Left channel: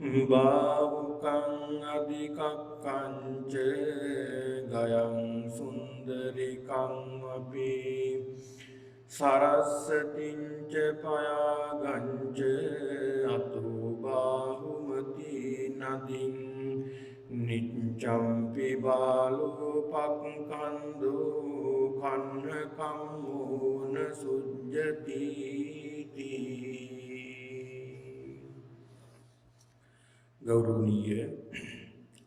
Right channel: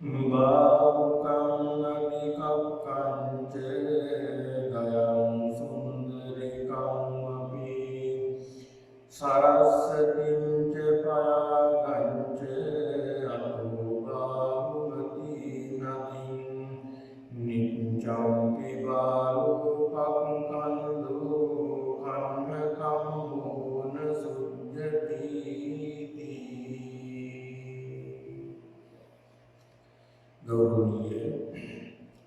බාවුකං අධිකක්කංච ගයං සුන්දරිකං අපි සරස්සතිංච පයාගංච අතෝ බාහුමති නදින් නිච්ඡම්පි බාලෝ පක්ඛන්දු කන්නකම්මෝන සුජ්ජති. ගෞරවනීය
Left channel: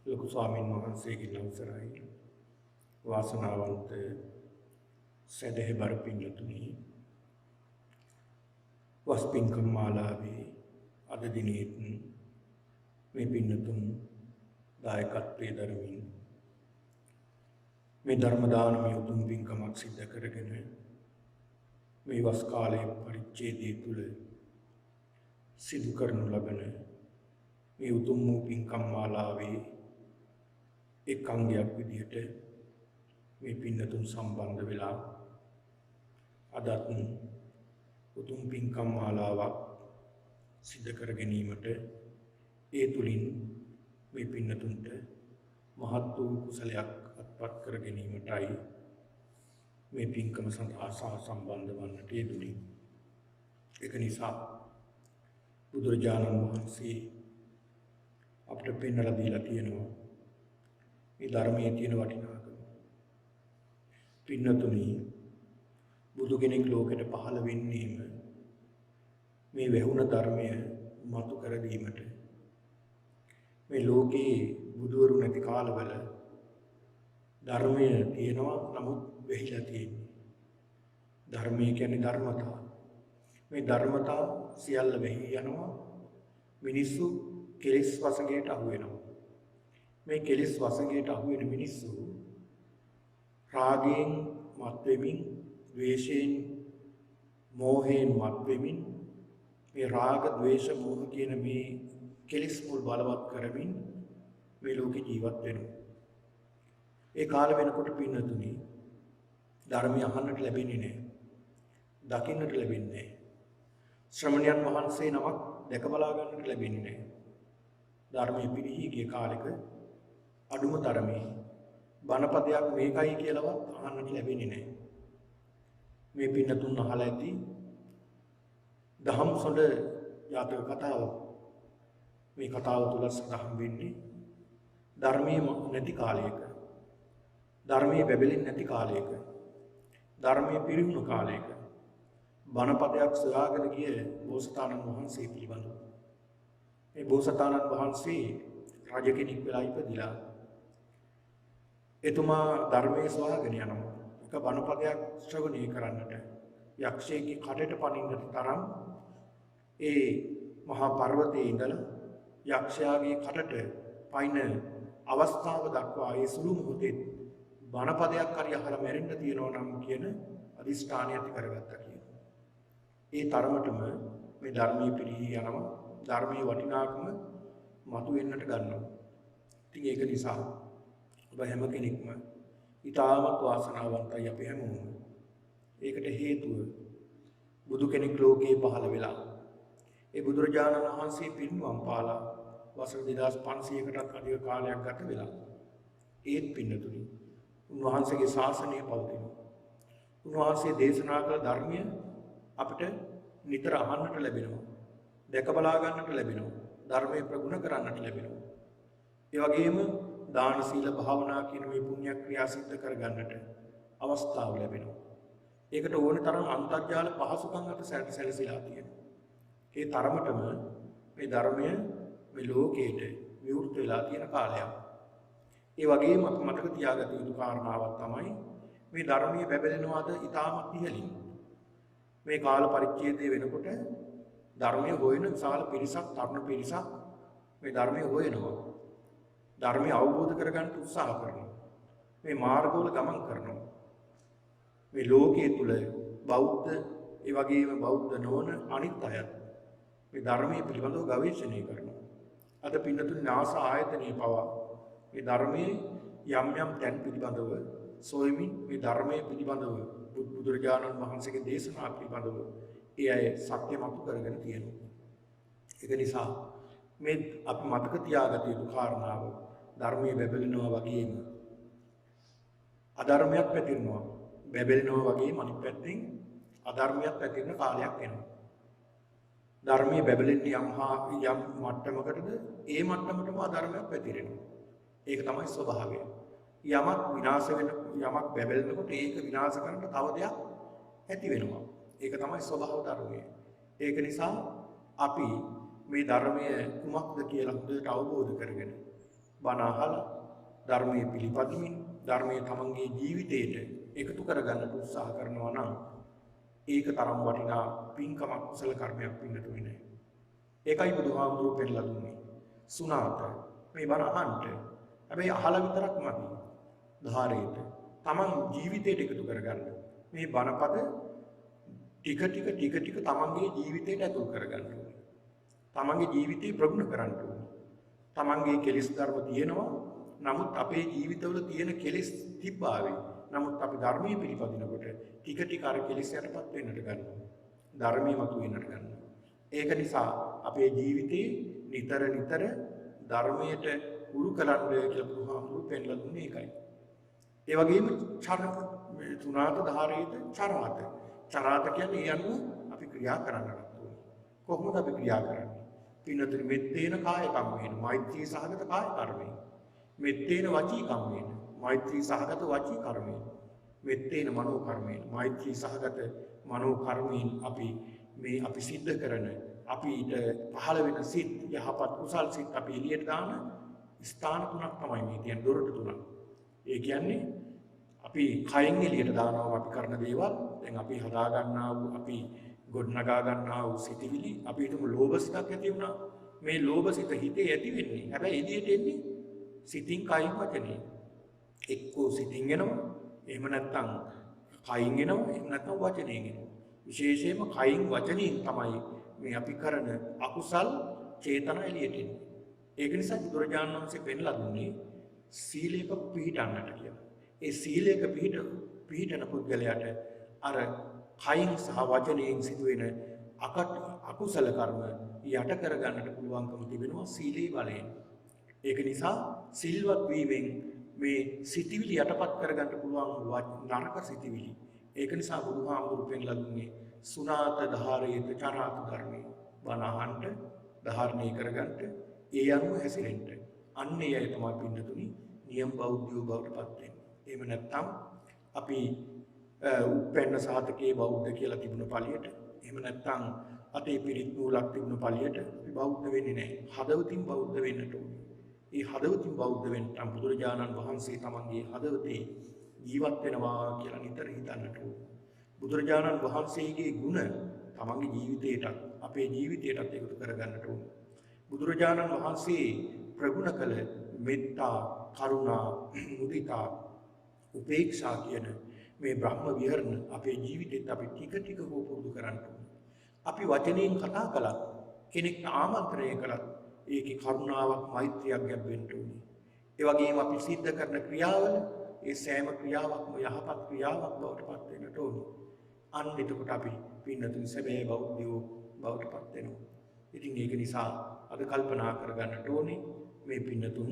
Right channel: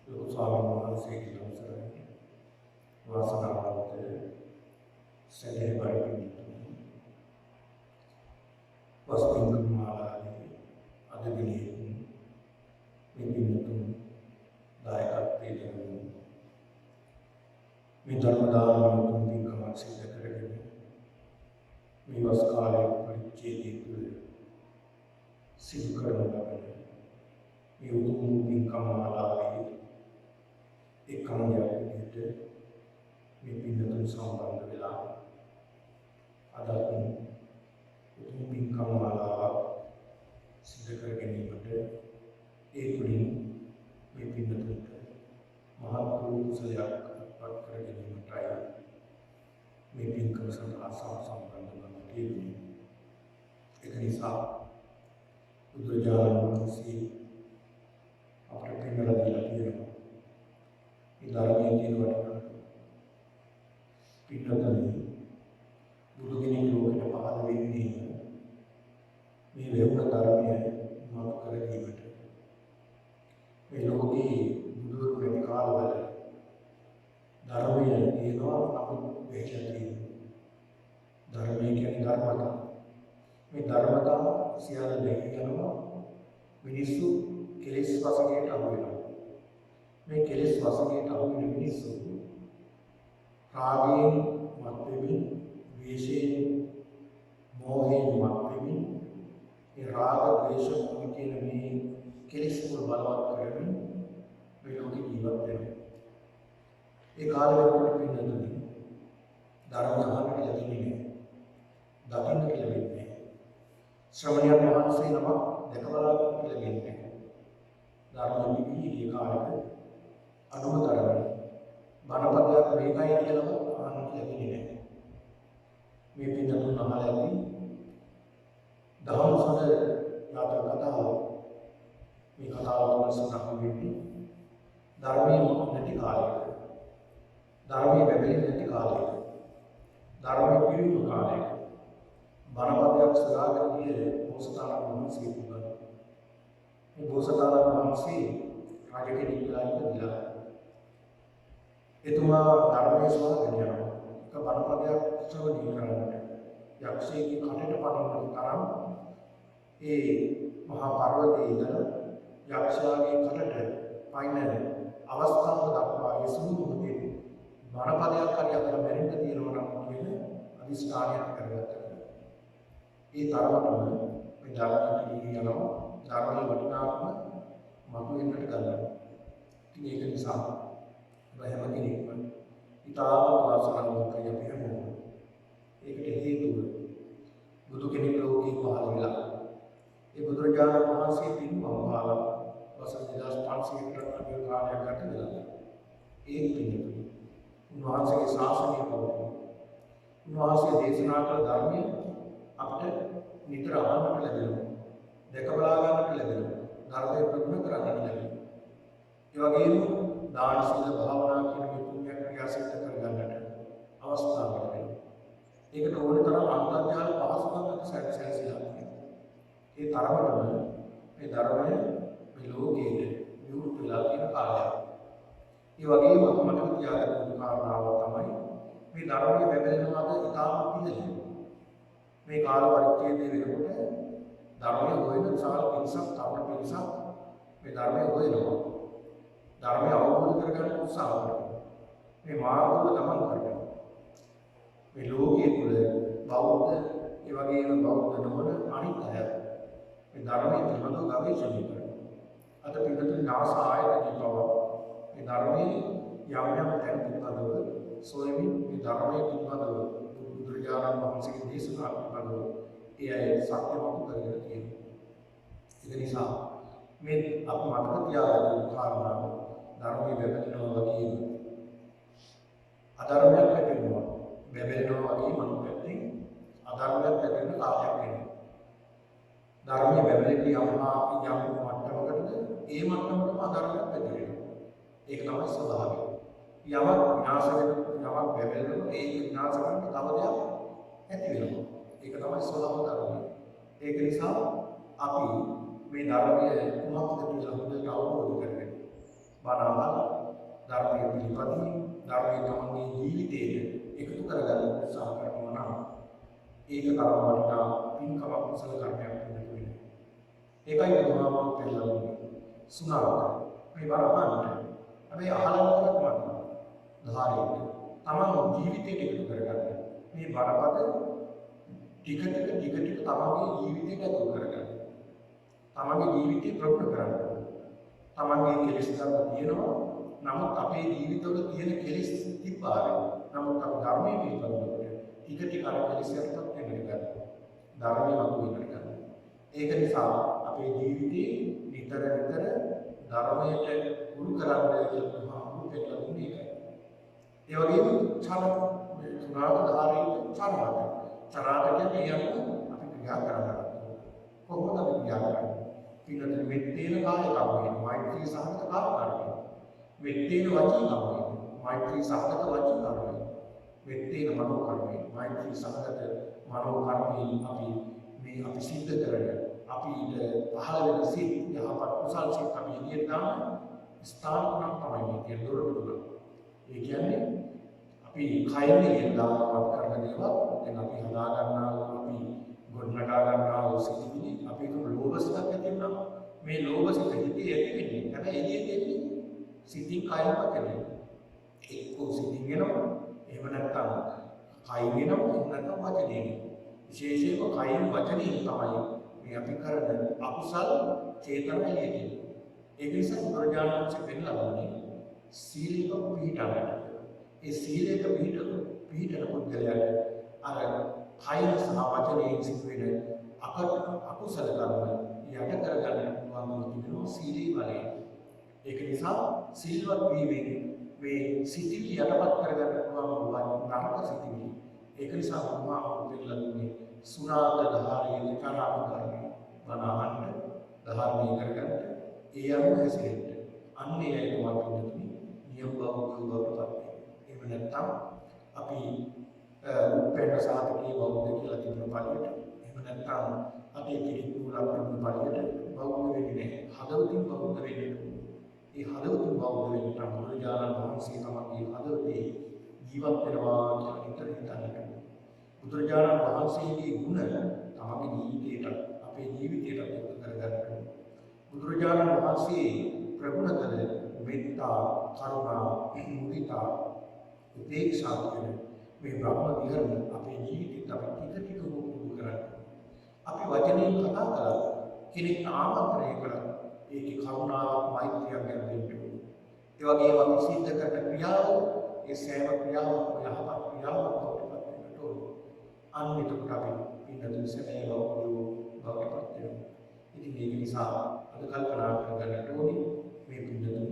ලොකු ස්වාමීන් වහන්සේගේ අවසරයි වාසනාවන්ත සදහබර පින්තුනි වස්පින්කම් මාලාවේ අද දිනේ මේ පින්තුන් දායකත්වයේ දරමින් මේ ධර්ම දානමය උතුම් පින්කමක් සිදු කරගෙන මේ වස් කාලයේ පරිච්ඡේදයේ තුල සිදු කරනු ලබන මේ උතුම් පින්කම් මාලාවේ එක් අංගයක් විදිහට මේ පින්නතුන් සම්බන්ධ වෙලා අදත් උතුම් පින්කම් මාලාවක් සිදු කර ගැනීමට ඒ තුලින් මේ පින්නතුන්ට මහත් වූ කුසලයක් අත්පත් කර ගැනීමටයි මේ පින්කම සඳහා සම්බන්ධ වන්නට යෙදුණි. ඒක නිසා බුදුරජාණන් වහන්සේ අපිට පෙන්වලා දීලා තියෙනවා මේ ධර්මයේ තියෙන වටිනාකම. පින්නතුනි බුදු කෙනෙක් ලෝකෙට පහළ වෙන්නේම මේ වේවුන ධර්මය මතු කර දීමට. මේ ලෝකේ බුදුවරු නැති කාලවල ධර්මය තියෙනවා, නමුත් වෙහිලා තියෙනවා. ධර්මය කියන්නේ ධර්මතා. මේ ධර්මතා සියල්ල වෙහි යනවා. මිනිස්සු කෙලෙස් වසඟයට අහු වෙනවා. මේ කෙලෙස් වසඟයට අහු වෙන මිනිස්සු රාගයෙන් මත් වෙමින්, ද්වේෂයෙන්, මෝහයෙන් මත් වෙමින්, මේ රාග, ද්වේෂ, මෝහ කියන මේ කෙලෙස් මුල් බලවත් කරමින් මේ ලෝකේ ජීවත් වෙනවා. ඒ කාල වෙනකොට පින්නතුනි ධර්මය අහන්නට ලැබෙන්නේ නැහැ. දකින්නට ලැබෙන්නේ නැහැ. ශ්‍රමණයන් වහන්සේ නමක් දැක බලා ගන්නට ලැබෙන්නේ නැහැ. ධර්මයේ පිළිහි ගිය කාලෙක අඩුම තරමේ බණපදයක් මේකයි කියලා අහන්නට ලැබෙන්නේ නැහැ. මේ පින්නතුන් අහලා ඇති දහම් සොඬ යාතක කතාව. මේ කතාව තුළ සඳහන් වෙන්නේ ධර්මයේ නැති කාලයක, ධර්මයේ බැබලෙන්නේ නැති කාලයක, ධර්මයේ පිරිහුණු කාලයක බණපදයක් සොයාගෙන ගිය බෝසතාණන් වහන්සේ පිළිබඳව. මේ බෝසතාණන් වහන්සේ රජ කෙනෙක් වෙලා ඉපදිලා එතුමා ධර්මයේ සොයාගෙන යනවා. එක බණපදයක් ශ්‍රවණය කරන්නට යක්ෂයෙක්ගේ කටට පනින්නට තරම් ඒ මහා පර්වතයේ ඉඳලා යක්ෂයාගේ කටට පයින් අවස්ථාව දක්වා ඒ සුළු මොහොතේ බණපදයක් හරි අහලා මැරෙන්න තියෙනවා නම් කියන අදිෂ්ඨානය ඇති කරගත්තා කියලා. ඒ තරමටම මේ ධර්මයේ පිළිහි යනවා. ධර්මයේ වටිනාකම මතුවෙන්නට ගන්නවා. ඉතින් ඒක නිසා ඔබ හැම කෙනෙක්ම ඊටාම වාසනාවන්තයි අපි හැමෝම. ඒකට හේතුව බුදු කෙනෙක් ලෝකේ පහළ වෙලා ඒ බුදුරජාණන් වහන්සේ පින්වම් පාලා වසර 2500කටත් අධික කාලයක් ගත වෙලා ඒත් පින්නතුනි උන්වහන්සේගේ ශාසනය පවතිනවා. උන්වහන්සේ දේශනා කළ ධර්මය අපිට නිතර අහන්නට ලැබෙනවා. දැක බලා ගන්නට ලැබෙනවා. ධර්මයේ ප්‍රගුණ කරන්නට ලැබෙනවා. ඒ වගේම දාන සීල භාවනා කියන මේ පුණ්‍ය ක්‍රියා සිද්ධ කර ගන්නට අවස්ථාව ලැබෙනවා. ඒකට ඕන තරම් අන්තර්ජාල පහසුකම් අත සැලසීලා තියෙනවා. ඒ තරමටම මේ ධර්මය මේ ලෝකයේ විවෘත වෙලා තියෙන කාලයක්. ඒ වගේම අප මතක තියාගන්න යුතු කාරණාවක් තමයි මේ ධර්මයේ බැබලෙනවාද ඉතාමත් ඉහළින්. මේ කාල පරිච්ඡේදයේ වෙනකොට ධර්මයේ හොයන විශාල පිරිසක්, තරුණ පිරිසක් මේ ධර්මයේ හොයනවා. ධර්මය අවබෝධ කරගන්න උත්සාහ කරනවා. මේ මාර්ගවල ගමන් කරනවා. මේ ලෝකයේ තුල බෞද්ධ, ඒ වගේම බෞද්ධ නොවන අනිත් අය මේ ධර්මයේ පිළිබඳව ගවේෂණය කරනවා. අද පින්නතුන් නාස ආයතනයේ පවා මේ ධර්මයේ යම් යම් තැන් පිළිබඳව සොයමින් මේ ධර්මයේ පිළිබඳව බුදුරජාණන් වහන්සේගේ දේශනා පිළිබඳව ඒ අය සත්‍යමතු කරගෙන තියෙනවා. ඒක නිසා මේ අපි මතක තියාගත යුතු කාරණාව ධර්මයේ බැබලෙනවා වගේම අධර්මයක් පැතිරෙනවා. බැබලෙනවා වගේම අනිත් පැත්තෙන් අධර්මයක් පැතිරෙන කාලයක් එනවා. ධර්මයේ බැබලෙන්නේ යම් මට්ටමකටද ඒ මට්ටමටම අධර්මයක් පැතිරෙනවා. ඒක තමයි ස්වභාවය. යමක් විනාශ වෙන යමක් බැබලෙනකොට ඒක විනාශ කරන්න තව දෙයක් ඇති වෙනවා. ඒක තමයි ස්වභාව ධර්මය. ඒක නිසා අපි මේ ධර්මය කුමක්ද කියලා හොඳට අවබෝධ කරගෙන බණ අහලා ධර්මයේ පිළිපදිමින් ධර්මයේ තමන්ගේ ජීවිතයට එකතු කරගන්න උත්සාහ කරනවා නම් ඒක තරම් වටිනා පින්කමක් කුසල කර්මයක් වෙන්නතුනේ නෑ. ඒකයි බුදුහාමුදුරුවෝ පෙන්නලා දුන්නේ. සුණාත මේ බණ අහන්න. හැබැයි අහලා විතරක් නෙවෙයි. ධාරේට තමන් ජීවිතයට එකතු කරගන්න. මේ බණපද ටික තමන්ගේ ජීවිතයට ඇතුල් කරගන්න. තමන්ගේ ජීවිතේ ප්‍රගුණ කරන්න. තමන්ගේ කෙලෙස් ධර්ම තියෙනවා. නමුත් අපේ ජීවිතවල තියෙන කෙලෙස් තිබ්බාවේ. නමුත් අපි ධර්මයේ පිළිපදිනකොට ටික අර කෙලෙස් යටපත් වෙන්නට ගන්නවා. ධර්මයේ වතු වෙන්නට ගන්නවා. ඒක නිසා අපේ ජීවිතේ නිතර ධර්මයට උරු කරන්න කියලා බුදුහාමුදුරුවෝ පෙන්නලා දුන්නේ ඒකයි. ඒ වගේම තුනාත ධාරේත චරමත. චරාත කියන්නේ ඒ අනුව අපි ක්‍රියා කරනවා. කොහොමද අපි ක්‍රියා කරන්නේ? පින්නතේ මෙත්තේන කාය කම්මේන මෛත්‍රී සහගත කාය කර්මය. මෙත්තේන වචී කම්මේන මෛත්‍රී සහගත වචී කර්මය. මෙත්තේන මනෝ කර්මේන මෛත්‍රී සහගත මනෝ කර්මයෙන් අපි සිද්ධ කරන අපිට පහළ වෙන සිත් යහපත් කුසල් සිත් අපි එළියට දාන ස්ථාන තුනක් තමයි මේ කියන දොරටු තුන. ඒ කියන්නේ අපි කයින් එළියට දානවා අපි කරන දේවල්. දැන් අපි හදා ගන්නා වූ අපි ගොඩනගා ගන්නා වූ සිතිවිලි අපි හිතමු ලෝභ සිතක් ඇති වුණා. මේ ලෝභ සිත හිතේ ඇති වෙන්නේ. හැබැයි එළියට එන්නේ සිතින් කයින් වචනේ. එක්කෝ සිතින් එනවා. එහෙම නැත්නම් කයින් එනවා. එහෙම නැත්නම් වචනයෙන් එනවා. විශේෂයෙන්ම කයින් වචනයෙන් තමයි මේ අපි කරන අකුසල් චේතන එළියට එන්නේ. ඒක නිසා බුදුරජාණන් වහන්සේ පෙන්ලා දුන්නේ සීලයක පිහිටන්නට කියලා. ඒ සීලයක පිහිටන පුද්ගලයාට අර කයින් සහ වචනයෙන් සිදුවෙන අකුසල කර්ම යට කරගන්නට පුළුවන්කම තිබෙනවා සීලේ බලයෙන්. ඒක නිසා සිල්වත් වීමෙන් මේ සිතිවිලි යටපත් කරගන්න පුළුවන් නරක සිතිවිලි. ඒක නිසා බුදුහාමුදුරුවෝ පෙන්නලා දුන්නේ සුණාත ධාරේත චරාත කර්ම බණ අහන්න ධාරණය කරගන්න ඒ අනුව හැසිරෙන්න. අන්නේ අය තමයි පින්නතුනි නියම බෞද්ධයෝ බවට පත් වෙන්නේ. එහෙම නැත්නම් අපි උපෙන්න සාතකයේ බෞද්ධ කියලා තිබුණ පළියට එහෙම නැත්නම් අතේ පිරිත් නූලක් තිබුණ පළියට බෞද්ධ වෙන්නේ නැහැ. හදවතින් බෞද්ධ වෙන්නට ඕනේ. ඒ හදවතින් බෞද්ධ වෙන්න බුදුරජාණන් වහන්සේ තමන්ගේ හදවතේ ජීවත් වෙනවා කියලා නිතර හිතන්නට ඕනේ. බුදුරජාණන් වහන්සේගේ ගුණ තමන්ගේ ජීවිතයට අපේ ජීවිතයටත් එකතු කරගන්නට ඕනේ. බුදුරජාණන් වහන්සේ ප්‍රගුණ කළ මෙත්තා, කරුණා, මුදිතා, උපේක්ෂා කියන මේ බ්‍රහ්ම විහරණ අපේ ජීවිතෙත් අපි ටික පුරුදු කරන්න ඕනේ. අපි වචනයෙන් කතා කළා කෙනෙක්ට ආමන්ත්‍රණය කළා ඒකේ කරුණාවක් මෛත්‍රියක් ගැඹෙන්න ඕනේ. ඒ වගේම අපි සිද්ධ කරන ක්‍රියාවල ඒ සෑම ක්‍රියාවක්ම යහපත් ක්‍රියාවක් බවට පත් වෙන්නට ඕනේ. අන්න එතකොට අපි පින්නතුන් සැබෑ බෞද්ධයෝ බවට පත් වෙනවා. ඉතින් ඒක නිසා අද කල්පනා කරගන්නට ඕනේ මේ පින්නතුන්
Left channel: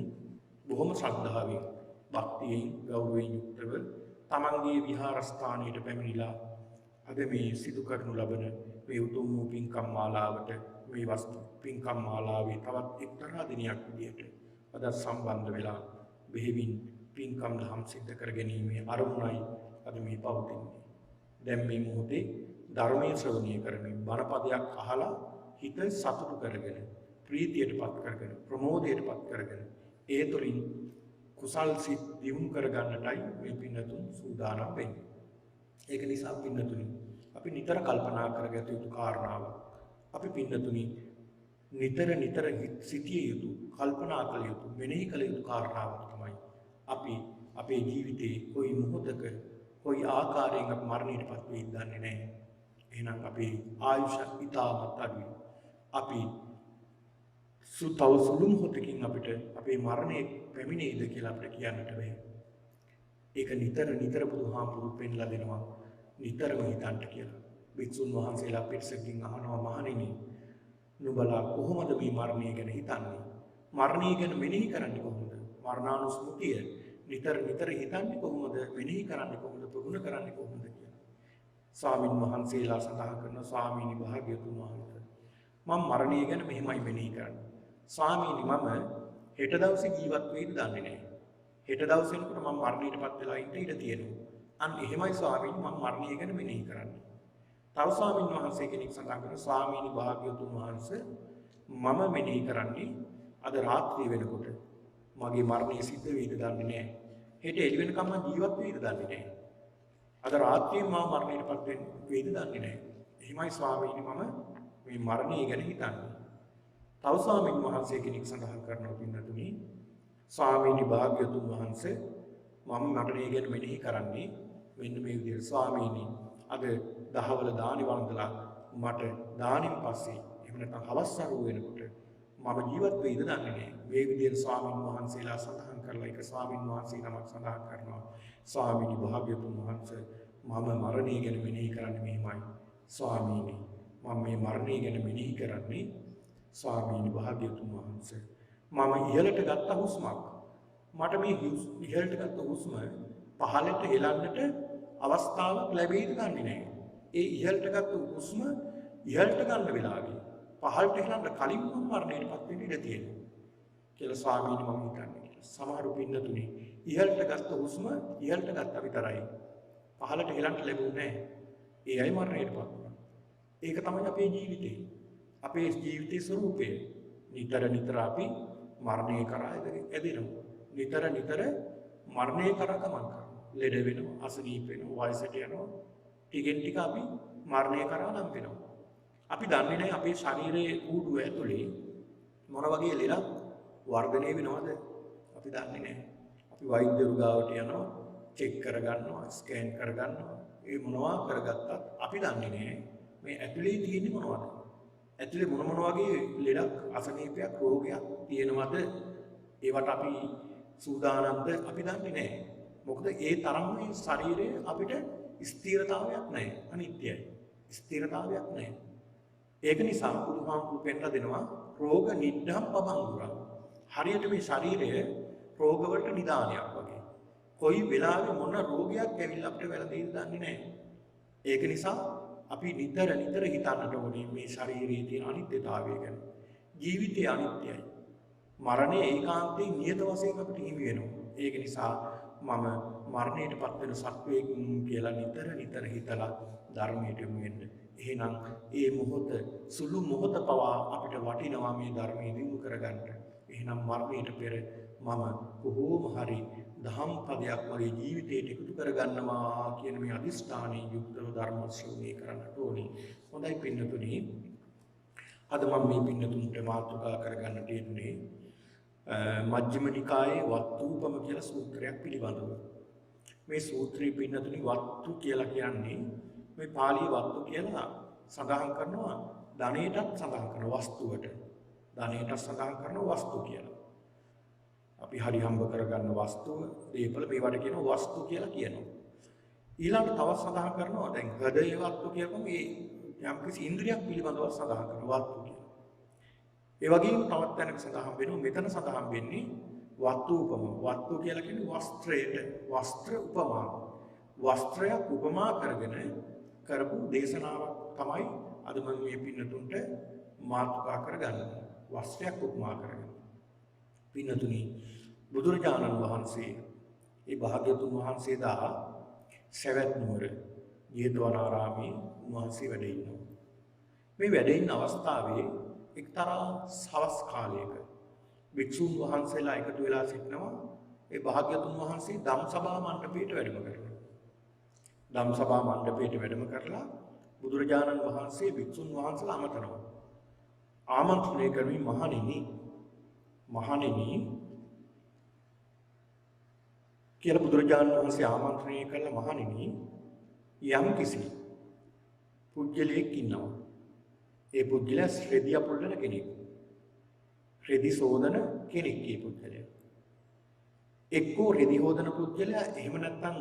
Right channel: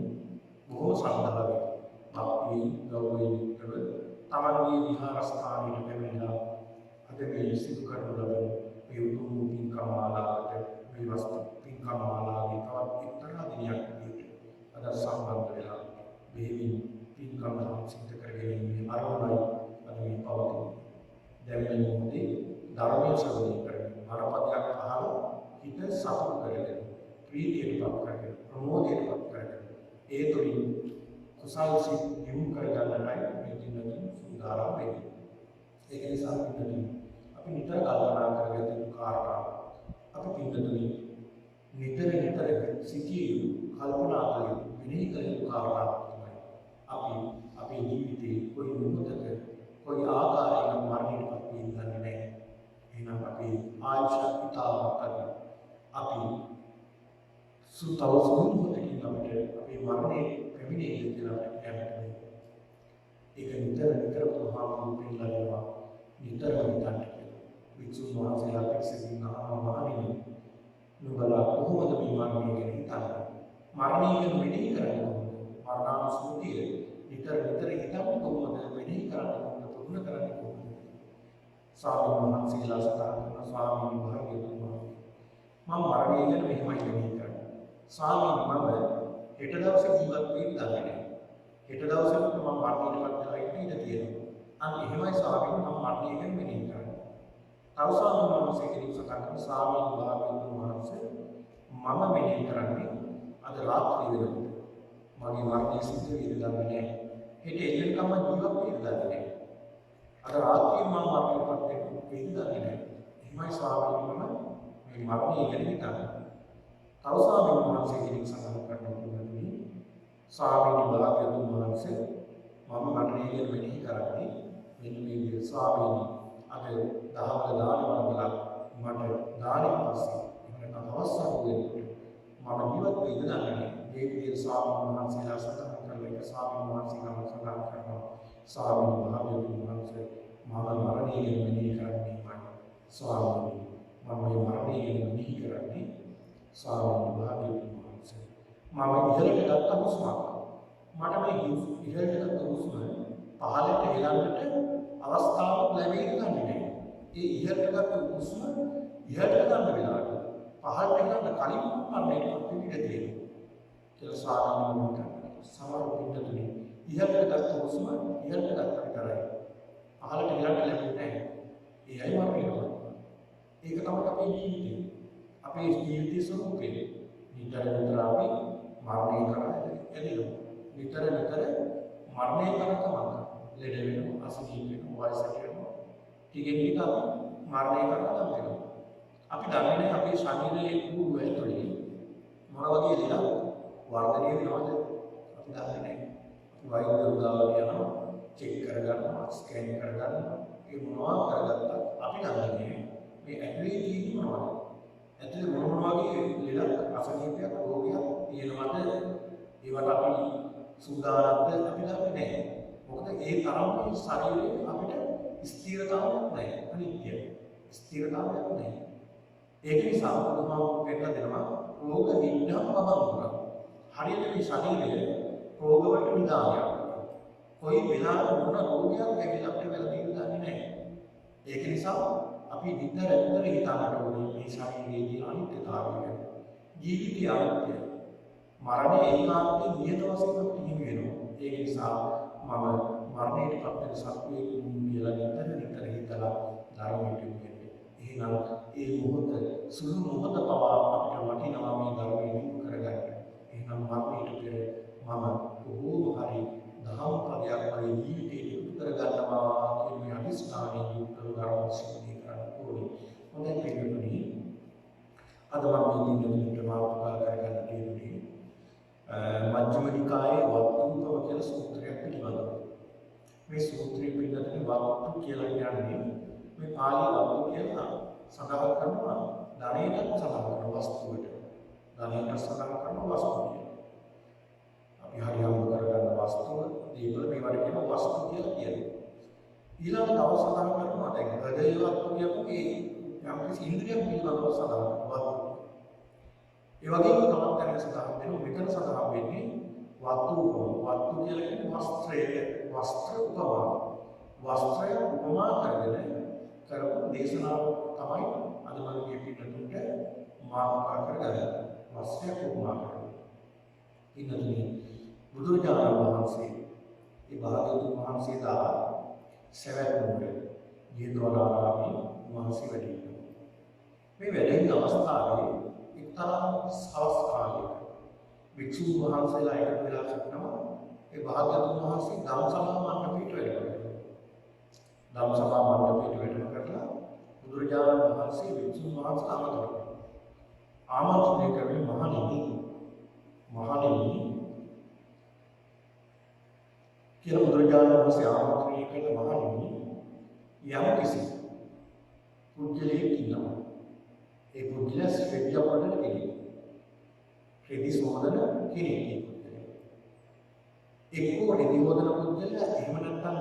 බොහොම ශ්‍රද්ධාවෙන් භක්තියෙන් ගෞරවයෙන් යුක්තව තමන්ගේ විහාරස්ථානයට පැමිණිලා අද මේ සිදු කරනු ලබන මේ උතුම් වූ පින්කම් මාලාවට මේ වස්තු පින්කම් මාලාවේ තවත් එක්තරා දිනයක් විදියට අද සම්බන්ධ වෙලා බෙහෙවින් පින්කම් දහම් සිද්ධ කර ගැනීමේ අරමුණයි අද මේ පවතින්නේ. දැන් මේ මොහොතේ ධර්මයේ ශ්‍රවණය කරමින් බණපදයක් අහලා හිත සතුට කරගෙන ප්‍රීතියටපත් කරගෙන ප්‍රමෝදයටපත් කරගෙන ඒ තුලින් කුසල් සිත් දියුණු කරගන්නටයි මේ පින්නතුන් සූදානම් වෙන්නේ. ඒක නිසා පින්නතුනි අපි නිතර කල්පනා කරගත යුතු කාරණාව අපි පින්නතුනි නිතර සිටිය යුතු කල්පනා කළ යුතු මෙනෙහි කළ යුතු කාරණාවක් තමයි අපි අපේ ජීවිතේ කොයි මොහොතක කොයි ආකාරයක මරණයටපත් වෙයිද දන්නේ නැහැ. එහෙනම් අපේ ආයුෂ ඉතාමත් අඩුයි. අපි සුතව සුළු මොහොතකින් අපිට අපේ මරණය පැමිණෙයිද කියලා අපිට කියන්නට බැහැ. ඒක නිතර බුදුහාමුදුරුවෝ පෙන්ලා දෙනවා නිතරම හිතන්න කියලා. වික්ෂුන් වහන්සේලා පිටසකින් අහනවා මහණෙනි නුඹලා කොහොමද මේ මරණය ගැන හිතන්නේ මරණය ගැන මෙනෙහි කරන්නේ කොහොමද? මරණානුස්මෘතිය නිතර නිතර හිතන්නේ කොහොමද? මෙනෙහි කරන්නේ කොහොමද? පුරුදු කරන්නේ කොහොමද? ස්වාමීන් වහන්සේලා සඳහන් කරන ස්වාමීනි භාග්‍යවතුන් වහන්සේ මම මරණය ගැන මෙහෙමයි මෙනෙහි කරන්නේ. ස්වාමීනි මම හෙට දවසේ ජීවත් වෙන්න දන්නේ නැහැ. හෙට දවසේ මම මරණයටපත් වෙලා ඉඳ ඉඳ තියෙනවා. අන්න එහෙමයි ස්වාමීනි මම මරණය ගැන මෙනෙහි කරන්නේ. තව ස්වාමීන් වහන්සේ කෙනෙක් සඳහන් කරන ස්වාමීනි භාග්‍යවතුන් වහන්සේ මම මෙනෙහි කරන්නේ අද රාත්‍රිය වෙනකොට මගේ මරණය සිද්ධ වෙයිද දන්නේ නැහැ. හෙට එළි වෙනකම් මම ජීවත් වෙයිද දන්නේ නැහැ. අද රාත්‍රියේ මම මරණයටපත් වෙයිද දන්නේ නැහැ. එහෙමයි ස්වාමීනි මම මේ මරණය ගැන හිතන්නේ. තව ස්වාමීන් වහන්සේ කෙනෙක් සඳහන් කරනවා පින්නතුනි ස්වාමීනි භාග්‍යවතුන් වහන්සේ මම මරණය ගැන මෙනෙහි කරන්නේ මෙන්න මේ විදිහට ස්වාමීනි අද දහවල දානි වන්දලා මට දානෙන් පස්සේ එහෙම නැත්නම් අවස්ථාව වෙනකොට මම ජීවත් වෙයිද දන්නේ නැහැ. මේ විදිහට ස්වාමීන් වහන්සේලා සඳහන් කරලා එක ස්වාමීන් වහන්සේලා සඳහන් කරනවා ස්වාමීනි භාග්‍යවතුන් වහන්සේ මම මරණය ගැන මෙනෙහි කරන්නේ මෙහිමයි. ස්වාමීනි මම මේ මරණය ගැන මෙනෙහි කරන්නේ ස්වාමීනි භාග්‍යවතුන් වහන්සේ මම ඉහළට ගත්ත හුස්මක් මට මේ ඉහළට ගත්ත හුස්ම පහළට හෙලන්නට අවස්ථාවක් ලැබෙයිද දන්නේ නැහැ. ඒ ඉහළට ගත්ත හුස්ම ඉහළට ගන්න වෙලාවේ පහළට හෙලන්න කලින් මරණයටපත් වෙන්න ඉඩ තියෙනවා කියලා ස්වාමීනි මම හිතන්නේ. සමහර පින්නතුනි ඉහළට ගත්ත හුස්ම ඉහළට ගත්ත විතරයි. පහළට හෙලන්න ලැබුණේ නැහැ. ඒ අය මරණයටපත්. ඒක තමයි අපේ ජීවිතේ. අපේ ජීවිතයේ ස්වરૂපය. නිතර නිතර අපි මරණය කරා ඇදෙනවා. නිතර නිතර මරණය කරා කමක්. ලෙඩ වෙනවා, අසනීප වෙනවා, වයසට යනවා. ටිකෙන් ටික අපි මරණය කරා නම් වෙනවා. අපි දන්නේ නැහැ අපේ ශරීරයේ කූඩුව ඇතුලේ මොන වගේ ලෙඩක් වර්ධනය වෙනවද? අපි දන්නේ නැහැ. අපි වෛද්‍යවරු ගාවට යනවා, චෙක් කරගන්නවා, ස්කෑන් කරගන්නවා. ඒ මොනවා කරගත්තත් අපි දන්නේ නැහැ මේ ඇතුලේ තියෙන්නේ මොනවද? ඇතුලේ මොන වගේ ලෙඩක්, අසනීපයක්, රෝගයක් තියෙනවද? ඒවට අපි සූදානම්ද අපි දන්නේ නැහැ. මොකද ඒ තරම් මේ ශරීරයේ අපිට ස්ථිරතාවයක් නැහැ. අනිත්‍යයි. ස්ථිරතාවයක් නැහැ. ඒක නිසා බුදුහාමුදුරුවෝ පෙන්නලා දෙනවා රෝග නිද්ධම් පබංගුරා. හරියට මේ ශරීරය රෝග වලට නිදානයක් වගේ. කොයි වෙලාවෙ මොන රෝගයක් ඇවිල්ලා අපිට වැළඳෙන්න දන්නේ නැහැ. ඒක නිසා අපි නිතර නිතර හිතන්නට ඕනේ මේ ශරීරයේ තියෙන අනිත්‍යතාවය ගැන. ජීවිතය අනිත්‍යයි. මරණය ඒකාන්තයෙන් නියත වශයෙන් අපිට හිමි වෙනවා. ඒක නිසා මම මරණයටපත් වෙන සත්වයෙක් කියලා නිතර නිතර හිතලා ධර්මයට යොමු වෙන්න. එහෙනම් ඒ මොහොත සුළු මොහොත පවා අපිට වටිනවා මේ ධර්මයේ විමු කරගන්න. එහෙනම් මරණයට පෙර මම කොහොම හරි දහම් පදයක් මගේ ජීවිතයට එකතු කරගන්නවා කියන මේ අදිස්ථානයේ යුක්තව ධර්ම ශ්‍රවණය කරන්න ඕනේ. හොඳයි පින්නතුනි. අද මම මේ පින්නතුන්ට මාතෘකා කරගන්න තියෙන්නේ මජ්ක්‍ධිම නිකායේ වත්තුපම කියලා සූත්‍රයක් පිළිබඳව. මේ සූත්‍රයේ පින්නතුනි වත්තු කියලා කියන්නේ මේ පාලි වත්තු කියලා සඳහන් කරනවා ධනයටත් සඳහන් කරන වස්තුවට. ධනයට සඳහන් කරන වස්තු කියලා. අපි හරි හම්බ කරගන්න වස්තුව, දීපල මේවට කියන වස්තු කියලා කියනවා. ඊළඟට තව සඳහන් කරනවා දැන් හෘදය වත්තු කියපු මේ යම්කිසි ඉන්ද්‍රියක් පිළිබඳව සඳහන් කරන වස්තු. ඒ වගේම තවත් තැනක සඳහන් වෙනවා මෙතන සඳහන් වෙන්නේ වත්තු උපම. වත්තු කියලා කියන්නේ වස්ත්‍රයට වස්ත්‍ර උපමා. වස්ත්‍රය උපමා කරගෙන කරපු දේශනාව තමයි අද මම මේ පින්නතුන්ට මාතෘකා කරගන්නේ. වස්ත්‍රයක් උපමා කරගෙන. පින්නතුනි බුදුරජාණන් වහන්සේ ඒ භාග්‍යවතුන් වහන්සේ දා සවැත් නුවර ජේතවනාරාමයේ වහන්සේ වැඩ ඉන්නවා. මේ වැඩ ඉන්න අවස්ථාවේ එක්තරා සවස් කාලයක වික්ෂුන් වහන්සේලා එකතු වෙලා සිටිනවා. ඒ භාග්‍යවතුන් වහන්සේ ධම්සභා මණ්ඩපයට වැඩම කරනවා. ධම්සභා මණ්ඩපයට වැඩම කරලා බුදුරජාණන් වහන්සේ වික්ෂුන් වහන්සේලා ආමන්ත්‍රණය කරනවා. ආමන්ත්‍රණය කරමින් මහණෙනි කියලා බුදුරජාණන් වහන්සේ ආමන්ත්‍රණය කළ මහණෙනි යම් කිසි පුජ්‍යලෙක් ඉන්නවා. ඒ පුජ්‍යලයා ශ්‍රේදී අපරණ කෙනෙක්. ශ්‍රේදී සෝදන කෙනෙක් ඒ පුජ්‍යලයා. එක්කෝ රෙදි හොදන පුජ්‍යලයා එහෙම නැත්නම්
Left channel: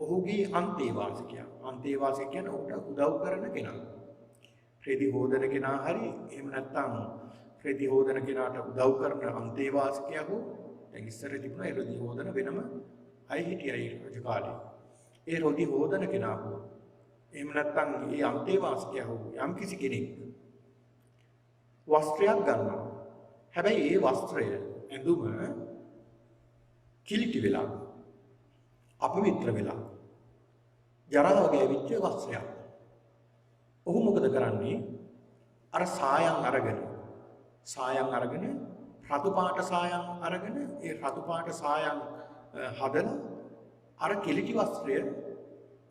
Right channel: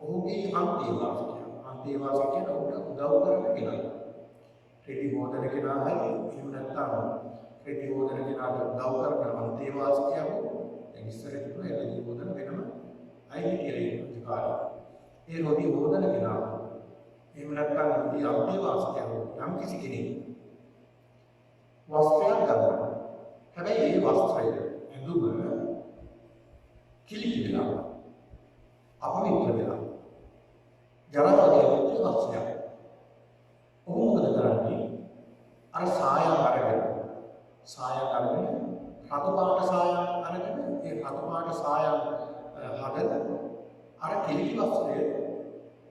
ඔහුගේ අන්තේවාසිකයා. අන්තේවාසිකයන් උදව් කරන කෙනා. රෙදි හොදන කෙනා හරි එහෙම නැත්නම් රෙදි හොදන කෙනාට උදව් කරන අන්තේවාසිකයා හෝ දැන් ඉස්සර තිබුණා ඒ රෙදි හොදන වෙනම අය හිටියයි රජ කාලේ. ඒ රෙදි හොදන කෙනා එහෙම නැත්නම් ඒ අන්තේවාසිකයා හෝ යම් කිසි කෙනෙක් වස්ත්‍රයක් ගන්නවා. හැබැයි ඒ වස්ත්‍රය ඇඳුම කිලිටි වෙලා අපවිත්‍ර වෙලා ජරාව ගැවිච්ච වස්ත්‍රයක්. ඔහු මොකද කරන්නේ? අර සායම් අරගෙන රතු පාට සායම් අරගෙන ඒ රතු පාට සායම් හදලා අර කිලිටි වස්ත්‍රය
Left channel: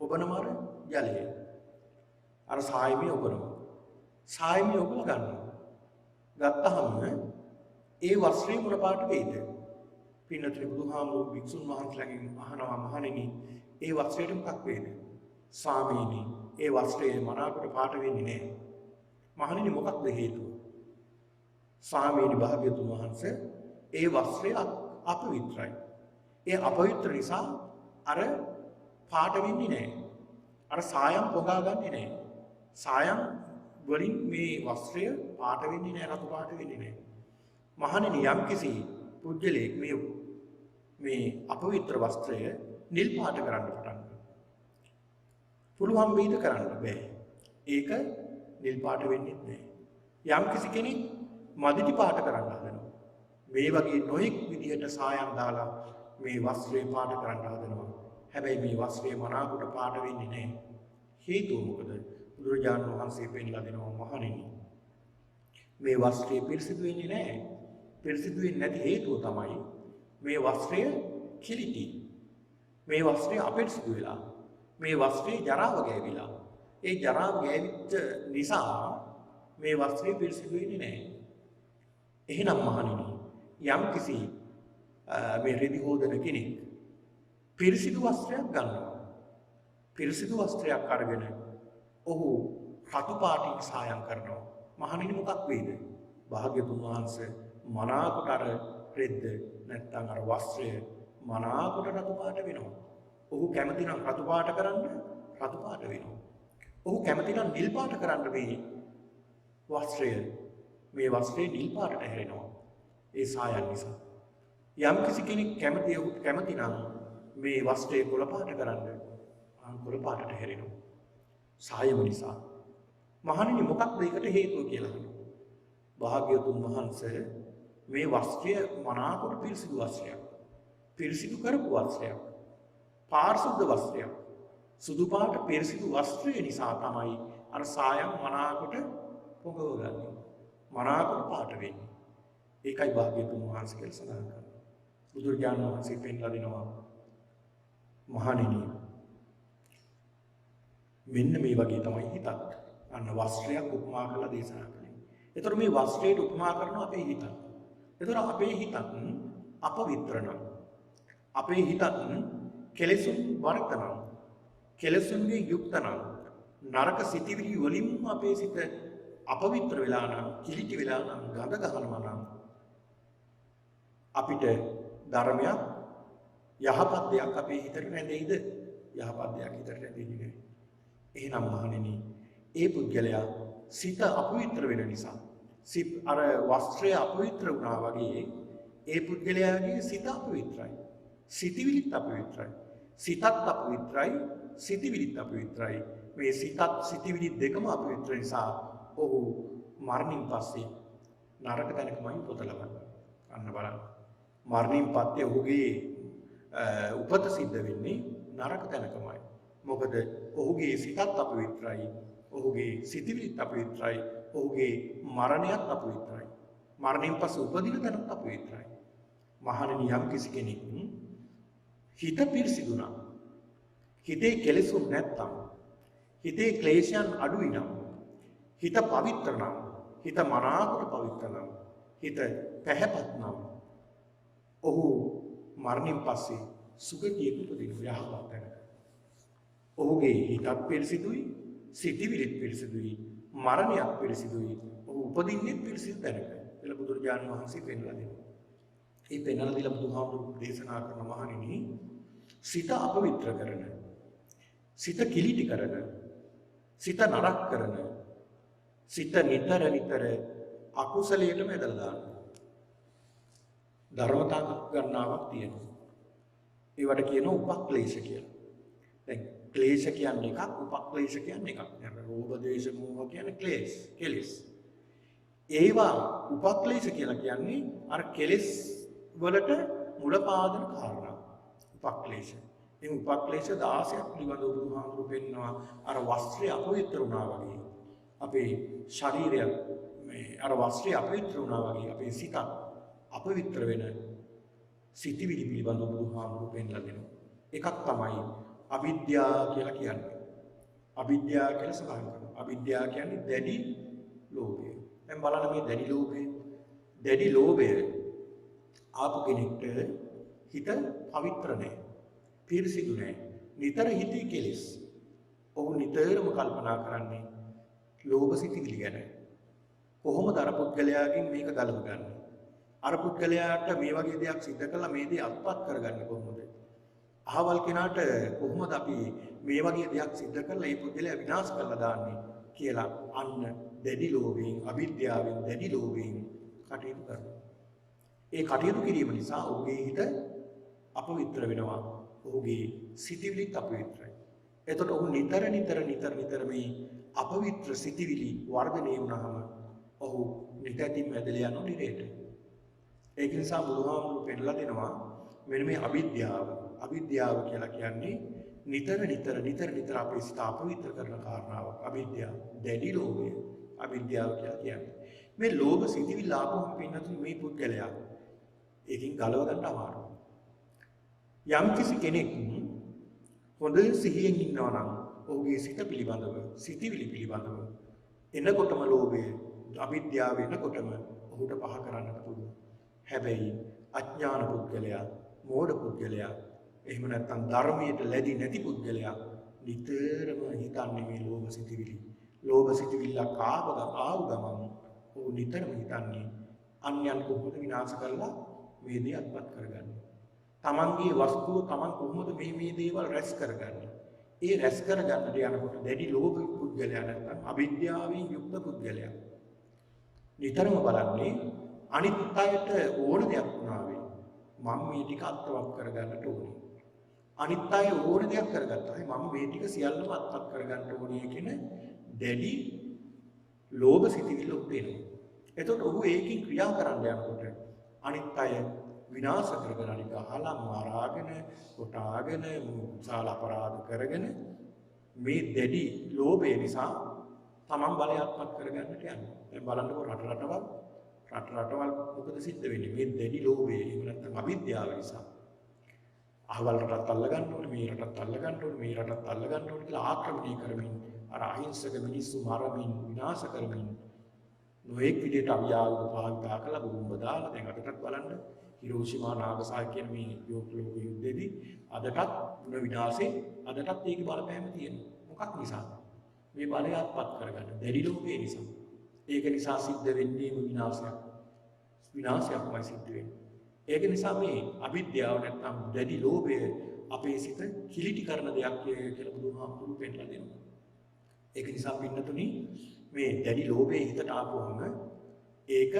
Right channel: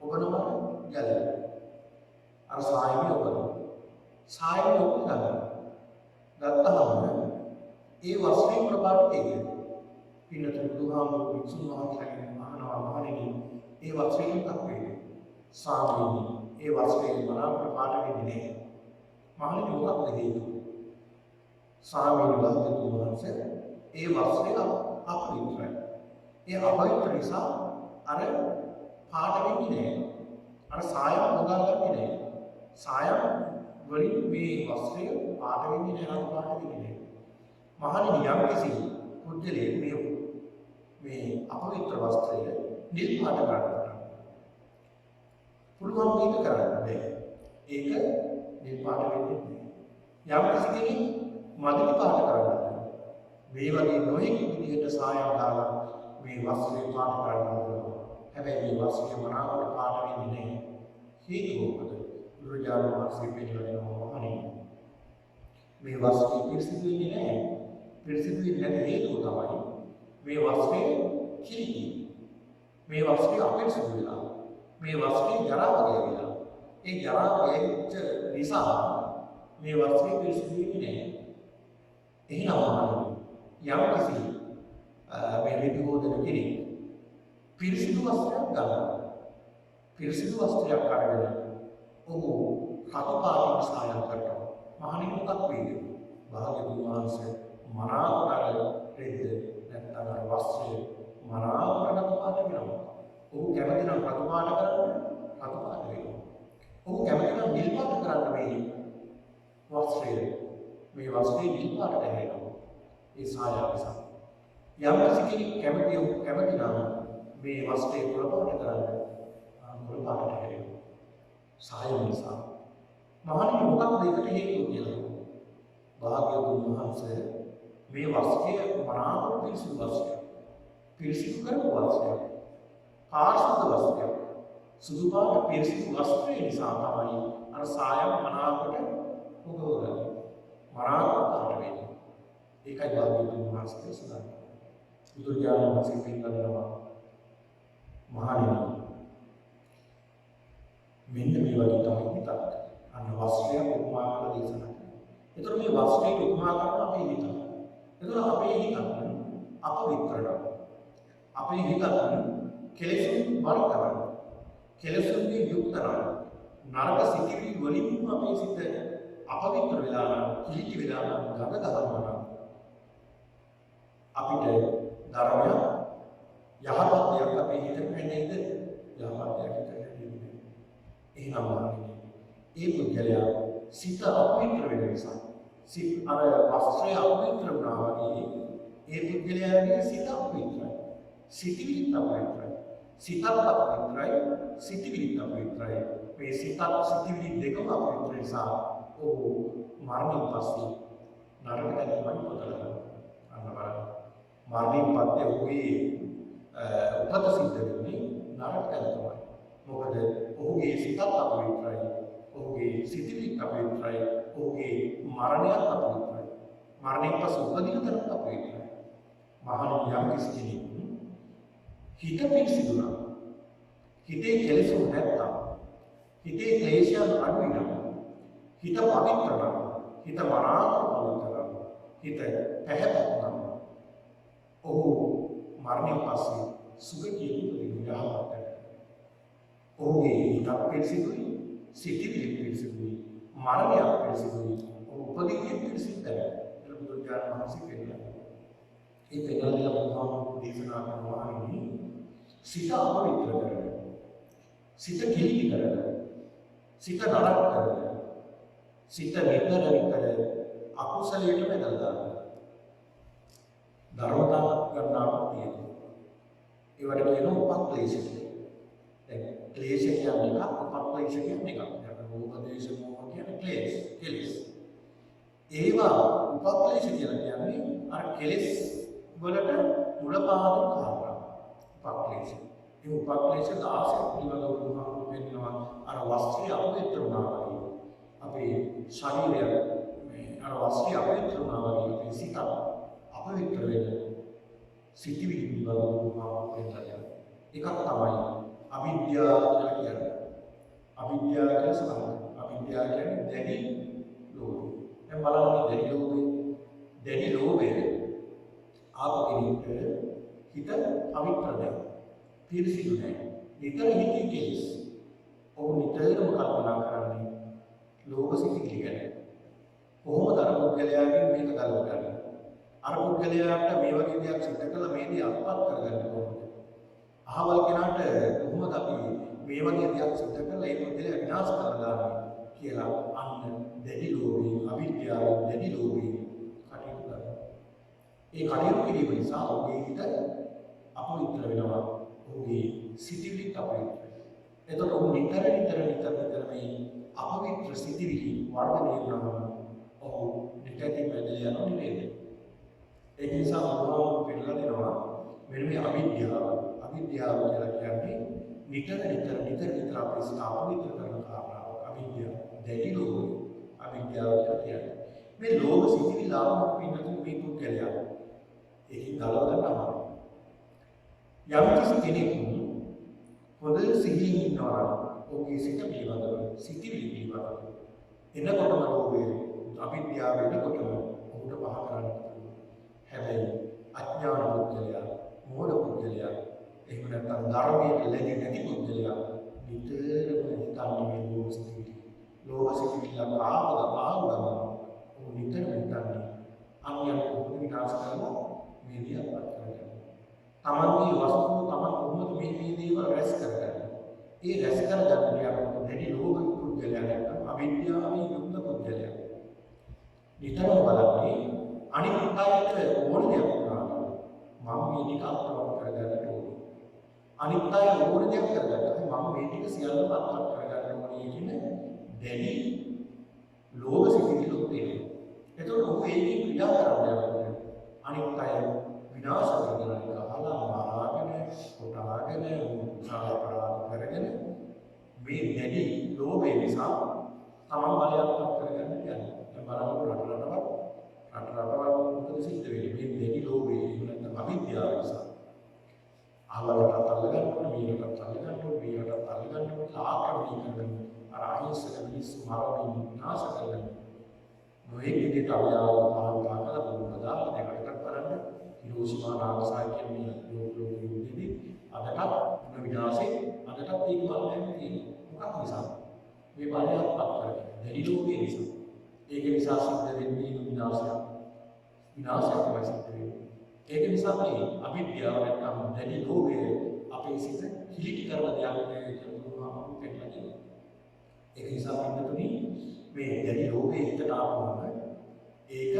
ඔබනමර ජලයේ අර සායමේ ඔබනවා. සායමේ ඔබ ගන්නවා. ගත්තහම ඒ වස්ත්‍රය මොන පාට වේද? පින්නතුනි බුදුහාමුදුරු වික්ෂුන් වහන්සේලාගෙන් අහනවා මහණෙනි ඒ වස්ත්‍රයට මොකක් වේද? ස්වාමීනි ඒ වස්ත්‍රයේ මනාප පාට වෙන්නේ නැහැ. මහණෙනි මොකක්ද හේතුව? ස්වාමීනි භාග්‍යතුන් වහන්සේ ඒ වස්ත්‍රය අපවිත්‍රයි. ඒ අපවිත්‍ර නිසා අර පාට වෙන්නේ නැහැ. අර සායම් හොදාගන්නේ නැහැ. සායම් වලින් මේ වස්ත්‍රය පාට වෙන්නේ නැහැ, රතු පාට වෙන්නේ නැහැ. මහණෙනි යම් කිසි පුජ්‍යලෙක් මේ අපවිත්‍ර වස්ත්‍රය නිල් පාට කරන්න පටන් පුළුවන් වේද කරන්න බෑ. ඒක නිල් පාට වෙන්නේ නැහැ. යම් කිසි කෙනෙක් මදිටි පාට කරන්න හදනවා. මේ වගේ නොයෙක් විදිහට සායම් දාලා මේ වස්ත්‍රය පාට කරන්න හදනවා. හැබැයි මේ වස්ත්‍රය මනාකොට පාට වෙන්නේ නැහැ. හේතුව මොකද? බුදුරජාණන් වහන්සේ පෙන්නලා දෙනවා මහණෙනි. මේ වස්ත්‍රය පිරිසිදු වෙන්නේ නැහැ. පිරිසිදු වෙන්නේ නැති හේතුව තමයි මේ වස්ත්‍රය කිලිටි. මේ වස්ත්‍රය අපිරිසිදු වෙලා. මේ වස්ත්‍රය ජරාව ගෑවිලා. ඒ ජරාව ගෑවිච්ච නිසා මේ වස්ත්‍රය පිරිසිදු වෙන්නේ නැහැ. එහෙනම් මහණෙනි යම් කිසි මේ රෙදි හොදන කෙනෙක් පිරිසිදු වස්ත්‍රයක් ගන්නවා. පිරිසිදු වස්ත්‍රයක් අරගෙන ඔහු රතු පාටින් සායම් කරනවා. මහණෙනි මොකක් වේද? භාග්‍යතුන් වහන්සේ මනාකොට අර රෙද්ද නැත්නම් අර වස්ත්‍රය මනාකොට රතු පාට වෙනවා. ඔහු කැමති නම් රතු පාට කරන්න රතු පාට වෙනවා. ඔහු කැමති නම් නිල් පාට කරන්න මේ වස්ත්‍රය නිල් පාටට හැරෙනවා. ඒ සායම් නිසා. යම් කිසි කෙනෙක් කැමති නම් මේ වස්ත්‍රය කොළ පාට කරන්න කොළ පාටට හැරෙනවා. සායම නිසා. මහණෙනි මොකක්ද ඒකට හේතුව කියලා? භාග්‍යවතුන් වහන්සේ මේ වස්ත්‍රය මනාකොට පිරිසිදු වස්ත්‍රයක්. පිරිසිදු කරපු වස්ත්‍රයක්. පාරිශුද්ධ වස්ත්‍රයක්. සුදු පාට පිරිසිදු වස්ත්‍රය නිසා තමයි අර සායම් මනාකොට පොගවගන්නේ. මනාකොට පාට වෙන්නේ. ඒකයි භාග්‍යවතුන් වහන්සේ කියලා සඳහන් කරන්නේ. බුදුරජාණන් වහන්සේ පෙන්ලා දෙනවා මහණෙනි මෙන්න මේ වගේ තමයි හිතක්. අන්න වස්ත්‍රය උපමා කරලා දේශනා කරනවා. ඒතර මේ වස්ත්‍රයට උපමා කරන අපේ හිත. ඒතර අපේ හිතත් අපවිත්‍රණ. අපේ හිතත් කෙලෙසුන් වර්තන. කෙලෙසුන්ගේ යුක්තන. නරක සිතිවිලි වලින් අපේ සිත අපවිත්‍ර වෙලා නම්, කිලිටි වෙලා නම්, ගඳ ගන්නවා නම් අපිට ධර්මයක් යහපත් දෙයක් අපේ හිතට නැදෙයිද? යහපත් දෙයක් හිතට නැදෙන්නේ නැහැ. එහෙනම් මහණෙනි ඒ පුද්ගලයා සිත අපවිත්‍ර වෙන නිසා අර වස්ත්‍රය අපවිත්‍ර වුණා වගේ ඒ පුද්ගලයාගේ සිත අපවිත්‍රයි. සිතිවිලිත් අපවිත්‍රයි. සිතත් අපවිත්‍රයි, සිතිවිලිත් අපවිත්‍රයි. මේ සිතත් සිතිවිලි දෙකම අපවිත්‍ර නිසා ඔහු මරණින් පස්සේ නරක තැනකමයි උපත ලබන්නේ. අන්න බලන්න. මරණින් පස්සේ ඔහුගේ උපත සිද්ධ වෙන්නේ නරක තැනකමයි. මොකද ඔහුගේ සිතත් අපවිත්‍රයි, ඔහුගේ සිතිවිලිත් අපවිත්‍රයි, ඔහුගේ මරණයත් අපවිත්‍රයි. මරණයෙන් පස්සේ උපදින තැනත් අපවිත්‍රයි. මහණෙනි යම් කිසි කෙනෙක් හිත පිරිසිදු නම්, හිතේ කෙලෙසුන් නැත්තම්, හිතේ ක්ලේශයන් අඩුයි නම්, හිත පවිත්‍ර නම්, හිත මනාකොට පවිත්‍ර නම්, හිත පැහැපත් නම් ඔහු මරණයෙන් පස්සේ සුගතියට යහපත්. ඔහුගේ හිතත් පිරිසිදුයි, සිතිවිලිත් පිරිසිදුයි, මරණයත් පිරිසිදුයි, ඔහු උපදින්නේ පිරිසිදු තැනක. එළ බුදුරජාණන් වහන්සේ පෙන්වලා දෙනවා. මේ පෙන්වලා දීලා බුදුහාමුදුරුවෝ දේශනා කරන මහණෙනි සිත අපවිත්‍ර කරන, සිත කිලිටි කරන, සිත නරක කරන, සිත නිතර අකුසලයට වැදලා දානවා. ධර්මතා ගණනාවක් තියෙනවා. ඒවට කියනවා උපක්ලේශ කියලා. දැන් ක්ලේශ කියන්නේ එකක්, උපක්ලේශ කියන්නේ එකක්. දැන් රෝග දේශ මොහ කියන්නේ ක්ලේශ, කෙලෙස්. ඒවා උපක්ලේශ කියලා කියන්නේ අර කෙලෙස් වලට මුල පාදන කාරණා. උපක්ලේශ. මේ උපක්ලේශ 16ක් පිළිබඳව බුදුහාමුදුරුවෝ පෙන්නනවා. අර වස්ත්‍රය අපවිත්‍ර වුණා වගේ. අපේ ශරීරය මේ අර වස්ත්‍රය අපවිත්‍ර වුණා වගේ අපේ සිත අපවිත්‍ර වෙන සිතිවිලි පිළිබඳව බුදුහාමුදුරුවෝ පෙන්නලා දෙනවා. එකක් තමයි අවිද්‍යාව කියලා කියන්නේ. අවිද්‍යාව කියලා සඳහන් කරනවා. අවිද්‍යාව කියන්නේ දැඩි ලෝභය. දැන් බලන්න මේ දැඩි ලෝභය ආපු කෙනෙක්ට හිත පවිත්‍ර නැහැ. පිරිසිදු නැහැ. නිතර හිතේ කෙලෙස්. ඔහු නිතරම කල්පනා කරන්නේ ලෝභ සිතිවිලි ගැන. කොහොමද අර පුද්ගලයාගෙන් මේක ගලවගන්නේ? අර පුද්ගලයාට මේ වගේ දෙයක් සිද්ධ කළා මේ දේ අත්පත් කරගන්නේ කොහොමද? අහවල් කෙනාට කොහොමද අපි මේ වගේ දෙයක් සිද්ධ කරලා ඒ පුද්ගලයා විනාශ කරලා දාන්නේ කියලා අන්න දැඩි ලෝභයෙන්, අවිද්‍යාවෙන් දැඩි ලෝභයෙන් කටයුතු කරනවා. ඒ කටයුතු කිරීම නිසා ඔහුගේ හිත අපවිත්‍ර වෙනවා. ඔහුගේ සිතිවිලිත් අපවිත්‍රයි. එතකොට ඔහු නිතර මේ අපවිත්‍ර සිතිවිලි වර්ධනය වුණාම ඔහු නිකතින් වැදලා යනවා නිරේට. ඒක නිසා බුදුහාමුදුරුවෝ පෙන්නලා දෙනවා මෙන්න මේ අවිද්‍යාව කියලා කියන්නේ නිතර අපේ සිත අපවිත්‍ර කරන කාරණාව. අවිද්‍යාව, දැඩි ලෝභය. අවිද්‍යාව කියලා කියන්නේ මේ ලෝභ සිතිවිලි ආවම පින්නතුන් මේ පුද්ගලයා ඒකෙන් ගලව ගන්න අමාරුයි. යම්කිසි කෙනෙක් හොඳ සිහියෙන් ඉන්නවා නම් ඔහුගේ සිත පිළිබඳව, සිතිවිලි පිළිබඳව එනකොටම ලෝභය, අවිද්‍යාව එනකොටම ඔහුට පහ කරන්න පුළුවන්. හැබැයි අඥාන පුද්ගලයා, මෝඩ පුද්ගලයා, එහෙම නැත්නම් ධර්මයට ලැබි නැති පුද්ගලයා නිතරම හිතන්නේ මේ ලෝභ සිතිවිලි. ලෝභ සිතිවිල්ල ආව ගමන් ඔහු නිතරම හිතන්නේ අන්‍යයන් කොහොමද විනාශ කරලා මේ දේ අත්පත් කරගන්නේ. තමන්ගේ වස්තුව තමන් කොහොමද මේ දේවල් රැස් කරගන්නේ. ඒ රැස් කරගන්නට යනකොට දැඩි ලෝභ පුද්ගලයා නැත්නම් අවිද්‍යාවෙන් යුක්ත පුද්ගලයා නිතරම බලන්නේ අනිත් අයට ඕන දෙයක් වුණාම මම මේ ටික අත්පත් කරගන්නට ඕනේ. අනිත් අය ඕන දෙයක් කරගත්තා. මම මේ ටික සියල්ලම අත්පත් කරගන්න ඕනේ කියන දැඩි ලෝභ සිතිවිල්ල උදේනවා. එතකොට ඔහු ඒකේ ක්‍රියා කරන්න යනකොට අනිත් අය විනාශ කරගන්න එක අහලා මරාගෙන, කොටාගෙන, මුසාල අපරාධ කරගෙන මේ දැඩි ලෝභය නිසා තමන් බලය අත්පත් කරගන්නට යනවා. දැන් බලන්නකො රටවල් මොකද සිද්ධ වෙන්නේ? මේ දැඩි ලෝභය එහෙම නැත්නම් අවිද්‍යාව නිසා. අහවල් රටත් අල්ලගන්න ඕනේ, මේ රටත් අල්ලගන්න ඕනේ, මේ රටත් අල්ලගන්න ඕනේ කියලා ආක්‍රමණය කරමින් අර අහිංසක මිනිස්සු මරමින් විනාශ කරමින් නොඑක් විදිහට අවියාව පාවිච්චි කරලා බෝම්බ දාලා දැන් අදටත් බලන්න හිරෝෂිමා නාගසාකි කියන මේ යුද්ධෙදී අදටත් මොන විනාශේ අදටත් ඒක බලපෑම තියෙනවා. මොකක් නිසා? මේ බලය අත්පත් කරගන්න දැඩි ලෝභය නිසා. ඒක නිසා සිද්ධ වෙන්නේ විනාශයක්මයි සිද්ධ වෙන්නේ. ඒක නිසා මේ අවිද්‍යාව නැත්නම් දැඩි ලෝභය අපේ සිත කිලිටි කරන දෙයක් කියලා බුදුහාමුදුරුවෝ පෙන්නලා දෙනවා. ඒක නිසා පින්නතුනි මේ දැඩි ලෝභය හිතට ආවම ඒක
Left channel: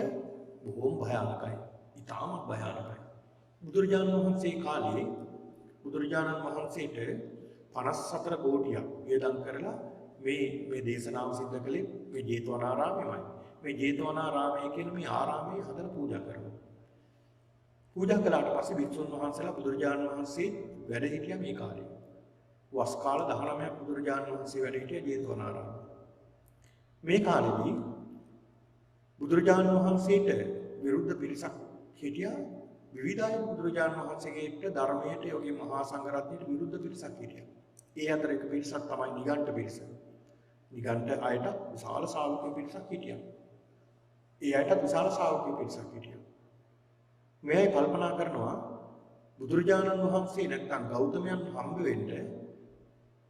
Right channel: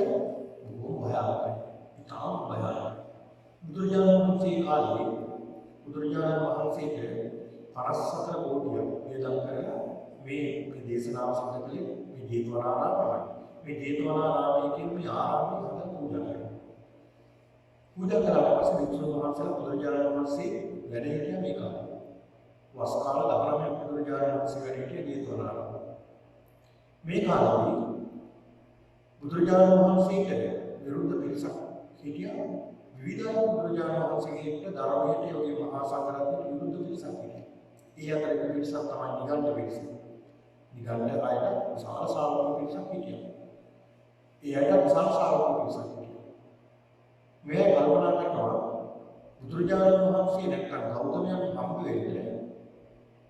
බොහොම භයානකයි. ඉතාම භයානකයි. බුදුරජාණන් වහන්සේ කාලේ බුදුරජාණන් වහන්සේට 54 කෝටියක් වියදම් කරලා මේ දේශනාව සිද්ධ කළේ මේ ජේතවනාරාමයයි. මේ ජේතවනාරාමයේ කියන මේ ආරාමයේ හදලා පූජා කරනවා. පූජා කළාට පස්සේ වික්ෂුන් වහන්සේලා බුදුරජාණන් වහන්සේ වැඩ හිටියා මේ කාලේ. වස් කාල 19ක් බුදුරජාණන් වහන්සේ වැඩ හිටියා ජේතවනාරාමයේ. මේ කාලෙදී බුදුරජාණන් වහන්සේට විරුද්ධ පිරිසක් හිටියා. විවිධ බුදුරජාණන් වහන්සේගේ ධර්මයට යෝගී මහා සංඝරත්නයට විරුද්ධ පිරිසක් හිටියා. ඒ අතර එක පිරිසක් තමයි නිගණ්ඨ පිරිස. නිගණ්ඨ අයට විශාල ශ්‍රාවක පිරිසක් හිටියා. ඒ අයට විශාල ශ්‍රාවක පිරිසක් හිටියා. මේ කල්පනා කරනවා බුදුරජාණන් වහන්සේ නැත්නම් ගෞතමයන් හම්බ වෙන්න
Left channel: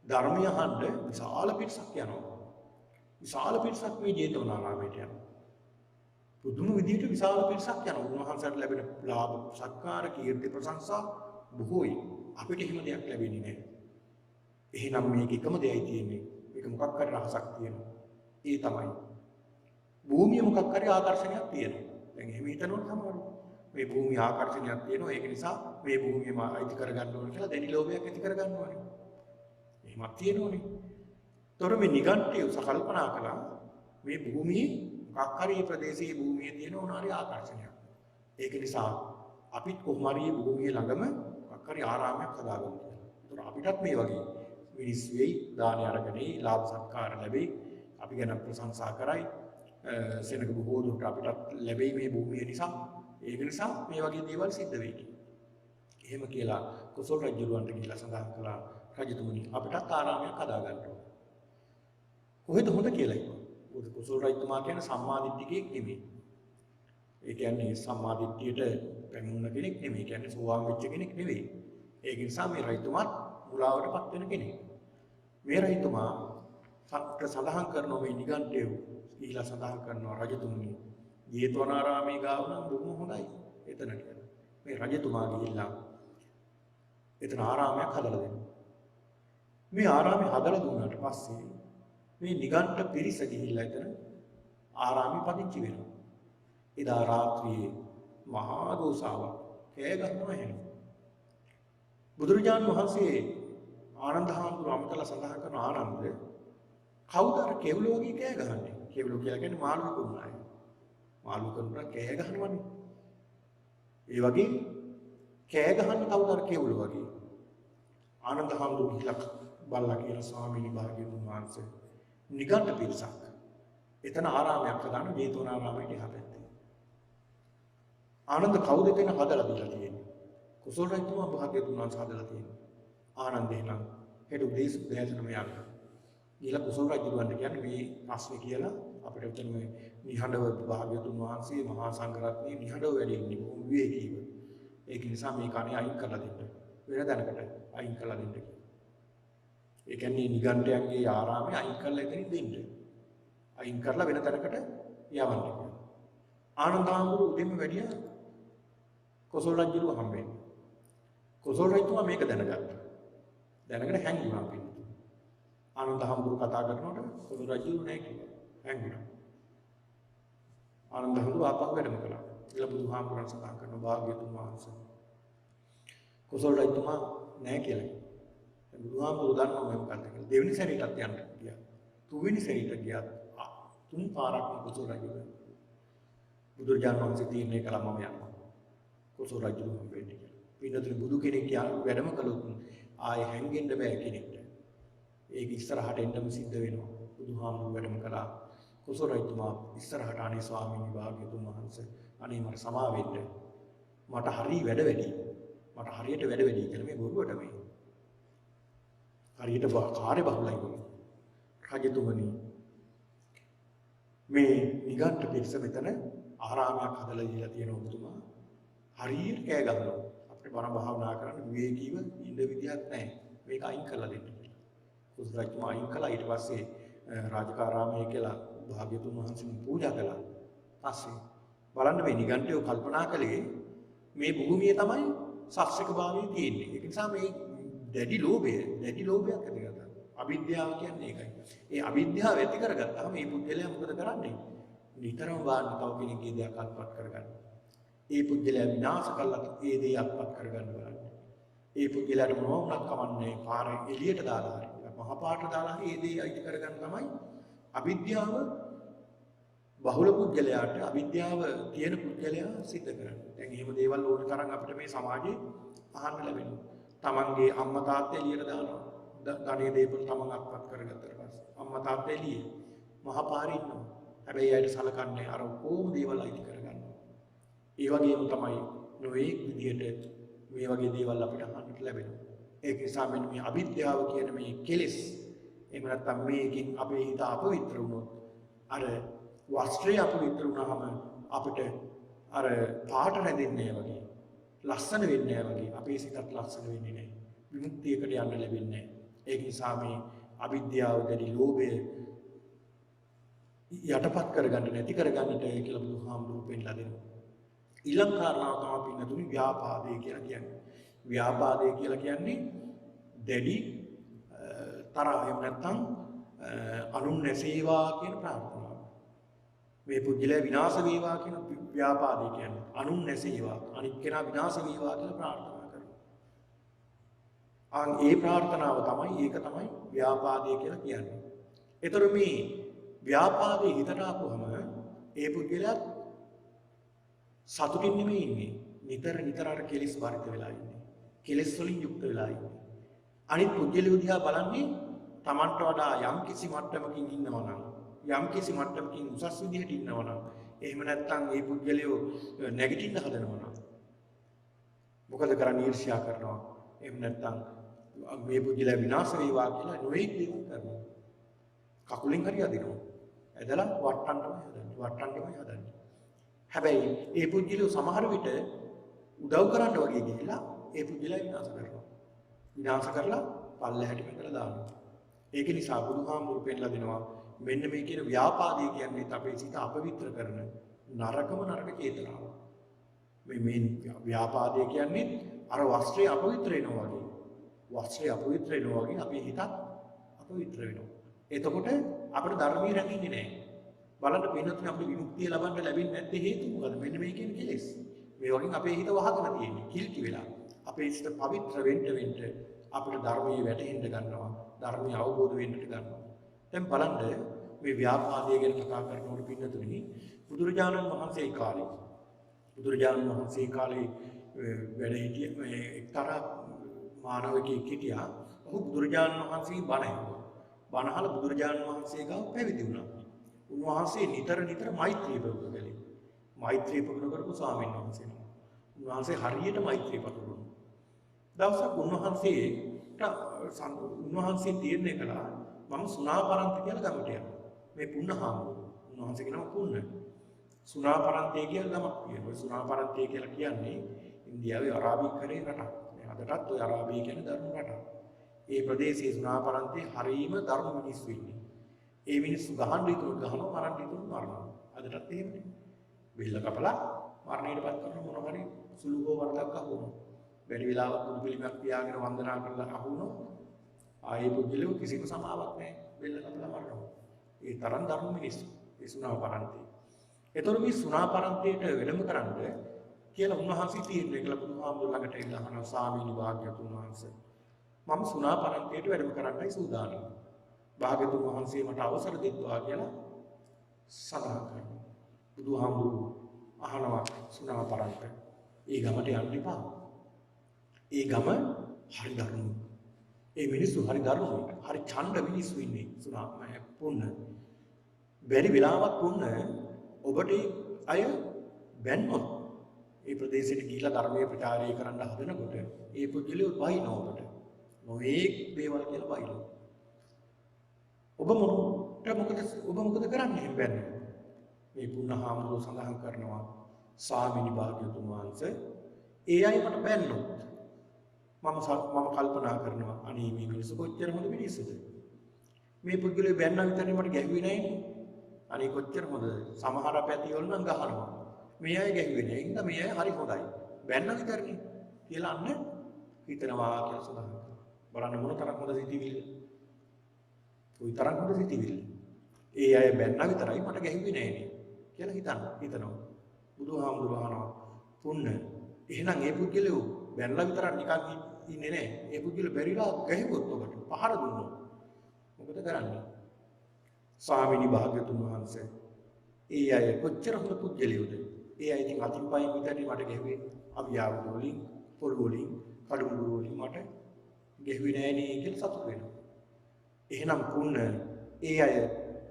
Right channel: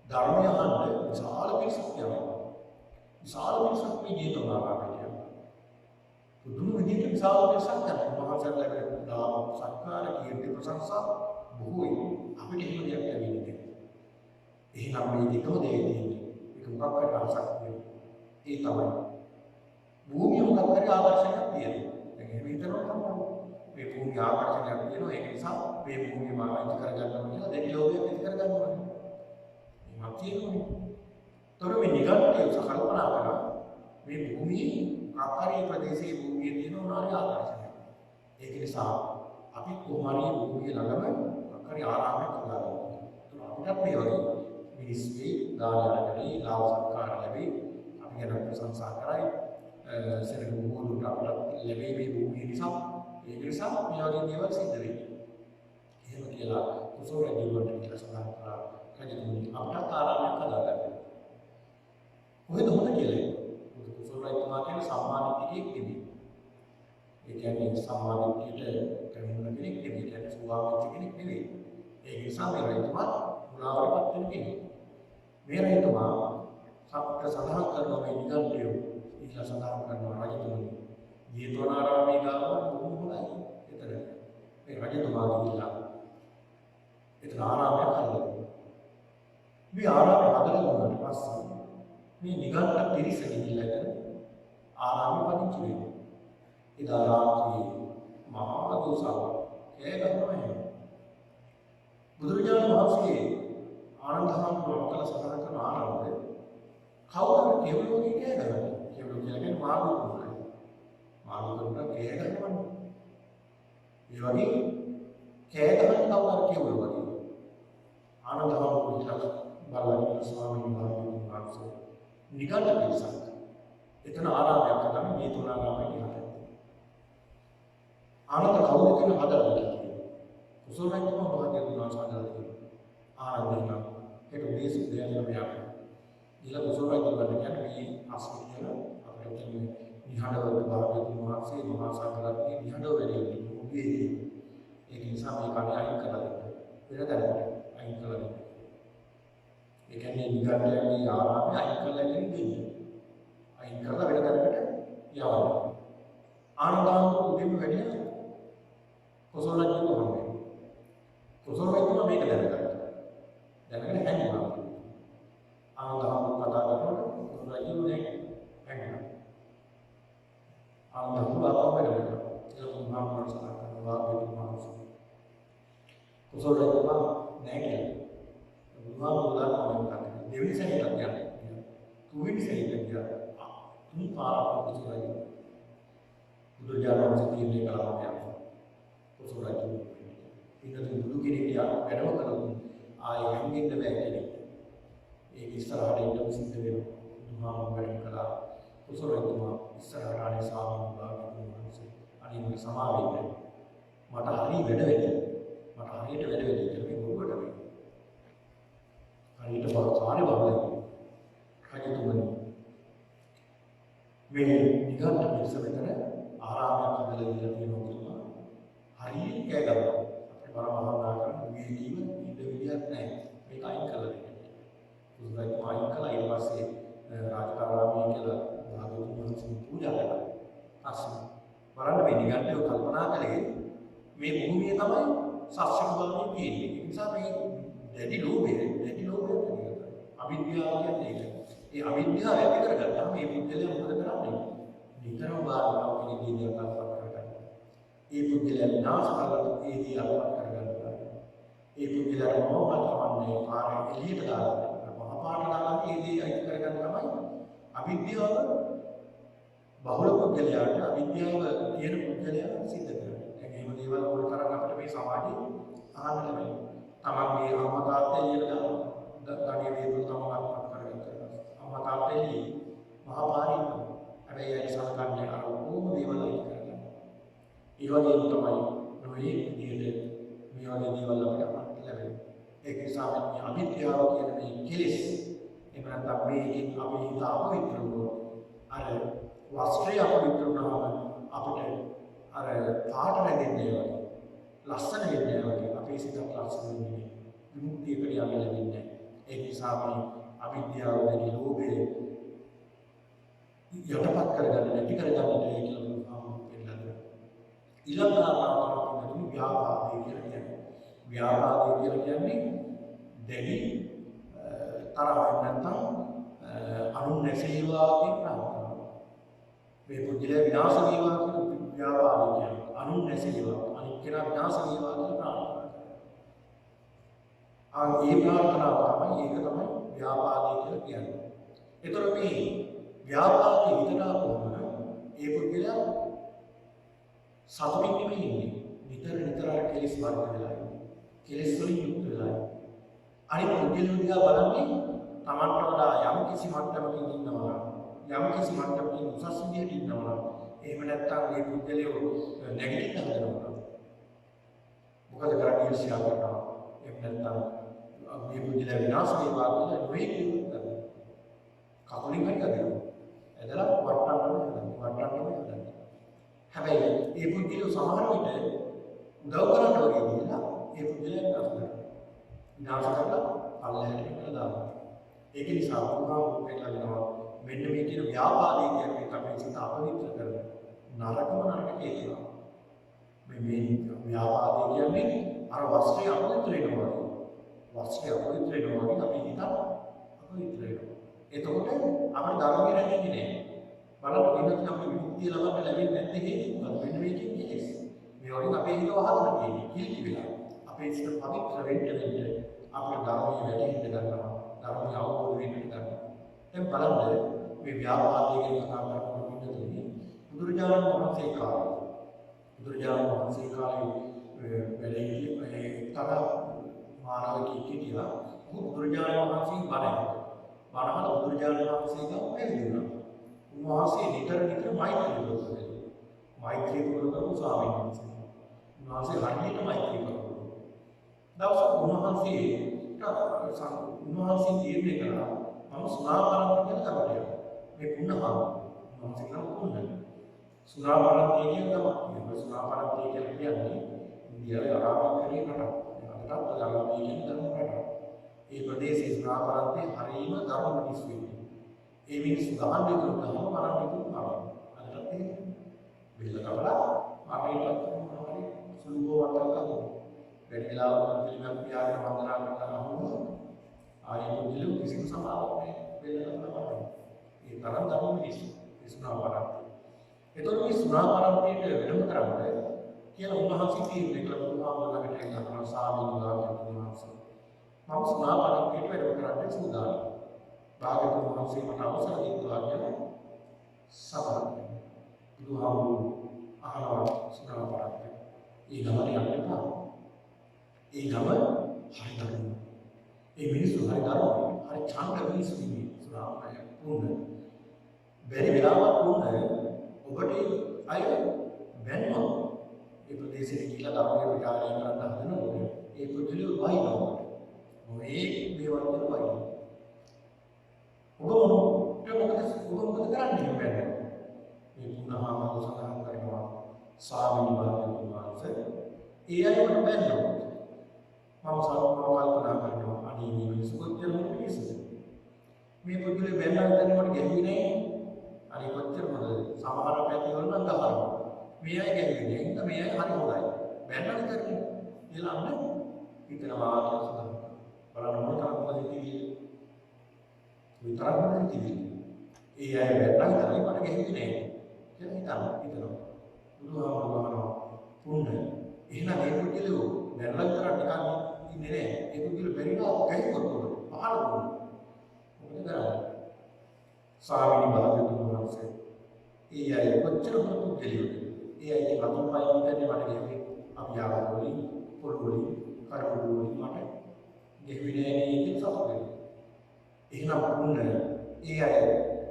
ධර්මය අහන්න විශාල පිරිසක් යනවා. විශාල පිරිසක් මේ ජේතවනාරාමයට යනවා. පුදුම විදිහට විශාල පිරිසක් යනවා. උන්වහන්සේට ලැබෙන ලාභ, සත්කාර, කීර්ති, ප්‍රශංසා බොහෝයි. අපිට එහෙම දෙයක් ලැබෙන්නේ නැහැ. එහෙනම් මේක එකම දෙයයි තියෙන්නේ. මේක මොකක් හරි රහසක් තියෙනවා. ඒ තමයි භූමිය මොකක් හරි ආකර්ෂණයක් තියෙනවා. දැන් එහෙම හිතනවා තමයි. මේ භූමිය ආකර්ෂණයක් තියෙනවා. ඒක නිසා මේ භූමිය මම අයිති කරගන්න ඕනේ කියලා දැඩි ලෝභයක් ඇති කරගන්න ඕනේ. එහෙමත් තියෙනවනේ. තොර මේ නිගණ්ඨය සකල්පනා කරා මේ භූමියේ මොකක් හරි ප්‍රදේශයේ භූමියේ තියෙන උනාරි ආකර්ෂණයක්. ඒක නිසා අපිත් කොහොම හරි භූමිය ළඟම මොකක් හරි ආරාමයක් හදාගන්න. ඒතර අපිටත් මේ වගේ මිනිස් වෙයි, දාන අරගෙනයි, ලාභ සත්කාර ලැබෙයි. අපි ගැන ප්‍රශංසා කරයි. සෙනග බොහෝ දුරට අපිට ලැබෙයි මේ භූමිය නිසා. ඒක නිසා මේ වගේ දේවල් සිද්ධ වෙන්නේ. එහෙම කියලා කුසල රජුලන්ට කියලා සඳහන් කළා රජතුමනි අපිට ආරාමයක් හදාගන්න. කොහෙද හොඳ කියලා. කුසල රජතුමා කියන සම්මාදිට්ඨිකයෙක් නෙමෙයි. ඒ කියන්නේ සම්මාදිට්ඨියට පැමිණෙන කෙනෙක් නෙමෙයි. ඒ කියන්නේ සෝවාන් වෙච්ච කෙනෙක් නෙවෙයි. ඒක නිසා මේ රජතුමා මුලාවටපත් වෙන කෙනෙක්. මේ රජතුමා සඳහන් කරන මේ නිගණ්ඨය ඊළඟ සඳහන් කරනවා රජතුමනි ජේතවනාරාමයේ ගාව බොහොම හොඳයි. එතනට මේ රජතුමා ගිහිල්ලා එතන ආරාමයක් හදලා දෙනවා. මේ ආරාමය හදලා දුන්නාට පස්සේ මේ නිගණ්ඨ පිරිස ගිහිල්ලා එතන ආරාමෙ පදිංචි වෙනවා. එදා රාත්‍රියේ මහා දෝසාව කෑ ගහනවා එහෙම. බුදුරජාණන් වහන්සේ ආනන්ද හාමුදුරුවෝ කළ සඳහන් කරන ආනන්දය කවුරුහරි කෙවුළු වගේ කෑ ගහන්නේ. කෙවුළු කියලා කියන්නේ මාළු කුමාරය. මාළු කරුණා කෑ ගහනවනේ. ඒ වගේ කෑ ගහන කවුරුහරි කෙවුළු වගේ. ආනන්ද හාමුදුරුවෝ කියලා බල්ලා කියන ස්වාමීන් වහන්සේ නිගණ්ඨ පිරිසක්. එතන ආරාමයක් හදන්න ජේතවනාරාමයට යහපැත්තේ. ආනන්ද කවුද කියන හදලා දීලා තියෙනවා. කුසල රජතුමා භාග්‍යතුන් වහන්සේ හදලා තියෙනවා. ආනන්දේ නම් හෙට උදේසු දෙයටම යනවා. ඊළඟ කුසල රජුන්ට කියන්නේ මේ ප්‍රශ්නේ කියලා අපිට උතුම් නිහඬව භාග්‍යතුන් වහන්සේ මහා සංඝරත්නයේ නිහඬව වැඩි වෙන්නේ විවේකී. ඒක නිසා මේ කණේ අයින් කරලා දෙන්න. වෙන තැනකට අයින් කරලා දෙන්න. ඒ කියන්නේ නිගණ්ඨයන්ගේ ආරාමය අයින් කරලා එතනින් දෙන්න. අයින් කරලා වෙන තැනකට යවන්න. ආනන්දාංගු උදෙම වැඩියා කුසල රජුව හම්බෙන්නේ. කුසල රජතුමා මේක දැනගත්තා. දැනගෙන හැංගුණා. ආනන්දාංගු කතා කරනකොට කුසල රජු හැංගුණා. ආනන්දාංගු ආපහු වෙනවා. ඊළ බුදුහාමුදුරන් සඳහන් කරන වාග්යතුන් වහන්සේ. කුසල රජතුමා නැහැ කියලා. බුදුහාමුදුරුවෝ දන්නවා මොකක්ද කියලා. දෙවෙනි සැරේටත් යන්න ගියා. තුන්වෙනි සැරේට ගියා. තුන් පාරක් කුසල රජු. බුදුරජාණන් වහන්සේ තීරණය කළා මම යනවා. කුසල රජු වෙන්නේ. ඊට බුදු කෙනෙක් යා වැඩම කළොත් ආයෙ හැංගෙන්න බෑ කෙනෙක්ට. ඒක ඉස්සරහට එන්නම සිද්ධ වෙනවා. බුදුහාමුදුරුවෝ වැඩම කළා. කුසල රජතුමා ඉස්සරහට අනේ ස්වාමීන් වහන්සේ අනේ මට සමා වෙන්න. මට හරි වැඩ වැඩි. මට හරියට වැඩ වැඩි කියලා මේ බොරුවට මේ. හරියට කාර්ය බහුලයි. රජතුමනි මේ නිගණ්ඨ පිරිස මෙතන ආරාමයක් හදලා දීලා තියෙන ඔබතුමා හරියට කෑ ගහනවා. අපිට බර භාවනා කරන්න විවේකීව ඉඳ විදියක් නැහැ. මේක අයින් කරලා දෙන්න. කුසල රජතුමා අයින් කළා. ඊට පස්සේ රාජකාරාමයේ කියලා භාග්‍යවතුන් වහන්සේ පූජා කළා. පස්සේ බලන්න මේ නිගණ්ඨය කල්පනා කළේ මේ භූමියේ තමයි සාක්ෂික භාවයේ තියෙන්නේ. ඒ නිසා මේ දැඩි ලෝභයක් ඇති කරගත්තා. අවිද්‍යාව කියන්නේ ඒකයි. ඒ අවිද්‍යාව ඇති කරගත්තාම මේ පුද්ගලයා මොකද කරන්නේ? නිතරම බාහිර තව කෙනෙක්ගේ දේක් අල්පත් කරගන්න. ඒ පුද්ගලයා විනාශ කළත් ඒ දේ අල්පත් කරගන්න බලන්න. ඒ පුද්ගලයාට මොනවත් කමන්නේ පාරේ එළියට දාලා මහ පාට දාලා ඒ දේ අයිති කරගන්න තමයි අවිද්‍යාව බහුල පුද්ගලයාට අවිද්‍යාව තියෙන පුද්ගලයා සිද්ධ කරන්නේ. දැන් එහෙම දේවල් ඕන තරම් අපිට මේ සමාජයේ අහන්න ලැබෙනවා. තමන්ගේ අම්මා තාත්තා එළියට දානවා. ධනෙ දේපල තමන් අත්පත් කරගත්තා ඊපස්සේ. අම්මා තාත්තා එළියේ මහ පාරේ ඉන්නවා. හැබැයි අයිට සලකන්නේ අර ඕම දේවල් අයිති කරගන්න. ඒ වගේම තමයි නොයේ විදියට මේ වගේ දේවල් අපිට අහන්නට ලැබෙනවා. ඒක නිසා මේ අවිද්‍යාව කියන මේ කෙලෙස් එහෙම නැත්නම් මේකෙන් අපේ හිත අපවිත්‍ර වුණොත් අර වස්ත්‍රය අපවිත්‍ර වුණාම අපිට අර පාට රැඳෙන්නේ වගේ ලස්සන වෙන්නේ වගේ අපේ සිතත් ලස්සන වෙන්නේ නැහැ. විමුක්තියකට යන්න ලැබෙන්නේ නැහැ. ඒක නිසා මේ අවිද්‍යාව වැඩි ලෝභය යටපත් කරගන්න නැති කරගන්නට කියලා බුදුහාමුදුරුවෝ පෙන්නලා දෙනවා. ඊළඟ කාරණාව තමයි පින්නතුනි ව්‍යාපාදය කියලා කියන්නේ. ව්‍යාපාදය කියලා කියන්නේ දැඩි තරහ නැත්නම් අනුන් නැසේවා කියන ප්‍රාර්ථනාව. මේ පුජ්‍යලයා විනාශ වේවා කියන ව්‍යාපාදේ කියන්නේ. අනුන් නැසේවා. අනික් කෙනා විනාශ වේවා කියලා ප්‍රාර්ථනා කරනවා. ඒ ප්‍රාර්ථනාව තමයි ඒක තමයි ව්‍යාපාදේ කියලා කියන්නේ. ඒතර මේ ව්‍යාපාදේ හිතට ආවම ඒ පුජ්‍යලයා සතුටින් නෙමෙයි ඉන්නේ. නිතර අර කෙලෙස් වර්ධ වෙලා ඉන්නේ. කෙලෙස් වලින් යුක්ත වෙලා ඉන්නේ. අනිත් පුජ්‍යලිය දිහා බලන්නේ Tamanට වඩා යම් කිසි මට්ටමකින් ඉන්නවා නම් යම් කිසි මට්ටමකින් උසස් විදිහට ඉන්නවා නම් එහෙම නැත්නම් මේ පුජ්‍යලිය නැගිටින්න හදනවා. මොකද කරන්නේ ඊර්ෂ්‍යා කරනවා. එහෙම නැත්නම් මේ පුජ්‍යලිය විනාශ වේවා කියලා නොයෙක් කරනවා. කකුලින් හරි අදිනවා. ඇදලා වට්ටන්නම හදන්නේ. හැබැයි ඒ පුජ්‍යලිය සමහර විට උදව් කරන්න වගේ ගිහිල්ලා ඒ පුජ්‍යලිය විනාශ කරනවා. විනාශ කරලා පල්ලෙහාට මෙතන දානවා. ඒක නිසා බුදුහාමුදුරුවෝ පෙන්නලා දෙනවා මෙන්න මේ කියන ව්‍යාපාදේ කියන්නේ අපේ සිත අපවිත්‍ර කරන නරක චේතනාව. මේ ව්‍යාපාදේ කියන්නේ අර වස්ත්‍රය අපවිත්‍ර වෙනවා වගේ. වස්ත්‍රය අපවිත්‍ර වෙනවා වගේ අපේ හිත අපවිත්‍ර වෙනවා. එතකොට අපේ ධර්මයේ රැඳෙන්නේ නැහැ. බලන්න පින්නත් අපේ විමුක්තිය ලබන්න ලැබෙන්නේ නැත්තේ හේතුව මොකද? මෙන්න මේ කියන කෙලෙස්. මේ වගේ අපේ හිත වහගෙන තියෙන්නේ කිලිටි වෙලා. අපේ සිත පවිත්‍ර වෙන්න අපිට ධර්මයේ වැටෙන්න ගන්නවා. ධර්මය අවබෝධ වෙන්නට ගන්නවා. දැන් බලන්න මේ ව්‍යාපාදය ගැන කතා කරනකොට පින්නතුනි බුදුරජාණන් වහන්සේ කාලේ වැඩ සිටිය මේ එක්තරා මානවකෙක් හිටියා. ඔහු බුදුරජාණන් වහන්සේ බණහල බුදුරජාණන් වහන්සේ ගාව පැවිදි වුණා. උන්වහන්සේ නිතර මෛත්‍රී පුරුදු මෛත්‍රී පුරුදු කරපු ස්වාමීන් වහන්සේ. උන්වහන්සේ හරියට මෛත්‍රී පුරුදු කරනවා. දවසක් උන්වහන්සේ තීරණය කළා මම සුණාපරන්ති කියලා ගමට යනවා. මේ පුන්නහාම උන්වහන්සේ කියනවා පුන්න. සුණාපරන්ති කියන ගමක් කියනවා. සුණාපරන්ති කියලා කියන්නේ ඉන්දියාවේ අරාබිකරේ රටක්. අදටත් ඔය අරාබිය කියන්නේ ධර්ම රටක්. ඒ ප්‍රදේශයේ සුණාපරන්ති හරීම ධර්ම මිනිස්සු ඉන්නේ. ඒ මිනිස්සු ගහන්න ඉතුරු ගහම මරන්න ඉතුරු මරනවා. අදටත් එහෙමයි. බිල්ල කපලා මරණයටපත් කරන මොන හරි සුළු වර්තයක් අහුවෙනවා. වැඩි වෙලාවක් පිළිමයක් පියාගෙන වන්දනා කරලා අහුවොත් ආයේ පුදුලු කිසිම සමාවක් නැහැ. බෙල්ල කපලා මරනවා. ඒ තරම් ධර්ම මිනිස්සු. ඒ සුණාපරන්ති. ඒතර මේ සුණාපරන්තියට වෙනම කරන්නේ කියලා උන්වහන්සේ තීරණය කළා. බුදුහාමුදුරුවෝ ළඟට එන්න අපේ ස්වාමීන් වහන්සේ මම සුණාපරන්තියට වැඩම කරන්නයි සූදානම්. භාග්‍යවතුන් වහන්සේ මට අවසර දෙන්නවා කියලා සඳහන් කරනවා. බුදුහාමුදුරුවෝ අහනවා සුණාපරන්ති. ඒ ගමට යන්න එපා. ඒ ගම හරි දරුණු. ඒ මිනිස්සු හරි දරුණු. හරි ඡණ්ඩ මිනිස්සු ඉන්නේ සුණාපරන්ති පුන්න. බැරි වෙලාවක් පුන්න ඔබට අය බැන්නවා. ඒ ප්‍රදේශෙට ගිහිලා ධර්මයේ ප්‍රචාරය කරන්න හදනකොට ඒ පුදුලිය වහිනවා ඔබට. මොයේ දේවල් කියලා වහිනවා. ඔබ මොකද කරන්නේ බැන්න? මේ පුණහාම සඳහන් කරනවා ස්වාමීන් වහන්සේ ඒ අයවට බැන්නොත් මම කල්පනා කරනවා අනේ මේ මිනිස්සු කොච්චර හොඳ මිනිස්සුද? මේ පුදුලිය බැන්නා විතරේ මට ගැහුවේ නැහැ. අනේ කොච්චර හොඳද? සමහර පැති වල නම් ගහනවා. මේ අය ගැහුවේ නෑ. ඉතින් මේ අය හරි හොඳයි. බැන්න විතරනේ කියලා අන්න හිතනවා කියලා සඳහන් කරනවා. බලන්න මොන තරම් හොඳ සිතිවිල්ල. ওই තරම් හොඳ සිතිවිල්ල. ඒ අය බැන්න විතරයි මට ගැහුවේ නෑ කියලා හිතනවා. බුදුහාමුදුරුවෝ පුන්න. එහෙනම් ඒ පුද්ගලයෝ බැන්න විතරක් නිකන් ඉන්නේ නෑ. ඒ පුද්ගලයෝ බැරිලා ගැහුවොත් උඩට පහර දුන්නා. මොකද කරන්නේ? ස්වාමීනි භාග්‍යතුන් වහන්සේ ඒ අය කොච්චර හොඳ පුද්ගලයෝද? ඒ අය ඉතින් අතින් පයින් විතරේ මට ගැහුවේ. අපි ආව වලින් පොළු වලින් කඩපොළු වලින් මට ගැහුවේ නෑ නේ කියලා සතුටු වෙනවා. එහෙනම් පුන්න ඒ අය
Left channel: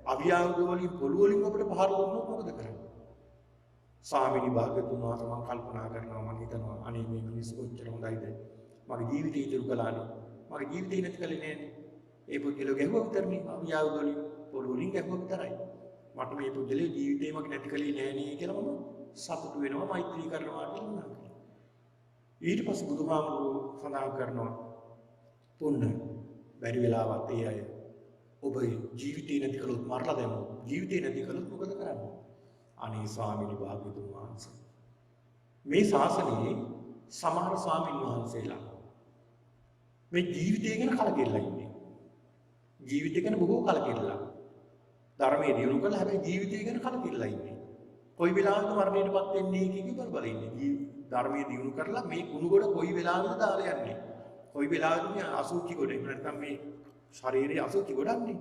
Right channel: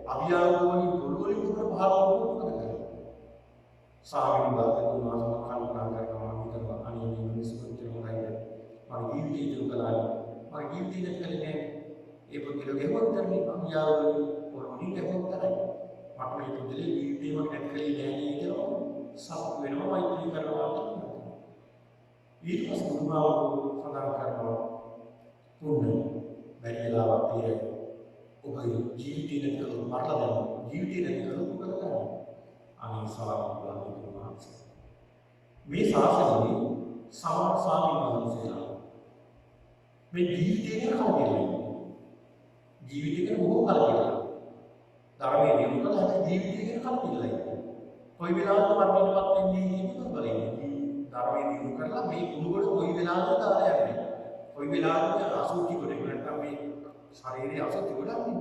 අභියාව වලින් පොළු වලින් අපිට පහර දුන්නොත් මොකද කරන්නේ? ස්වාමීනි භාග්‍යතුන් වහන්සේ කල්පනා කරනවා හිතනවා අනේ මේ මිනිස්සු කොච්චර හොඳයිද? මගේ ජීවිතය ඉතුරු කළානේ. මගේ ජීවිතේ නැති කළේ නෑනේ. ඒ පුද්ගලයා ගැහුවා විතරනේ අභියාව වලින් පොළු වලින් ගැහුවා විතරයි. මට මේ පුද්ගලයා ජීවිතේ මට නැති කළේ නෑ නේ කියලා සතුටු වෙනවා මෛත්‍රී කරනවා කියලා. ඊට පස්සේ බුදුහාමුදුරුවෝ සඳහන් කරනවා තුන්න බැරි වෙලාවක් තියයි. ඔබ ජීවිතේ නැති කළොත් මරලා දානවා. ජීවිතේ නැති කළොත් මොකද කරන්නේ? අනේ ස්වාමීන් වහන්සේ. මේ ශාසනයේ සමහර ස්වාමීන් වහන්සේලා මේ ජීවිතය ගැන කලකිරලා ඉන්නේ. ජීවිතය ගැන බොහෝ කලකිරලා. ධර්මයේ දියුණු කරලා හැබැයි ජීවිතය ගැන කලකිරලා ඉන්නේ. කොයි වෙලාවකද මරණයටපත් වෙන්නේ කියන එක බලන්නේ. ධර්මයේ දිනු කරලා මේ කුණුගොඩ කොයි වෙලාවකද දාලා යන්නේ. කොයි වෙලාවකද අසුචි ගොඩ නැත්නම් මේ ශරීරයේ අසුචි ගොඩන්නේ.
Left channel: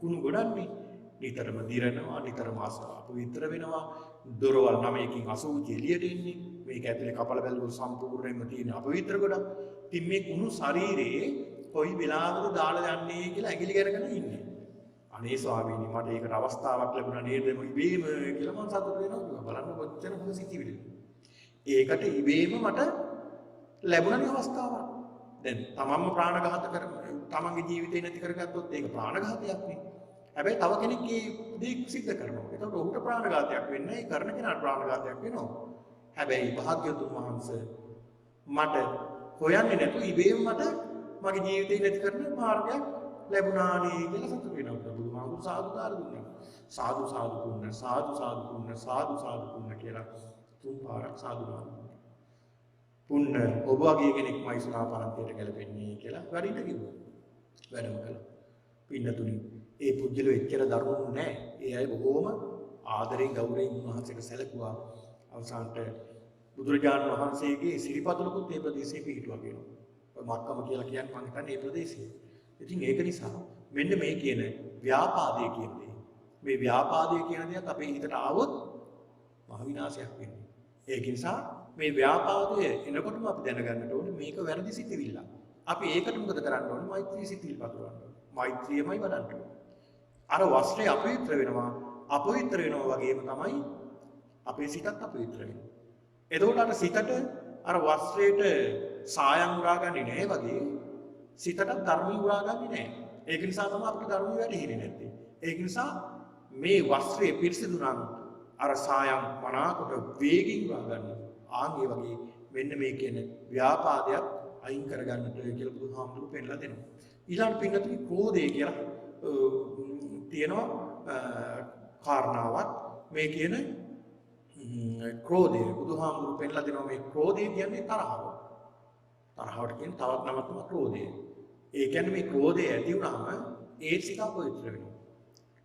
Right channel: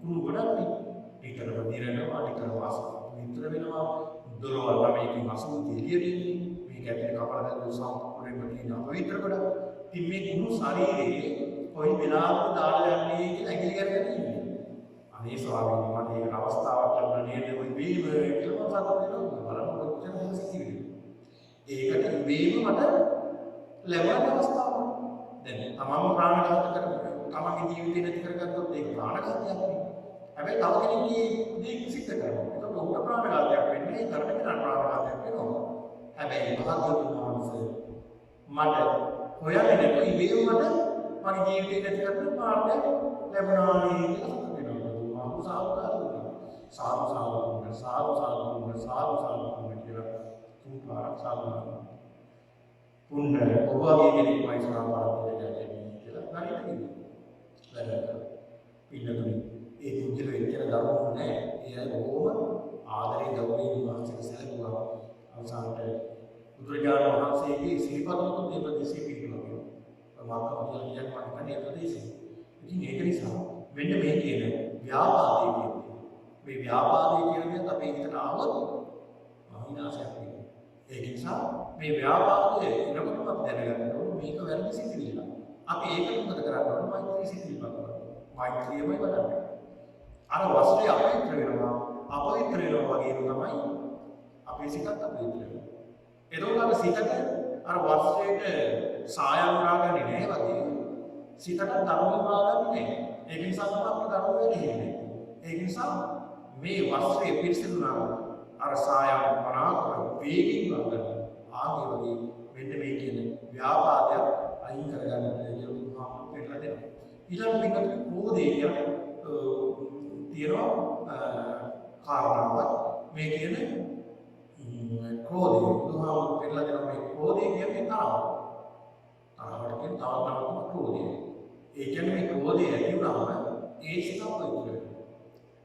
කුණු ගොඩන්නේ. නිතරම දිරනවා, නිතරම විතර වෙනවා. දොරවල් ළමයකින් අසුචි එළියට එන්නේ. මේක ඇතුලේ කපල බැලුවොත් සම්පූර්ණයෙන්ම තියෙන අපවිත්‍ර ගොඩක්. ඉතින් මේ කුණු ශරීරයේ කොයි වෙලාවකද දාලා යන්නේ කියලා ඇඟිලි කරගෙන ඉන්නේ. අනේ ස්වාමීනි මට ඒකට අවස්ථාවක් ලැබුණා නේද මේ ඉබේම කියලා මම සතුටු වෙනවා බලන්න කොච්චර පොසිටිව්ද ඒකට ඉබේම මට ලැබුණ අවස්ථාවක් දැන් තමම ප්‍රාණඝාත කරමු තමන්ගේ ජීවිතේ නැති කරගත්තොත් ඒක ප්‍රාණඝාතයක් නේ හැබැයි තව කෙනෙක්ගේ දේ සිද්ධ කරනවා ඒක උන්ට ප්‍රාණඝාතයක් වෙන්නේ ඒ කරන කෙනාට ප්‍රාණඝාතයක් වෙනවා හැබැයි භාග්‍යවතුන් වහන්සේ මට හොයන්නේ නැතුව ඉබේම මට මගේ ජීවිතේ නැති කරන මාර්ගයක් ලැබුණා නේ කියලා සාදු සාදු පුන්න සාදු සාදු පුන්න සාදු සාදු පුන්න කියලා තුන් පාරක් සාදු පුන්න ඔබ වගේ කෙනෙක් මයි සමාපාරයට ගැලපෙන්නේ කියලා වැඩිට කිව්වා. වැඩම කළා. පින්නතුනි ඒ පුජ්‍යලෝ එච්චර දරුණු නෑ. ඒ අය බොහොම ආදරයෙන් ගෞරවයෙන් උන්වහන්සේට සැලකුවා. අවසානට බුදුරජාණන් වහන්සේගේ සිරිපතුලකුත් මේ ප්‍රදේශයේ පිහිටුවා කියනවා. මාත්‍රම කියලා කියන්නේ මම හිතන්නේ මේ ප්‍රදේශයේ. ඉතින් ඒක නිසා මෙන්න මේ කියන ව්‍යාපාදයේ කියන්නේ මේ ව්‍යාපාදයේ කියන දේත් අපේ හිතට ආවොත් මහ විනාශයක් වෙනවා. ඒක නිසා මේ ව්‍යාපාදය එනකොටම අපි දැනගන්න ඕනේ මේක වැරදි සිතිවිල්ල. අපි ඒකට මොකද කරන්න ඕනේ? මෛත්‍රී සිතිවිල්ල කරනවා. මෛත්‍රියමයි වඩන්නේ. අර වස්ත්‍රය අපවිත්‍ර වෙනවා. අපවිත්‍ර වෙනවා වගේම තමයි අපේ සිතත් අපවිත්‍ර වෙනවා. එතකොට අර සිතට අර වස්ත්‍රයට සායම් ගාගන්නේ නැහැ වගේ සිතට ධර්ම ගාගන්නේ නැහැ. ඒක නිසා තමයි අපිට ධර්ම වැඩිහින්නේ නැත්තේ. ඒක නිසා මේ වස්ත්‍රයේ පිරිසිදු නම් අර සායම් මනාකොට වේගින් ගන්න. ආගේ වගේ මෙන්න මේ කියන ව්‍යාපාදයක් අයින් කරගන්නට කියලා බුදුහාමුදුරුවෝ පෙන්නලා දෙනවා. ඊළඟ පින්නතුනේ ක්‍රෝධය කියලා තියෙනවා කාරණාවක් මේ කියන ක්‍රෝධය බුදුහාමුදුරුවෝ පෙන්නලා දෙනවා මේ ක්‍රෝධය කියන්නේ තරහ. තරහවට කියන තවත් නමක් ක්‍රෝධය. ඒ කියන්නේ මේ ක්‍රෝධය ඇති වුණාම ඒ සිත අපවිත්‍ර වෙනවා.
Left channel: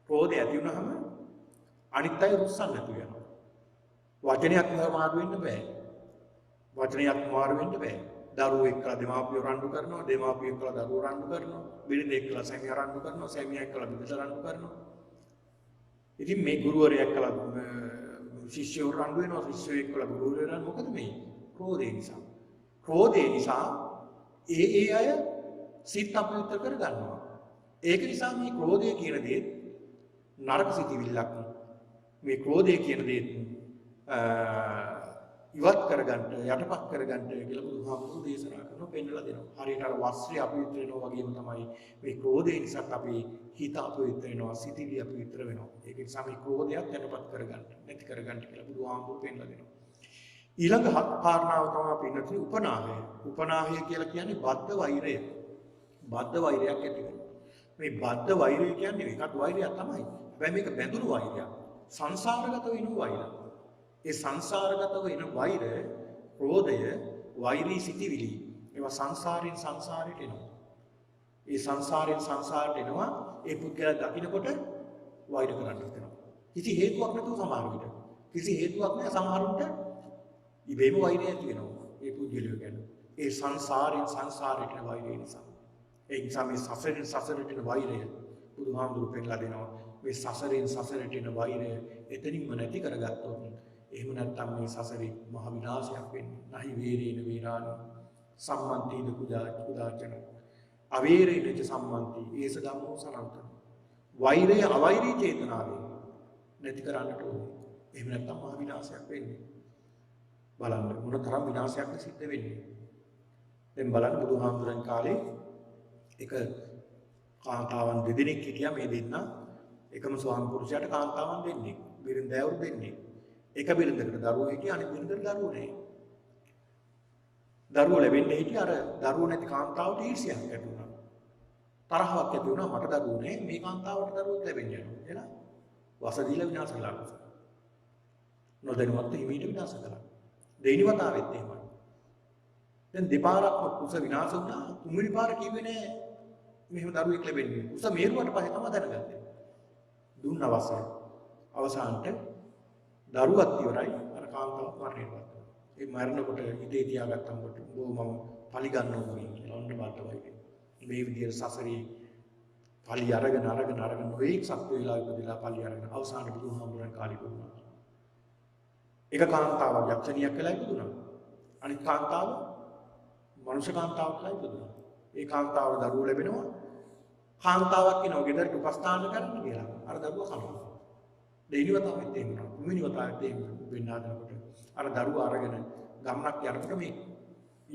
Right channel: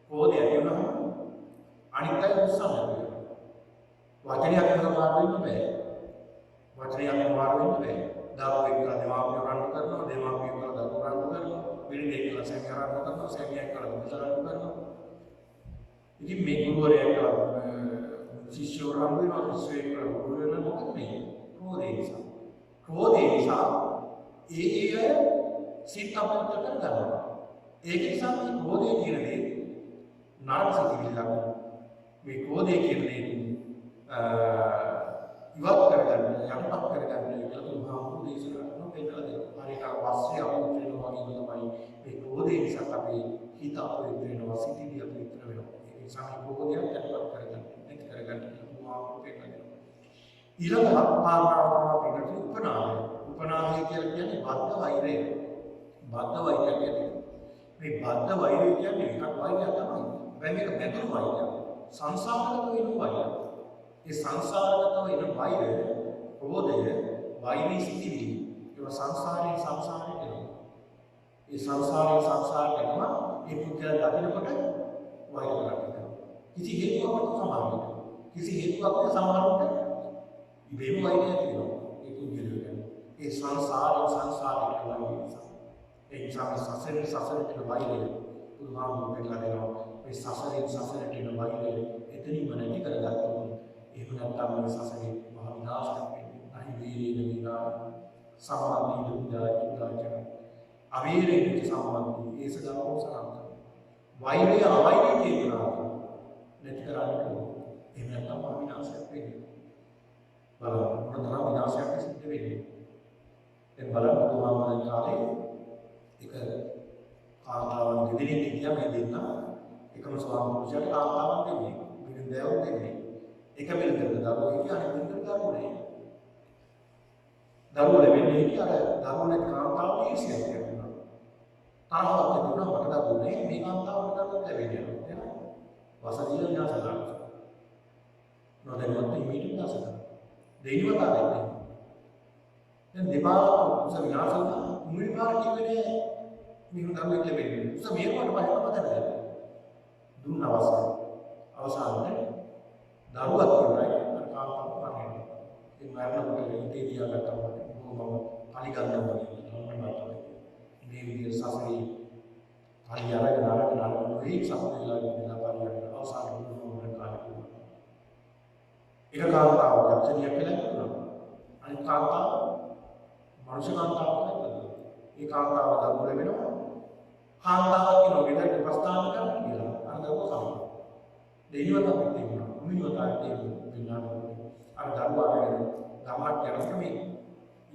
ක්‍රෝධය ඇති වුණාම අනිත් අය රුස්සන්න වෙනවා. වචනයක් මාරු වෙන්න බෑ. වචනයක් මාරු වෙන්න බෑ. දරුවෝ එක්කලා දෙමාපියෝ රණ්ඩු කරනවා, දෙමාපියෝ එක්කලා දරුවෝ රණ්ඩු කරනවා, බිරිඳ එක්කලා සැමියා රණ්ඩු කරනවා, සැමියා එක්කලා බිරිඳ රණ්ඩු කරනවා. ඉතින් මේ ගුරුවරයා එක්කලා ශිෂ්‍යයෝ රණ්ඩු වෙනවා, ශිෂ්‍යයෝ එක්කලා ගුරුවරයා රණ්ඩු මොකද මේ? ක්‍රෝධය නිසා. ක්‍රෝධය නිසා ඒ අය සිත අපවිත්‍ර කරගන්නවා. ඒක නිසා මේ ක්‍රෝධය කියන දේ නරක සිතිවිල්ලක්. මේ ක්‍රෝධය කියන දේ ඉවත් කරගන්න යටපත් කරගන්න කියලා බුදුහාමුදුරුවෝ දේශනා කරනවා පෙන්නලා දෙනවා. හරියට අර වස්ත්‍රය අපවිත්‍ර වෙනවා වගේම තමයි මේ ක්‍රෝධය නිසා අපේ හිත අපවිත්‍ර වෙනවා, සිතිවිලි අපවිත්‍ර වෙනවා. ඒක නිසා මේ ක්‍රෝධයත් යටපත් කරගන්න, නැති කරගන්න කියලා බුදුහාමුදුරුවෝ පෙන්නලා දෙනවා. ඊළඟ කාරණාව තමයි පින්නතුනි උපනාහය. උපනාහය කියලා කියන්නේ බද්ධ වෛරය. බද්ධ වෛරයක් ඇති වෙනවා. මේ බද්ධ වෛරය කියන්නේ එකක් වෛරයක් තමයි. හැබැයි මේක බැඳුණු වෛරයක්. සංසාරගත වෙන වෛරයක්. ඒ සංසාරගත වෙන වෛරය, ක්‍රෝධය, වෛරී සිටිවිලි ඒවා සංසාරයෙන් සංසාරයට එනවා. ඒ සංසාරයෙන් සංසාරයට එනවා ඒ පුද්ගලයා දකින්නකොට වෛර කරන්න හිතනවා. කිසි හේතුවක් නැතුව සමහරවිට. කිසි හේතුවක් නැතුව සමහරවිට ඉබේම වෛරය ඇති වෙනවා. ඒ පුද්ගලයා ගැන. ඒ සංසාරයෙන් සංසාරයට වෛරය නිසා. ඒ නිසා මේ සසරෙන් සසරට එන වෛරය බුදුහාමුදුරුවෝ පෙන්නලා දෙනවා. මේ සසරෙන් සසරට එන වෛරය එතනින්ම නැති කරගත්තොත් එහෙම නැත්නම් මේ සසරේ මහ විනාශයක් වෙන්නේ. නහි වේරේන වේරාණ සම්මන්තින උදාචන අවේරේන සම්මන්ති ඒස ධම්මෝ සරන්ත වෛරය අවෛරී චේතනාව නැති කරන්නට ඕනේ. එහෙම නැත්නම් මහ විනාශයක් වෙන්නේ. බලන්න මොනතරම් විනාශයක් සිද්ධ වෙන්නේ. දැන් බලන්න බුදුහාමුදුරන් කාලේ එක කාන්තාවන් දෙදෙනෙක් හිටියා මේ දෙන්න එකම ස්වාමි පුරුෂයාට කාන්තාවන් දෙන්නේ බිරිඳෑවරු දෙන්නේ එක බිරිඳකට දරුවෝ හිටියා අනිත් බිරිඳකට දරුවෝ නැහැ දරුවෝ ලැබෙන්නේ හිටියා අර දරුවෝ නැති කාන්තාවට ඊර්ෂ්‍යාවක් ඇති වුණා තරහක් ඇති වුණා මට දරුවෝ නැහැ මේ කාන්තාවට දරුවෝ ලැබෙන්නේ නැහැ එහෙනම් වසදීල විනාශ කළා නොදැනුවත් හිමීට විනාශ කළා දෙවෙනි වතාවෙත් එහෙම දැන් දෙපාරක් උස විනාශ වුණා තුන්වෙනි පාර කිව්වේ නෑ මෙහෙම දරුවෙක් ලැබෙන්නේ. උස මේරුවට පස්සේ තමයි දැනගත්තේ. දුන්න අවසානට දරුවත් ඉවරයි අර කාන්තාව මරන්නේ. ඒ මරනකොට ඉතේ තියාගත්තා මට මම පලි ගන්නවා කියලා ඔන්න බලන්න. මේ විදිහට සසරේ පලි අරගෙන නොයි සත්ව වේලා විදිහලා පලි අරගෙන අවසාන බුදුහාමුදුරන් කාලේ වුණා. එක කාන්තාවක් යක්ෂණියක් කියලා ඉන්නවා. අනිත් කාන්තාව මනුෂ්‍ය කාන්තාවක් කියලා ඉන්නවා. ඒ කාන්තාව දරුවෝ ලැබෙනවා. කාන්තාවක් කෙනෙකුට ගෙදර උපස්ථාන කරන්න කියලා. අර දරුවා කනවා. දෙවියන් වතාවෙත් එහෙම වුණා. මුමිනි වතාවෙත් එහෙම වෙන්නානකොට අර දරුවා අරගෙන ගමනක් යනකොට මේ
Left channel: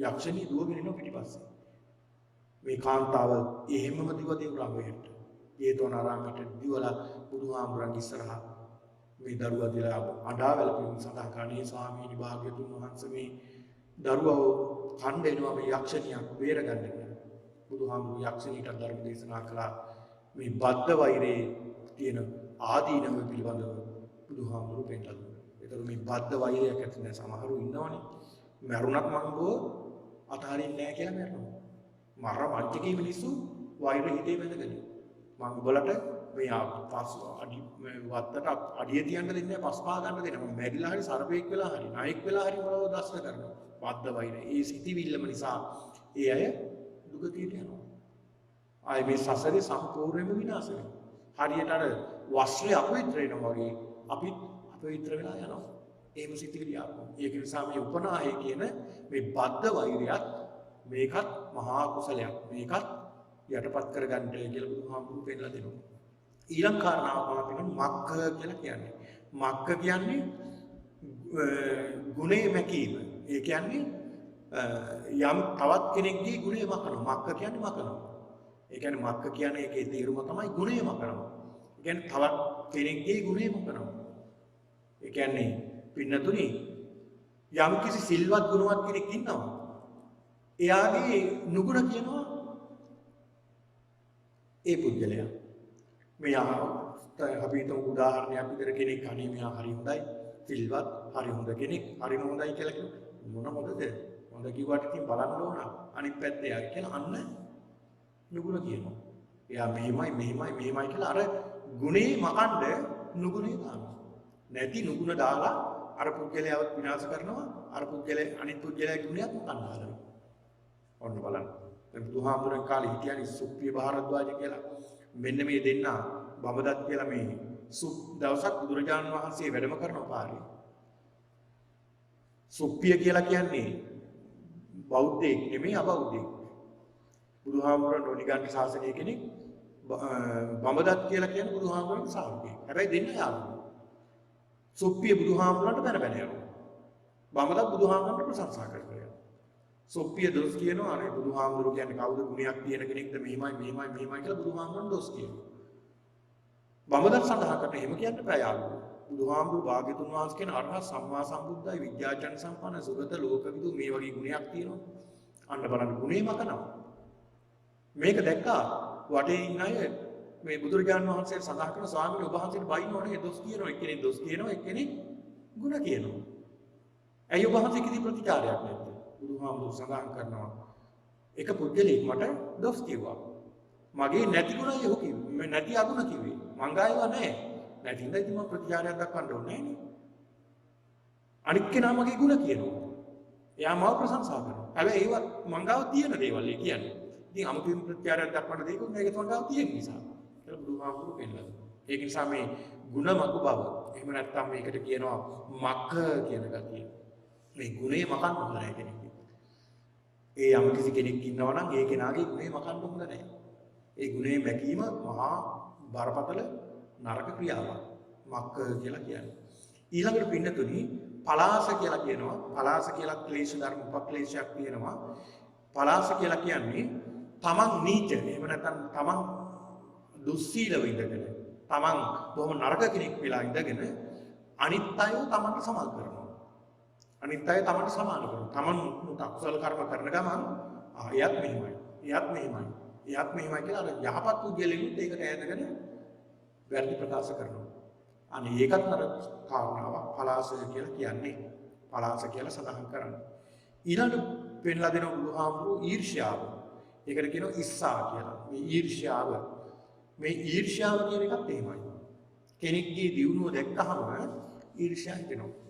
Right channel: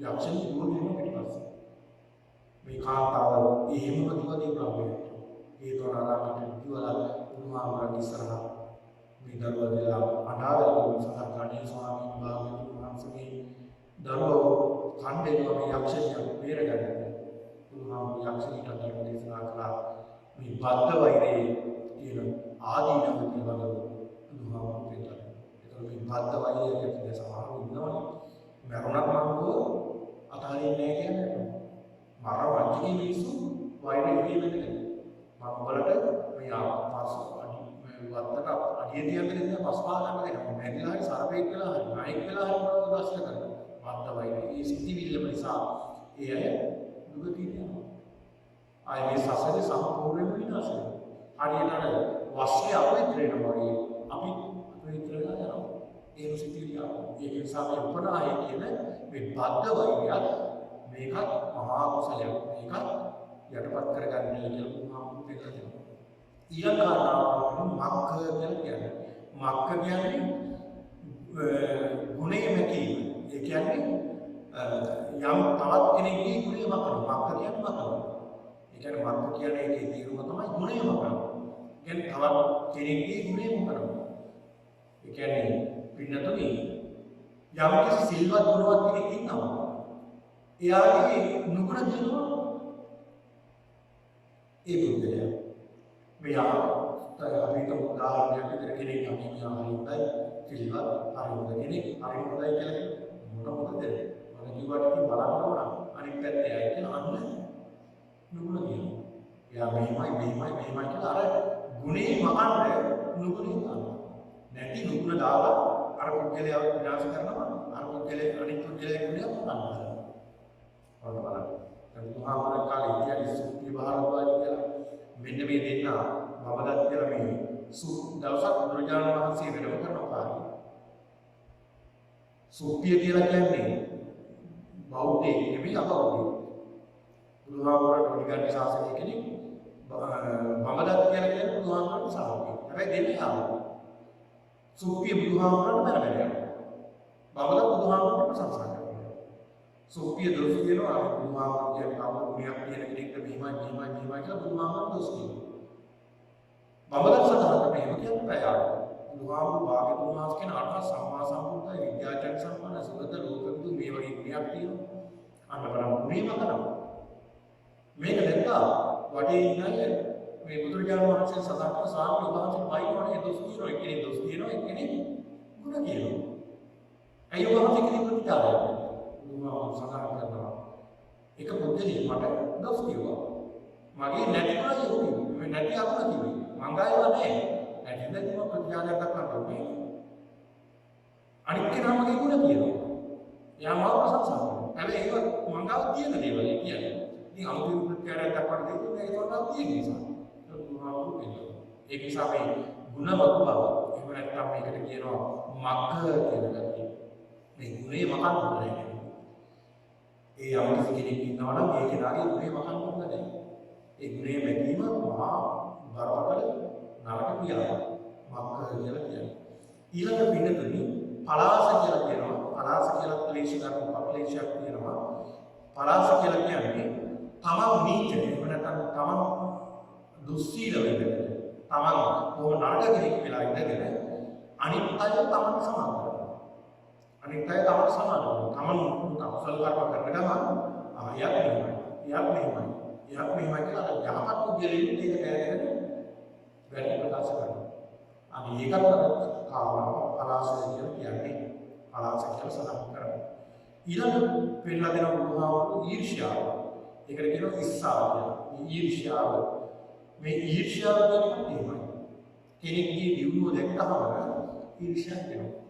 යක්ෂණී දුවගෙන යන පිටිපස්සේ මේ කාන්තාව එහෙමම දිවදී උලම්බයට ජේතවනාරාමයට දිවලා බුදුහාමුදුරන්ගේ ඉස්සරහා මේ දරුවා දිලා අඬාවල සඳහන් කරන්නේ ස්වාමීනි භාග්‍යවතුන් වහන්සේ මේ දරුවව කණ්ඩේනවා මේ යක්ෂණියක් බේරගන්න. බුදුහාමුදුරු යක්ෂණීට ධර්ම දේශනා කළා මේ බද්ධ වෛරයේ තියෙන ආදීනව පිළිබඳව බුදුහාමුදුරු පෙන්නනවා. ඒතර මේ බද්ධ වෛරයක් ඇතුලේ සමහරව ඉන්නවනේ. මරුණක් මංගෝ අතහරින්නේ නැහැ කියලා නේද? මාර වංචකේ මිනිස්සු වෛරය හිතේ බඳගෙන. මම උඹලට මේ පස් අඩි වත්තට අඩිය තියන්න දෙන්නේ නැහැ පස්පා ගන්න දෙනවා. මැරිලා හරි සර්පෙක් වෙලා හරි නායක වෙලා හරි මොනවද දර්ශන කරනවා. බද්ධ වෛරය. ඒ සිටිවිල්ලම නිසා ඒ අය දුගතියට යනවා. ආයේ මේ සසරේ සම්පූර්ණයෙන්ම විනාශ වෙනවා. හරියට අර වස්ත්‍රය අපවිත්‍ර වෙනවා වගේ අපි අපවිත්‍ර වෙලා යනවා. එහෙම සිතිවිලි ආවා. ඒක නිසා මේ උපනාහය කියන මේ බද්ධ වෛරයත් මේකත් මහා කුසලයක්. මේකත් යටපත් කරගන්න කියලා බුදුහාමුදුරු පෙන්නලා දෙනවා. ඊළඟ කාරණාව තමයි මක්ඛ කියලා කියන්නේ. මක්ඛ කියන්නේ ගුණේ මැකීම. ඒ කියන්නේ යම් තවත් කෙනෙක්ගේ ගුණේ මකනවා. මක්ඛ කියන්නේ මකනවා. ඒ කියන්නේ මක්ඛ කියන්නේ ඒකේ තේරුම තමයි ගුණේ මකනවා. කියන්නේ තවත් කෙනෙක්ගේ ගුණේ මකනවා. ඒ කියන්නේ පින්නතුනි යම් කිසි සිල්වත් ගුණවත් කෙනෙක් ඉන්නවා. එයාගේ නුගුණ කියනවා ඒ පුද්ගලයා. මෙයා අපි හිතමු උදාහරණයක් විදිහට කෙනෙක් අනේ මෙයා හරි හොඳයි සිල්වත් හරි හොඳ කෙනෙක් හරි හොඳයි කියලා මොන හොඳද? මම කිව්වට ඉතින් බලන්න ඕන අනිත් පැත්තේ ආයි කියලා අන්න නුගුණ කියනවා. එයා මෙහෙමයි කියලා අර ගුණේ මකන්න නුගුණේ දානවා. නැති නුගුණ දාලා අර පුද්ගලයාව විනාශ කරනවා. අර පුද්ගලයා අනිත් පුද්ගලයාගේ ගුණයක් ගන්නවා. ඔන්න බලන්න. දැන් බුදුහාමුදුරන් කාලේ හිටියනේ සුප්පිය භාරද්වාජ කියලා. මෙන්න මේ දෙන්න බබදත් කියලා මේ දවසක් බුදුරජාණන් වහන්සේ වැඩම කරන පාරේ. සුප්පිය කියලා කියන්නේ බෞද්ධයෙක් නෙමෙයි අබෞද්ධයෙක්. බුදුහාමුදුරන්ට නිගණ්ඨ ශාසනය කෙනෙක් බබදත් කියලා කියන්නේ බුදුහාමුදුරන්ගේ ශ්‍රාවකයෙක්. හැබැයි දෙන්න යාළුවෝ. සුප්පිය බුදුහාමුදුරන්ට බැලබැල යනවා. බබදත් බුදුහාමුදුරන්ට ප්‍රශංසා කරනවා. සුප්පිය දොස් කියනවා අර බුදුහාමුදුරු කියන්නේ කවුද ගුණයක් තියෙන කෙනෙක්ද මෙහිමයි කියලා බුදුහාමුදුරු දොස් කියනවා. බඹදත් සඳහන් කරන එහෙම කියන්න බෑ යාළුවා. බුදුහාමුදුරු භාග්‍යතුන් වහන්සේ කියන අරහත් සම්මා සම්බුද්ධයි විද්‍යාචර්ය සම්පන්න සුගත ලෝකවිදු මේ වගේ ගුණයක් තියෙනවා. අන්න බලන්න ගුණේම කරනවා. මේක දැක්කා වටේ ඉන්න අය මේ බුදුරජාණන් වහන්සේ සඳහන් කරන ස්වාමීන් වහන්සේට බයිනෝනේ දොස් කියනවා එක්කෙනෙක් දොස් කියනවා එක්කෙනෙක් ගුණ කියනවා. ඇයි වහන්සේ කිසි ප්‍රතිචාරයක් නැහැ. බුදුහාමුදුරු සඳහන් කරනවා එක පුද්ගලෙක් මට දොස් කිව්වා. මගේ නැති ගුණය ඔහු කිව්වා. මම නැති අගුණ කිව්වේ. මං ගායව නැහැ. නැතිද මම ප්‍රතිචාරයක් දක්වන්න ඕනේ. අනික් කෙනා මගේ ගුණ කියනවා. එයා මාව ප්‍රශංසා කරනවා. හැබැයි ඒක මං ගාව තියෙන දේවල් කියන්නේ. ඉතින් අමුතුවෙන් ප්‍රතිචාරයක් දක්වන්න දෙයක් නෑ. ඒක මං ගාව තියෙන නිසා. ඒක බුදුහාමුදුරු වෙනවා. ඒක නිසා මේ ගුණ මග බව. එහෙම නැත්නම් මේකට කියනවා මක්ඛ කියන ගතිය. මේ ගුණේ මකන්න හොඳ නැහැ. ඒ යම් කිසි කෙනෙක් ඉන්නවා නම් ඒ කෙනාගේ ගුණේ මකන්න හොඳ නැහැ. ඒ ගුණේ මැකීම මහා බරපතල නරක ක්‍රියාවක්. මක්ඛ කියලා කියන්නේ. ඊළඟට පින්නතුනි පලාස කියලා කියනවා. පලාස කියලා ක්ලේශ ධර්ම උපක්ලේශයක් තියෙනවා. පලාස කියලා කියන්නේ තමන් නීච එහෙම නැත්නම් තමන් දුස්සීලව ඉඳගෙන තමන් බොහොම නරක කෙනෙක් වෙලා ඉඳගෙන අනිත් අයව තමන්ට සමාන කරනවා. අනිත් අය තමන්ට සමාන කරනවා. තමන් අකුසල කර්ම කරන ගමන් එයත් මෙහෙමයි කියලා අර යහපත් පුද්ගලයන් ඒකට ඈදගෙන වැරදි ප්‍රකාශ කරනවා. අනේ ඒකත් අර කාරණාව පලාසය කියලා කියන්නේ. පලාස කියලා සඳහන් කරනවා. ඊළඟ පෙන්ලා දෙන බුදුහාමුදුරු ඊර්ෂ්‍යාව. ඒකට කියනවා ඉස්සා කියලා. මේ ඊර්ෂ්‍යාව කියන එකත් එහෙමයි. කෙනෙක්ගේ දියුණුව දැක්කහම ඊර්ෂ්‍යා හිතෙනවා.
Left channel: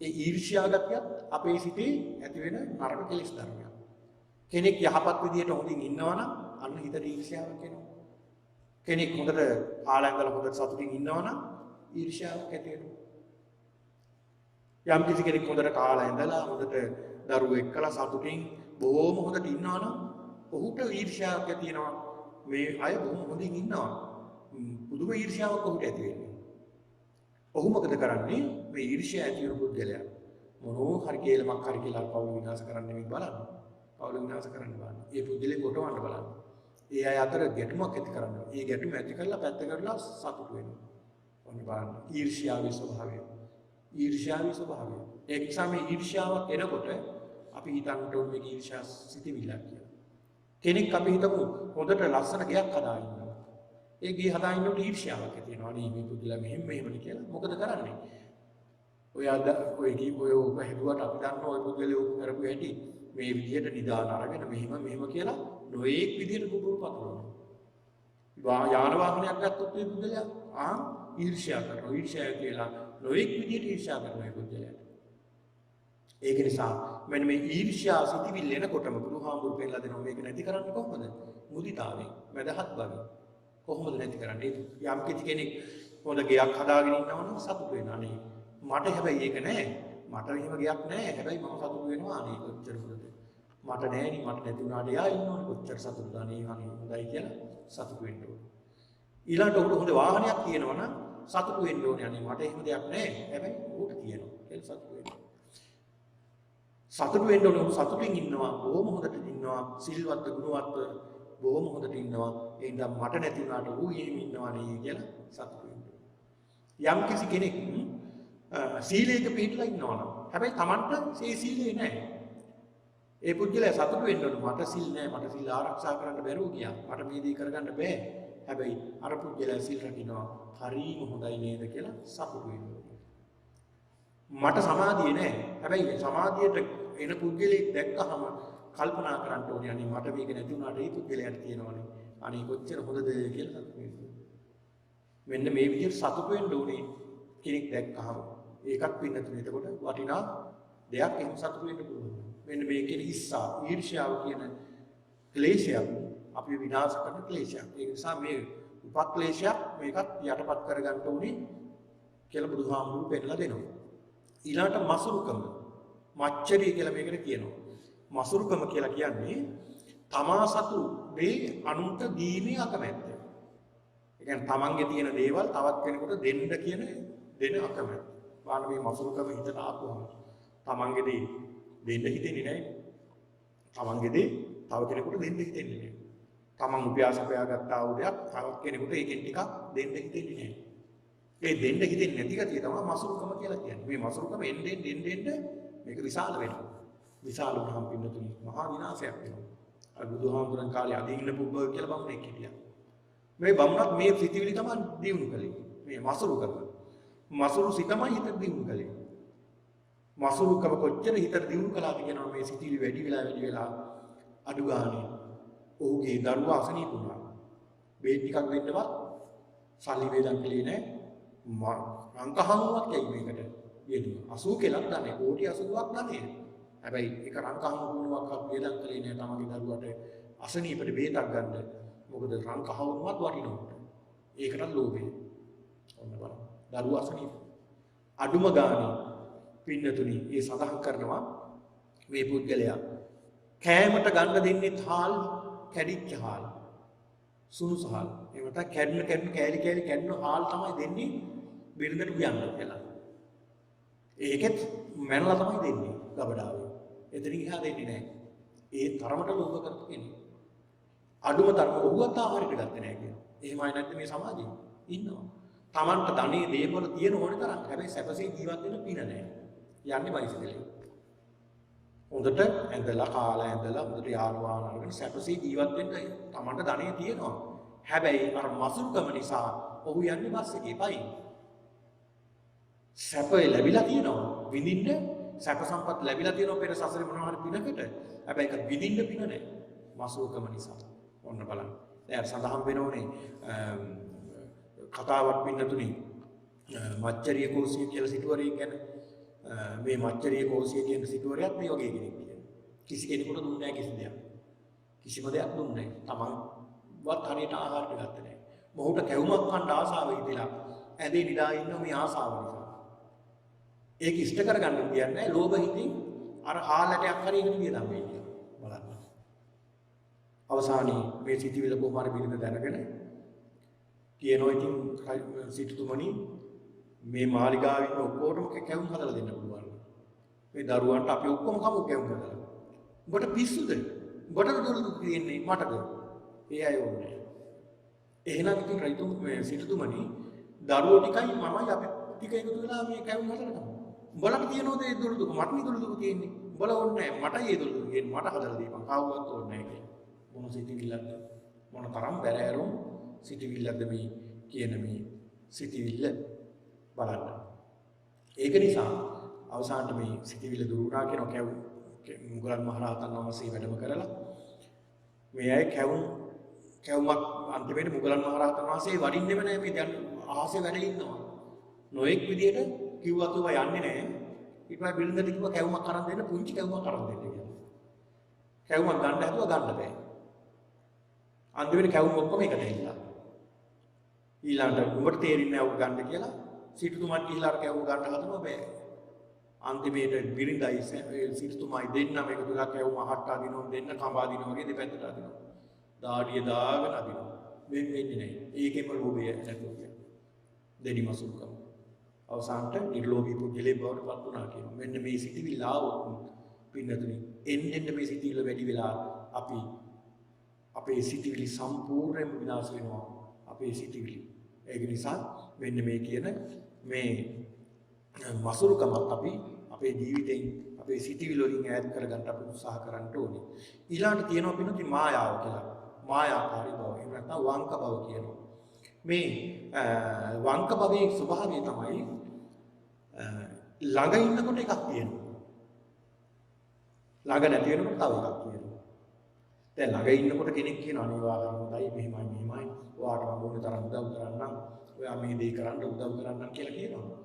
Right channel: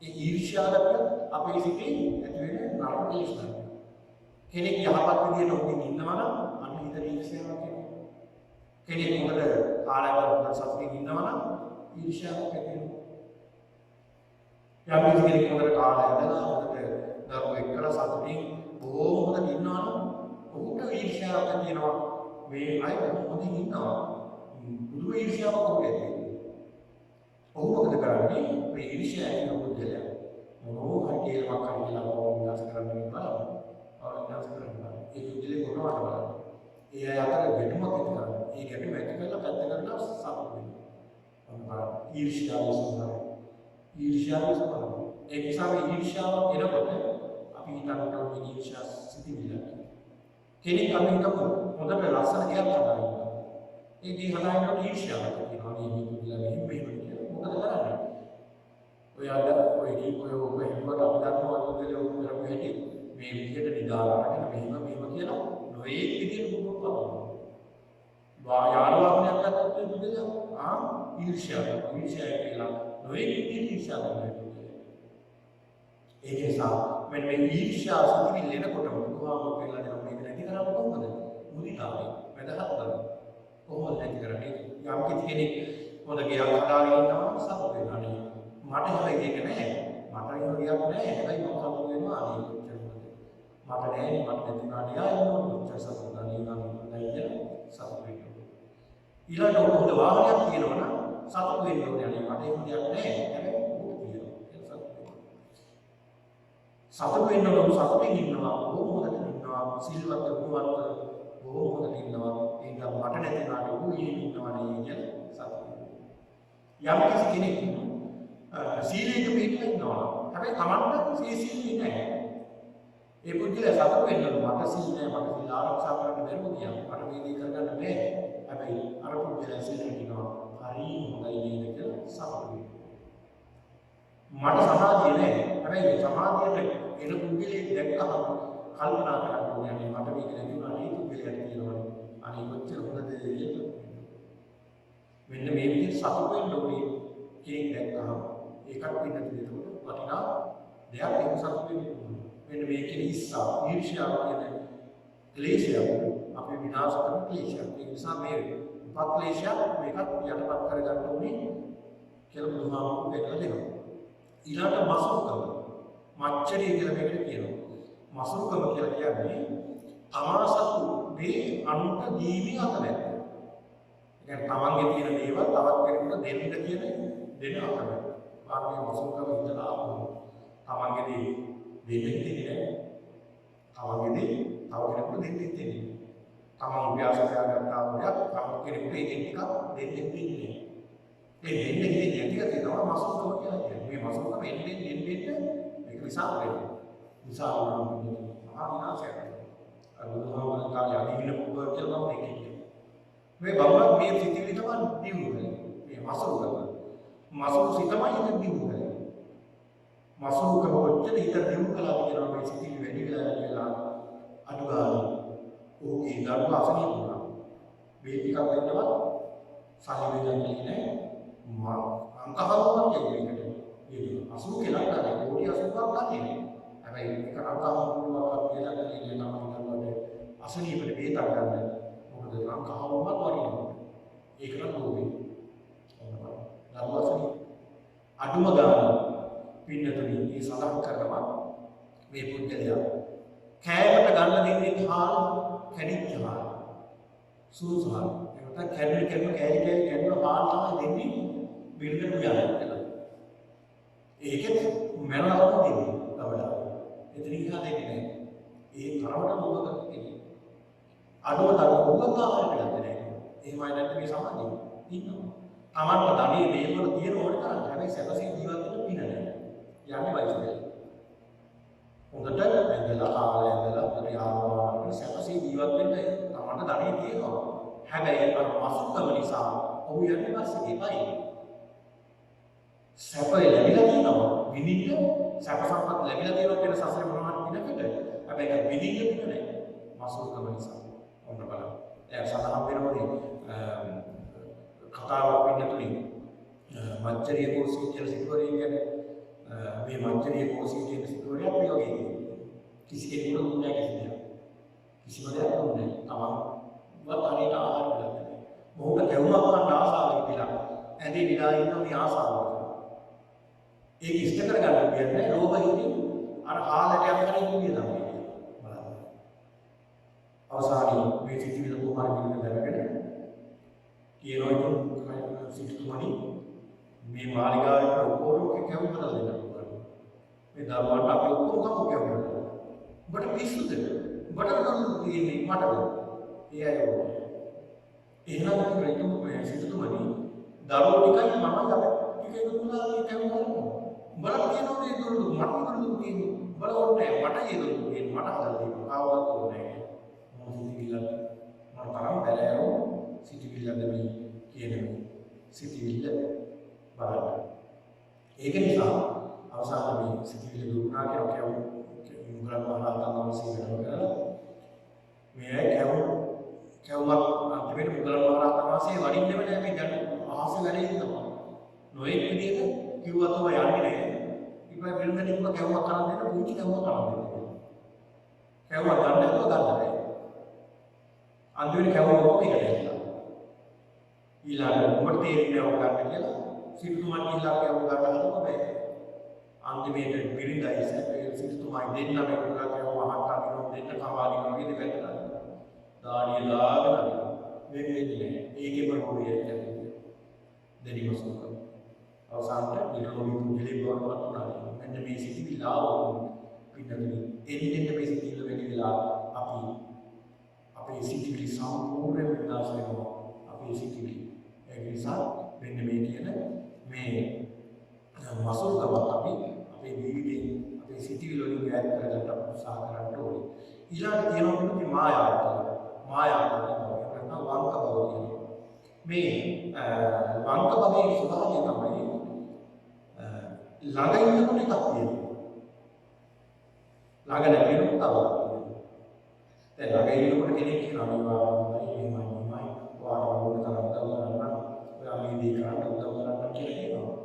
ඒ ඊර්ෂ්‍යා ගතිය අපේ සිතේ ඇති වෙන නරක කෙලෙස් ධර්මයක්. කෙනෙක් යහපත් විදියට හොඳින් ඉන්නවා නම් අන්න හිතේ ඊර්ෂ්‍යාවක් එනවා. කෙනෙක් හොඳට කාලයවල හොඳට සතුටින් ඉන්නවා නම් ඊර්ෂ්‍යාවක් ඇති වෙනවා. යම් කිසි කෙනෙක් හොඳට කාලා ඉඳලා හොඳට දරුවෝ එක්කලා සතුටින් බොහොම හොඳට ඉන්නවා නම් ඔහුට ඊර්ෂ්‍යාවක් ඇති වෙනවා. මේ අය බොහොම හොඳින් ඉන්නවා. පුදුම ඊර්ෂ්‍යාවක් ඔහුට ඇති වෙනවා. ඔහු මොකද කරන්නේ? මේ ඊර්ෂ්‍යාව ඇති වෙන පුද්ගලයා මොනෝ හරි කේලමක් හරි කියලා පවු විනාශ කරන්න නෙමෙයි බලන්න. පවු විනාශ කරන්න බලන්න. ඒ පුද්ගලයා කොටවට බලන්න. ඒ අය අතර ගැටුමක් ඇති කරනවා. ඒ ගැටුම ඇති කරලා පැත්ත කරලා සතුට වෙනවා. ඔන්න බලන්න. ඊර්ෂ්‍යාවේ ස්වභාවය. ඊර්ෂ්‍යාවේ ස්වභාවය. ඒ නිසා මේ ඊර්ෂ්‍යාවක් එනකොට අපි හිතන්න ඕනේ මේ ඊර්ෂ්‍යා සිතිවිල්ලක් කියලා. කෙනෙක් අපි හිතමු හොඳට ලස්සන ගයක් හදාගන්නවා. ඒ ගේ හදාගන්නකොට ඊර්ෂ්‍යාවක් ඇති වෙනවා. මේ පුදුලා මෙහෙම කියලා. මොකද කරන්නේ? ඔය අද ඔය කීපය ඔය හිතුවට අපි දන්නවා පුදුලේ ඔය කරපු හැටි. මේ විදිහට නිදාලා අරගෙන මෙහෙම කියලා නොයේක් විදිහට පුදුම පතනවා. යාන වාහනයක් ගත්තොත් මේ පුදුලයා ඊර්ෂ්‍යා කරනවා. ඊර්ෂ්‍යා කියලා නොයේක් විදිහට ඊර්ෂ්‍යා කරනවා පුදුලයා. ඒක නිසා මෙන්න මේ ඊර්ෂ්‍යා සිතිවිල්ල එනකොටම බුදුහාමුදුරුවෝ පෙන්නලා දෙනවා මේක නැති කරන්නේ කොහොමද? මුදිතාවෙන් වැදහත් බව. කොහොමද නැති කරන්නේ? යම් කිසි කෙනෙක් හොඳ ගයක් හදාගෙන ඉන්නවා නම් සතුට වෙනවා නේ. මට හැබැයි ඒක නෑ. මට එහෙම ගයක් නෑ. හැබැයි මම සතුට වෙනවා නේ කොච්චර හොඳද. මට නෑනේ මට නැති වුණාට යා ඉන්නවා කොච්චර සතුටුද නේ හොඳයි කියලා සතුට වෙන්න ඕනේ. ඊළඟට හොඳ වාහනයක් තියෙනවා නම් සතුට වෙන්න ඕනේ. අනේ මට එහෙම දෙයක් නෑ. හැබැයි ඌට තියෙනවා. ඒක සතුට වෙන්න. සතුට වෙන්න ඕන සතුටින් ඉන්නවා. බොහොම හොඳට ඉන්නවා. සිල්වත් ගුණවත් බොහොම හොඳට ඉන්නවා. ඒ නිසා මට නැති වුණාට ඌ එහෙම ඉන්නවා නේ කියලා සතුට වෙන්න. යම් කිසි කෙනෙක් සීලයක පිළිපදිලා ඉන්නවා. හැබැයි Tamanට ඒ සීලේ නැහැ. ඒ පුද්ගලයා සතුට වෙන්න මට සීල් නැහැ. මට සීල් ආරක්ෂා කරන්න බැරුව ගියා. මට මේ දේ කරගන්න බෑ. හැබැයි අර පුද්ගලයා සීල් රකින්නවා. හරි හොඳයි නේද කියලා සතුට වෙනවා. මට සමාධිය නැහැ. හැබැයි මේ සමාධියට එන පුද්ගලෙක් දැක්කම කල්පනා කරන්න ඕනේ. අනේ මට මේක නැති වුණාට ඒ පුද්ගලයාට තියෙනවනේ. අනේ කොච්චර හොඳද කියලා මෙන්න මේ විදිහට සතුට වෙන්න ඕනේ කෙනෙක් දැක්කහම ඒකත් පින්නතුනේ එතකොට වටිනා දෙයක් එහෙම සතුට වෙන්න පුළුවන්. මෙන්න මේ කියන ඉස්සා ඊර්ෂ්‍යාව කියන ක්ලේශය අපි විනාශ කරන ක්ලේශයක්. ඒ නිසා මේ උපක්ලේශයක් මේකත් යටපත් කරගන්න ඕනේ කියලා බුදුහාමුදුරුවෝ පෙන්නලා දෙනවා. ඊළඟට මසුරුකම මච්චරිය කියලා මේකට කියනවා. මසුරුකම කියලා කියන්නේ තමා සතු දේ අනුන්ට දීමේ අකමැත්ත. කියන්නේ තමන්ගේ තියෙන දේවල් තවත් කෙනෙකුට දෙන්න කියන දෙන අකමැත්ත. වාගේ මසුරුකම හිතලා ආපුවම තමන්ගේ දේ දෙන්න හිතෙන්නේ නැහැ. තමන්ගේ දේ තව කෙනෙකුට දෙන්න හිතෙන්නේ නැහැ. තමන් උපයාස කරගත්තා වූ දෙයක් තවත් කෙනෙකුට ඒකෙන් ටිකක් දෙන්න හිතෙන්නේ නැහැ. ඒ දෙන්න හිතෙන්නේ නැති කතිය තමයි මසුරුකම කියලා කියන්නේ. මේ මසුරුකම එන්නේ මේක විශාල වෙනවා. විශාල වුණාම පිටුතුනි මහා විනාශයක් වෙනවා. අර බුදුහාමුදුරන් කාලේ අදින්න පුබ්බ කියලා මම කියනවා. මේ බමුණක් මේ සිතිවිලි තමයි දියුණු කරන්නේ. මේ මසුරුකම. මසුරු සිතමයි හිත දියුණු කරන්නේ. මසුරුකම කොච්චර හිත දියුණු කළාද කියනවා මේ සිතිවිලි වැඩි වෙලා අඩු ගානේ. ඔහුගේ දරුවා අසනීප වුණා. බේත් ටිකක් දෙන්නවත් සල්ලි වේදන් දෙලේ නැහැ. අංකහමුවක් කියුවේකට. යෙදුවා. 80 කෙනෙක් ගන්නේ කෝටි 80ක් ගන්නේ. හැබැයි ඒක අංකහමුවක් වේදන් දෙලේ නැහැ. තමයි දරුවට අසනීපෙට බේතක් ගන්න. මොකද රංකහවුමත් වටිනවා. ඒකට ලෝභය. ඔන්න බලන්න. දරුවා අසනීප. අඩුම ගාන පින්නතුනි මේ සඳහන් කරනවා මේ පුද්ගලයා කෑමට ගන්න දෙන්නේ හාල් කැඩිච්ච හාල්. සුදුසු හාල්. ඒකට කැඩෙන කෑලි කැඩෙන හාල් තමයි දෙන්නේ බිරිඳට උයන්න කියලා. ඒකෙත් මැනලා තමයි දෙන්නේ ගබඩාව. එතනින් ගියා දෙන්නේ නැහැ. ඒ තරමට ලෝභ කෙනෙක්. අඩුම තරම උගත ආහාරයට ගත්තේ නැහැ කියන්නේ. එහෙමයි නැත්නම් මේ සමාජයේ ඉන්නවා. Tamanට ධනෙ දේවල් තියෙන ඕන තරම්. හැබැයි සැපසේ ජීවත් වෙන්න පින නැහැ. යන්නේ වයිසෙලේ. හොඳට ඇඳලා කාලා ඇඳලා හොඳට යාළුවාගෙන සැපසේ ජීවත් වෙන්න Tamanට ධනෙ තියෙනවා. හැබැයි අර මසුක්කම නිසා ඔහු යන්නේ පස්සේ පයි. සැපය ලැබිලා තියෙනවා. විඳින්න සැප සම්පත් ලැබිලා තියෙනවා වෙන සසරේ මොනවාරි පිනකට. හැබැයි ඒක විඳින්න පින නැහැ. මසුක්කම නිසා. ඔන්න බලන්න. දැන් සඳහන් වෙනෝනේ කතාවක් පින්නතුනි මච්චරිය කෝසිය කියලා සිටුවරේ කියන්නේ මේ මච්චරිය කෝසිය කියන සිටුවරයත් මේ වගේ කෙනෙක් කියන්නේ. කිසි කෙනෙකුට දුන්නේ නැහැ කිසි දෙයක්. කිසිම දෙයක් දුන්නේ නැහැ. තමන්වත් හරියට ආහාර ගත්තේ නැහැ. මොහුට කැවුමක් ගන්න ආසාව ඉතිලා ඇඳේ විලා ඉන්න මේ ආසාව. ඒක ඉෂ්ට කරගන්න කියන්නේ ලෝභ හිතින් අර හාලටයක් හරි ඉන්නේ තමයි. බලන්න. අවසානයේ මේ සිටිවිල කොහොමද පිළිඳ දැනගෙන කියනවා ඉතින් සිටුතුමනි මේ මාලිගාවේ ඔක්කොටම කැවුම් හදලා දෙන්න පුළුවන්. මේ දරුවන්ට අපි ඔක්කොම කමු කැවුම් හදලා. ඔබට පිස්සුද? ඔබට දුන්නු තියෙන්නේ මටද? ඒ අය ඕනේ. එහෙනම් ඉතින් රජතුම මේ සිටුතුමනි දරුවෝ ටිකයි මමයි අපි ටික එකතු වෙලා මේ කැවුම් හදලා. උඹලට තියෙනවද ඒ දුරු මට දුරු තියෙන්නේ. උඹලා ඕනේ නැහැ. මට ඒ දුරු තියෙන්නේ. මට හදලා දෙන්න. කාවවත් ඕනේ නැහැ. මොන සිටිවිල්ල මොන තරම් බැලෑරෝ සිටිවිල්ලද මේ කියන මේ සිටිවිල්ල බලන්න. ඒක නිසා අවසාන මේ සිටිවිල්ල දුරුනා කියන මුගලන් මහරහතන් වහන්සේ වැඩම කරලා මේ අය කැවුමක් අන්තිමේට මුගලන් මහරහතන් වහන්සේ වඩින්නෙම නැහැ මේ දැන් ආසේ වැඩ ඉන්නවා. නොඑක් විදියට කිව්වත් ඔබ යන්නේ නැහැ. ඊට පස්සේ බිරිඳට කිව්වා කැවුමක් අරන් දෙන්න පුංචි කැවුමක් අරන් දෙන්න කියලා. කැවුමක් ගන්න හැදුවා ගන්න බෑ. අන්තිමේට කැවුම ඔක්කොම එකට ඇවිල්ලා. ඊළඟට උඹට තේරෙන්නේ නැහැ ඔබ ගන්න කියලා. සිටුතුමන් ඊළඟ කැවුම ගන්න හදනවා බෑ. අන්තිමේට බිරිඳයි සිටුතුමයි දෙන්නම එක තුලා කැවුම අහක් අදිනවා දෙන්න කඹ අදිනවා වගේ දෙපැත්තට අදිනවා. දාඩිය දාගෙන අදිනවා. මේ වෙන්නේ නැහැ. ඒකේම රෝගය ඇතිවෙන්නේ. දෙනිමසුක. අවසානට නිර්ලෝභී පුද්ගලයෙක් බවට පත් වුණා කියන්නේ. මෙන්න මේ සිටිවිල්ල ආවොත් පින්නතුනි එන්නෙන් මේ සිටිවිල්ල වැඩි වෙලා අපි අපේ සිටිවිලි සම්පූර්ණයෙන් විනාශ වෙනවා. අපේ සිටිවිලි. ඒක නිසා මෙන්න මේ කියන මේ මසුරුකම අපි අපේ ජීවිතේ අපේ සිටිවිලි වලින් ඈත් කරගන්න අපි උත්සාහ කරන්න ඕනේ. ඊළඟට තියෙනවා පිළිතුරු මායාව කියලා. මායාකාරී බව. එහෙම නැත්නම් වංක බව කියනවා. මේ වංක භවයේ ස්වභාවය තමයි ළඟ ඉන්නකොට එකක් තියෙනවා. ළඟ නැති වෙනකොට තව එකක් තියෙනවා. දැන් ළඟ ඉන්නකොට කෙනෙක් කියනවා අනිවාර්යයෙන්මයි මෙහෙමයි ඔයාට ඕන තරම් උදව් කරන්න. ඔයා මේ දේ කරන්න උදව් කරන්න කියලා කියනවා.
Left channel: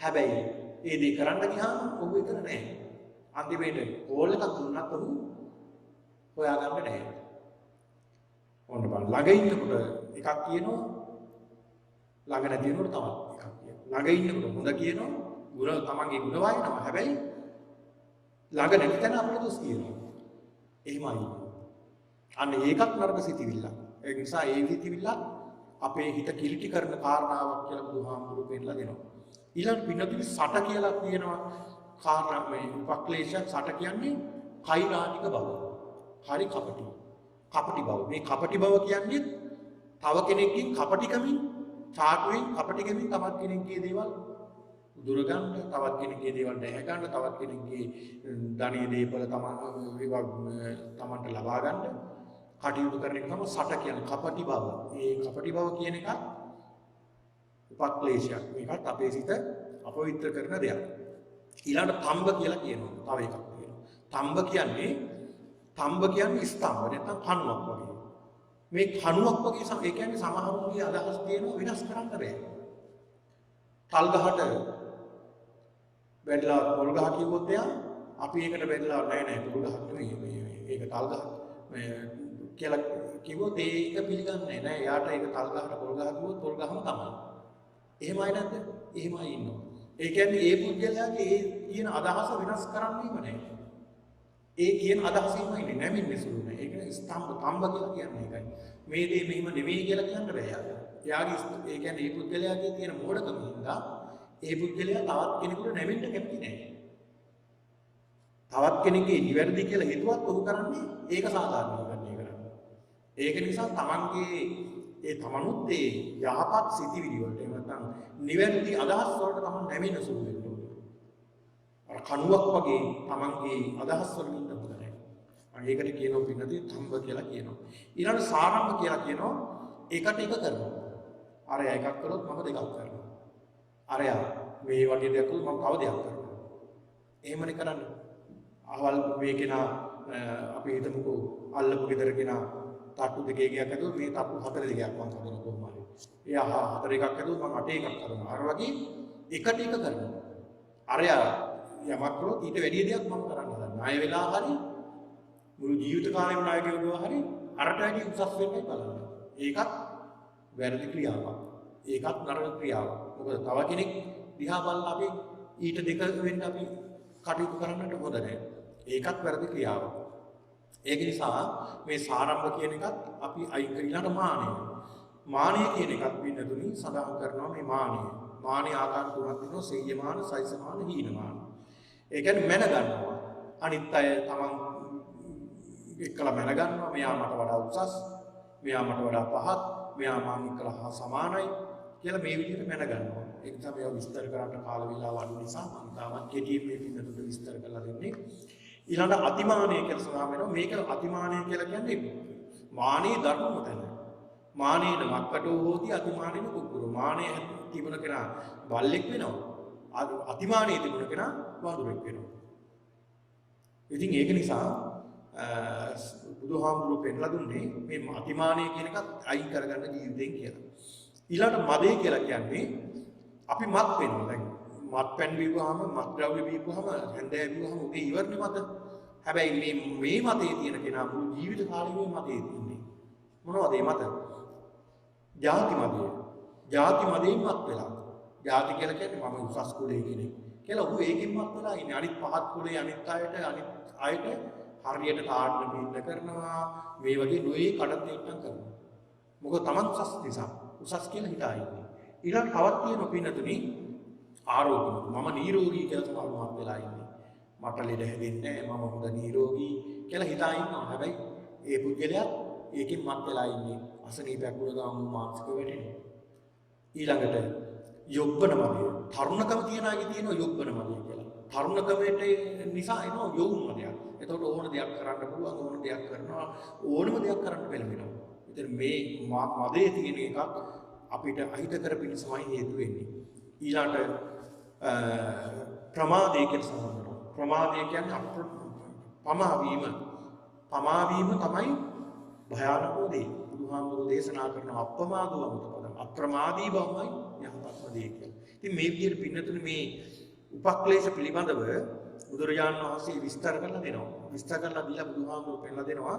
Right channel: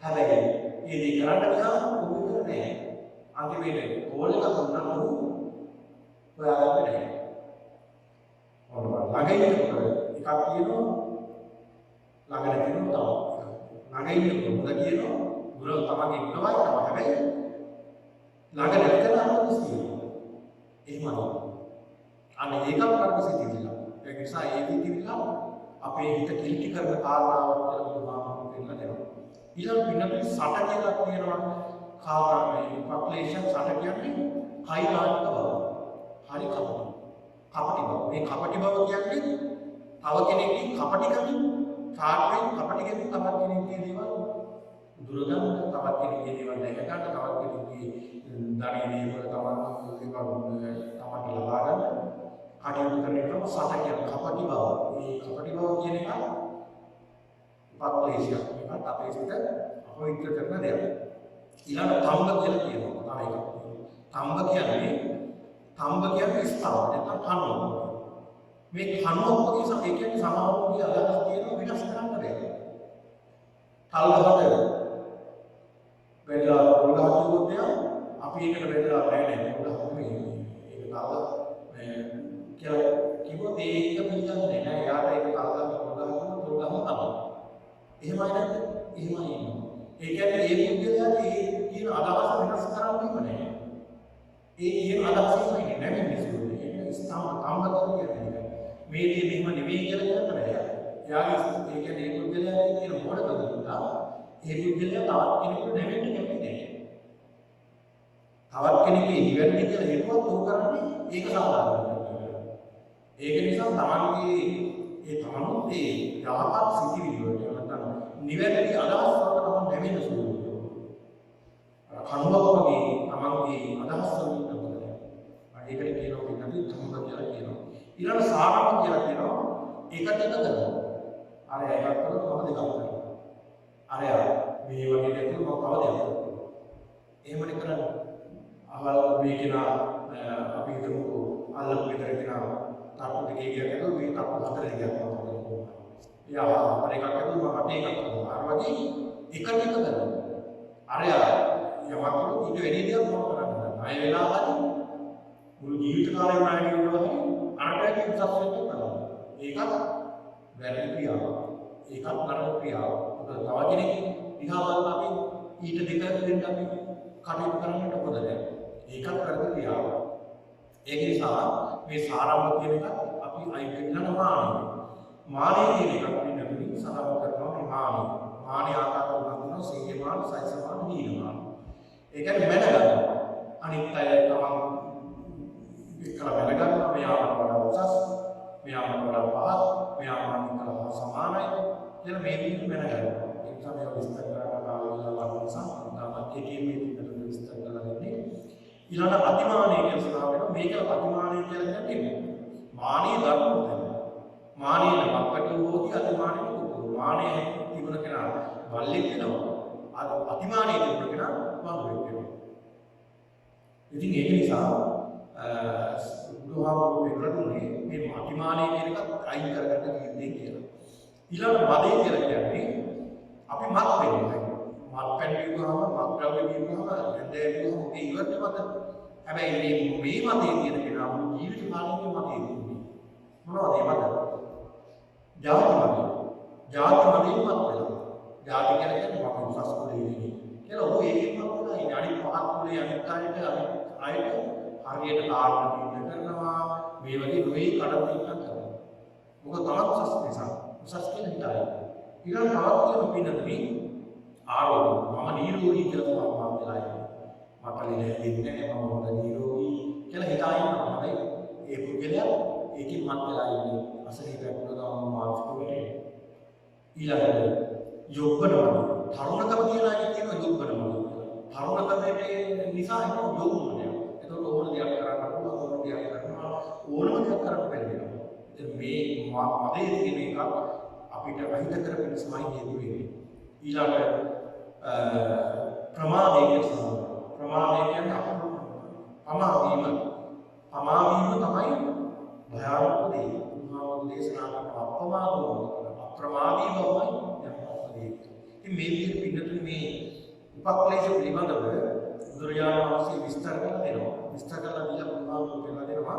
හැබැයි මේ දේ කරන්න ගියාම ඔබ විතර නෑ. අන්තිමේට කෝල් එකක් දුන්නත් ඔහු හොයාගන්න නැහැ. ඔන්න බලන්න ළඟ ඉන්නකොට එකක් කියනවා ළඟ නැති වෙනකොට තවත් එකක්. ළඟ ඉන්නකොට හොඳ කියනවා ගුණ තමන්ගේ ගුණ වයින්නවා. හැබැයි ළඟ නැති තැන අපිට කියනවා. එහෙමයි. අන්න ඒකත් නරක සිතිවිල්ල. ඒ නිසා ඒ සිතිවිල්ල අපේ හිත කිලිටි කරන කාරණාවක් කියලා බුදුහාමුදුරුවෝ පෙන්නලා දෙනවා. ඊළඟ පින්නතුනි සට කියලා කියනවා කාරණා මේ උපක්ලේශ සට කියන්නේ කෛරානික බව. හරි කපටි. කපටි බව. මේ කපටි බව කියන්නේ තව කෙනෙක්ගේ කපටිකමින් චාටුවෙන් කපටිකමින් තවත් කෙනෙක්ගේ දේවල් දුරගන්න, තවත් කෙනෙක්ගේ දේවල් නැහැ ගන්න, තවත් කෙනෙක්ගේ ධනෙ දේවල් තමන්ට ලබා ගන්න කටයුතු කරන එක තමයි සට කියන කපටි බව. මේ කපටි බව කියන එක උපක්ලේශයක්. මේකත් අපේ සිත අපවිත්‍ර කරන දෙයක්. ඊළඟ තම්බ කියලා කියනවා. තව එකක්. තම්බ කියන්නේ ස්ථාව නැත්නම් කණුවක්. මේ කණුවක් වගේ ඒ කියන්නේ සමහරවිට අදහස් තියෙනවා විනාශ කරන්න බෑ. තල් ගහට වැටලා පොල් ගහ කිව්වොත් එයා අපි ඒකට වැටලා නැහැ පොල් ගහ නෙමෙයි මේක තල් ගහ මේ කියලා කිව්වොත් ඒක පිළිගන්නේ නැහැ. එයාට ඒක තල් ගහට පොල් ගහ කිව්වොත් පොල් ගහම තමයි. එහෙමයි නැද්ද? එහෙමයි ඉන්නවා. ඒ කියන්නේ ඒ පුද්ගලයාගේ ඒ කියන අදහස වෙනස් කරන්නේම නැහැ. ඒ කියන අදහසෙම ඉන්නේ නැමින්නේ සුළුනේ. ඒක තම්බ කියන්නේ ඒකයි. මේ දේ මෙහෙම නෙවෙයි කියලා කියන්න බෑ. එයාගේ ඒ කියන්නේ ඒ පුද්ගලයාගේ තියෙන මොඩකම නිසා ඒ පුද්ගලයා තවත් කෙනෙකුට නැවෙන්න කැමති නැහැ. තවත් කෙනෙක්ගේ නිවැරදි කියලා හිතුවත් ඔහු කරන්නේ ඒක සාධාරණ කරන්නේ. ඒක නිසා තමනුත් ඒ යහපත් සිතිවිලි වලට නැත්නම් නිවැරදි අදහස් වලට තමයි නැවෙන්න සුළු වෙන්නේ. අර කණුවක් වගේ තමන්ගේ අදහස් වලින් ඉන්නකොට. ඒකට කියනවා පින්නදී තම්බ කියලා කියනවා. ඊළඟ සාරම්භ කියලා කියනවා එකට එක කරනවා. අර එකක් කරොත් මම දෙකක් කරනවා. අරයා මේ වගේ දෙයක් මම තව දෙයක් කරනවා. එහෙමනේ කරන්නේ. අවල් මේ කෙනා අපි හිතමුකෝ අල්ලපු ගෙදර කෙනා තට්ටු දෙකේ ගියක් ඇතුළු මේ තට්ටු හතර දෙකක් මම හදලා කොහොමද. එයා හතර එකක් හදුවා මම 8 එකක් හදුවා. අර වගේ එකට එක කරනවා. අරයා යමක් කළොත් ඊට වැඩි දෙයක් මම කරන්න හදනවා. ණය වෙලා හරි මුළු ජීවිත කාලෙම ණය ගෙවුවා හරි අරට වැඩි උසස් වෙන්න බලන්න. ඒකත් වැරදි ක්‍රියාවක්. ඒකත් නරක ක්‍රියාවක්. මොකද තව කෙනෙක් දිහා බලලා අපි ඊට දෙක වෙන්න අපි කටයුතු කරන්නට හොඳ නැහැ. ඒකත් වැරදි ක්‍රියාවක්. ඒක නිසා මේ සාරම්භ කියන එකත් අපි අයින් කරලා මානෙ. මානෙ කියන එකත් වෙනතුලින් සඳහන් කරනවා මේ මානෙ. මානෙ ආකාර තුනක් දෙනවා සීයමාන, සයිසමාන, හීනමාන. ඒ කියන්නේ මැනගන්න. අනිත් අය තමන් එක්කලා මැනගන්නවා මෙයාට වඩා උසස්, මෙයාට වඩා පහත්, මෙයා මානික කරලා සමානයි කියලා මේ විදිහට මැනගන්නවා. ඒක තමයි විස්තර කරන්න කාල වේලාවක් නිසා තාමත් කෙටියෙන් මේ පිටුතු විස්තර කරලා දෙන්නේ. ඊළඟ අතිමානය කියලා සඳහන් වෙනවා. මේක අතිමානය කියලා කියන්නේ මානීය ධර්ම උතන. මානීය නමකට හෝති අතිමානීය කුකුරු. මානීය තිබුණ කෙනා බල්ලෙක් වෙනවා. අතිමානීය තිබුණ කෙනා වඳුරෙක් වෙනවා. ඉතින් ඒක නිසා බුදුහාමුදුරුවෝ පෙන්නලා දුන්නේ මේ අතිමානීය කියන එකත් අයින් කරගන්න ජීවිතෙන් කියලා. ඊළඟ මදේ කියලා කියන්නේ අපි මත් වෙනවා. මත් පැන් බීවහම මත් ද්‍රව්‍ය බීවහම හැන්දෑ බීවහම ඔබේ ඉවරනේ මත. හැබැයි මේ මතේ තියෙන කෙනා මුළු ජීවිත කාලෙම මතේ ඉන්නේ. මොනවද මේ මත? ජාති මතය. ජාති මතයෙන් මත් වෙලා. ජාති කියලා කියන්නේ මම උසස් කුලේ ඉන්නේ කියලා ඔහු ඒකෙන් මත් වෙලා ඉන්නේ. අනිත් පහත් කුලේ අනිත් අයට හරියට කාරණා බින්ද කරනවා. මේ වගේ නොයේ කඩත් කරනවා. මොකද තමන් උසස් නිසා. උසස් කියන හිතයි. ඊළඟ තවත් තියෙන පින්නතුනි ආරෝග්‍ය. මම නිරෝගී කියලා තමයි මම වෙලා ඉන්නේ. මට ලෙඩ හැදෙන්නේ නැහැ. මම හොඳ නිරෝගී කියලා හිතා ඉන්නවා. හැබැයි ඒ පුද්ගලයා ඒකෙන් මත් වෙලා ඉන්නේ. අසනීපයක් වුණා ගමන් මානසික වෙන්නේ. ඊළඟට යොබ්බන වගේ. තරුණකම තියන අය කියන යොබ්බන වගේ කියලා. තරුණකමේ නිසා එන යොවුනය. එතකොට ඕන දෙයක් කරන්න පුළුවන්. ඕන දෙයක් කරනවා. ඕනම දෙයක් කරන්න බැහැ. ඉතින් මේ මදේ තියෙන එක අපිට අහිත කර පිණිසමයි හේතු වෙන්නේ. ඊළඟ ප්‍රමාදය කියලා ප්‍රමාදය කියන්නේ පමාවීම. පමාවීම තමයි භයානක දේ. බුදුහාමුදුරුවෝ දේශනා කරන අප්‍රමාදව අප්‍රමාදී බවමයි යහපත් දේ. ඉතින් මේ විදිහට පින්නතුනේ මේ උපක්ලේශ පිළිබඳව බුදුරජාණන් වහන්සේ විස්තර කරලා දෙනවා. විස්තර කරලා දීලා බුදුහාමුදුරුවෝ පෙන්නලා දෙනවා.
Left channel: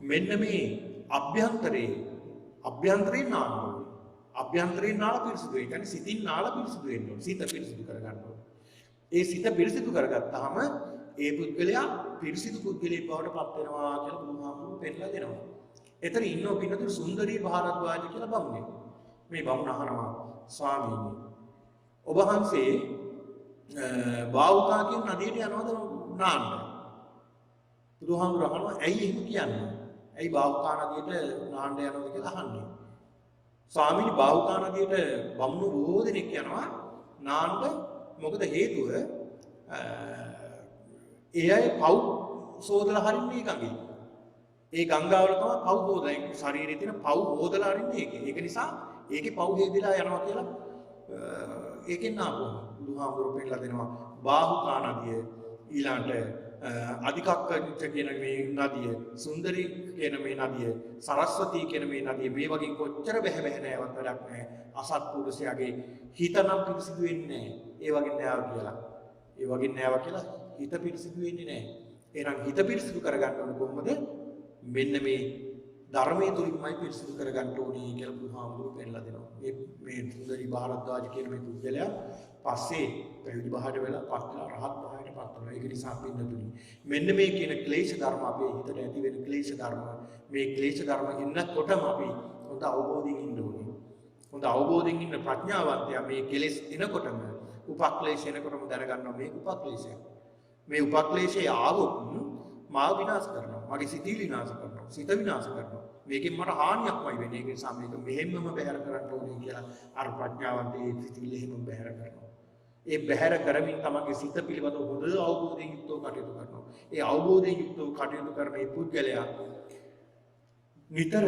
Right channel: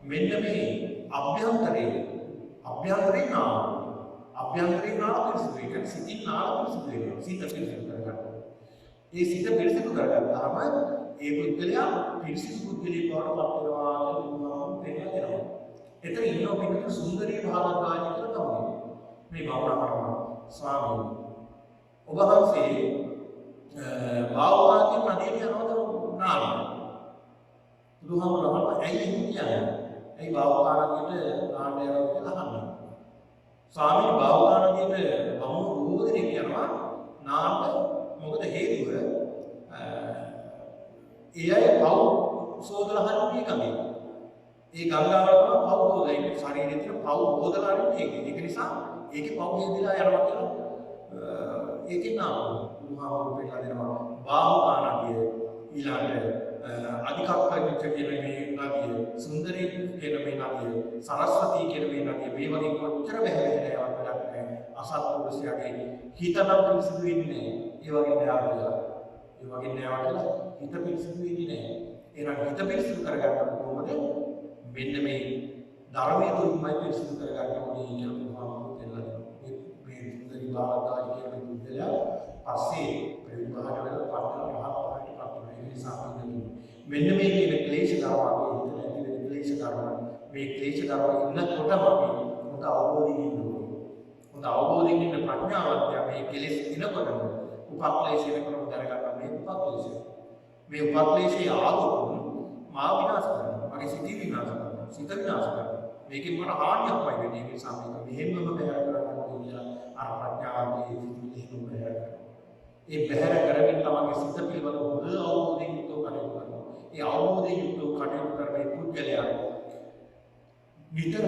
මෙන්න මේ අභ්‍යන්තරේ නාම. අභ්‍යන්තරේ නාම පිරිසිදු. ඒ කියන්නේ සිතින් නාම පිරිසිදු වෙනවා. සිත පිරිසිදු කරගන්නවා. ඒ සිත පිරිසිදු කරගත්තාම ඒ පුද්ගලයා පිරිසිදු පුද්ගලයෙක් බවට පත් වෙනවා කියලා බුදුහාමුදුරුවෝ පෙන්නලා දෙනවා. එතන ඉන්නව පින්නතුන් සුන්දරී භාරද්වාජ කියලා බමුණෙක්. මේ බමුණහරම ස්වාමීනි. ඔබ වහන්සේ බාවුකාකින් නදියට යනවද නාන්න? බුදුහාමුදුරුවෝ ඇයි එහෙම කියන්නේ? ඇයි බාවුකා නදියට නාන්න යනවද කියලා අහන්නේ. ස්වාමීනි බාවුකා නදියට බමුණු බොහෝ දෙනෙක් යනවා නාන්න. මොකද හේතුව ඒ අය පව් සෝදලා හරින්නේ ගඟේ. ඒ ගංගාවල තමයි පව් හොදලා ඉන්නේ. ශරීරයේ තියෙන පව් හොදලා හරින්නේ ඒක. ඒක නිසා ඒකේ පව් හේදලා යනවා කියලා ඒකෙන් නානවා. බුදුහාමුදුරුවෝ පෙන්නලා දෙනවා බාහුකා නදිය ඊළඟට අධිකක්කච්ච කියන මේ නදිය, සුන්දරී කියන මේ නදිය, සරස්වතී කියන මේ නදිය මේ වගේ කොච්චර බැහැ නෑවක් වැඩක් නෑ. අසත්පුරුෂයාගේ හිතනම් පිරිසිදු වෙන්නේ නෑ. ඒ වගේ නෑව කියලා. ඒ වගේ නෑව කියලා හිත පිරිසිදු වෙන්නේ නෑ. එහෙනම් හිත පිරිසිදු කරගන්න කොහොමද? මෙන්න මේ ධර්මයේ තුලින්මයි පිරිසිදු කරගන්න ඕනේ කියලා බුදුහාමුදුරුවෝ පෙන්නලා දෙනවා. මේ සුන්දරී භාරද්වාජ කියන මේ පුද්ගලයා පස්සේ පැවිදි භාවයට වෙලා පස්සේ රහත් භාවයට පත් වෙනවා. ඒක නිසා පින්නතුනි මෙන්න මේ කියන ක්ලේශ ධර්ම අපේ හිතට ඇති වෙන ක්ලේශ ධර්ම මේ ක්ලේශ ධර්ම ඉන්නකොටම අපි හොඳ අවබෝධයෙන් ඉන්න ඕනේ. හොඳ අවබෝධයෙන් ඉන්න ප්‍රඥාවන්තයා මේ කෙලෙස් එනකොටම උපක්ලේශ එනකොටම දැනගන්නවා මේ උපක්ලේශය. මේ උපක්ලේශයේ ආවොත් මාව විනාශ කරනවා. මගේ සිත විනාශ කරනවා. සිත විනාශ කරනවා. මේකෙන් මට හානියක්මයි වෙන්නේ. ඒක නිසා මේක මෙහෙම්ම බැහැර කරන්න ඕනේ කියලා අර ප්‍රඥාවන්තයේ සිතිවිලි එහෙම බැහැර කරනවා. ඒ බැහැර කරමින් තමගේ සිත පිළිබඳව හොඳ අවබෝධයෙන් යුක්තව කටයුතු කරනවා. ඒ අවබෝධයෙන් යුක්තව කටයුතු කරන මේ පුද්ගලයා නිතර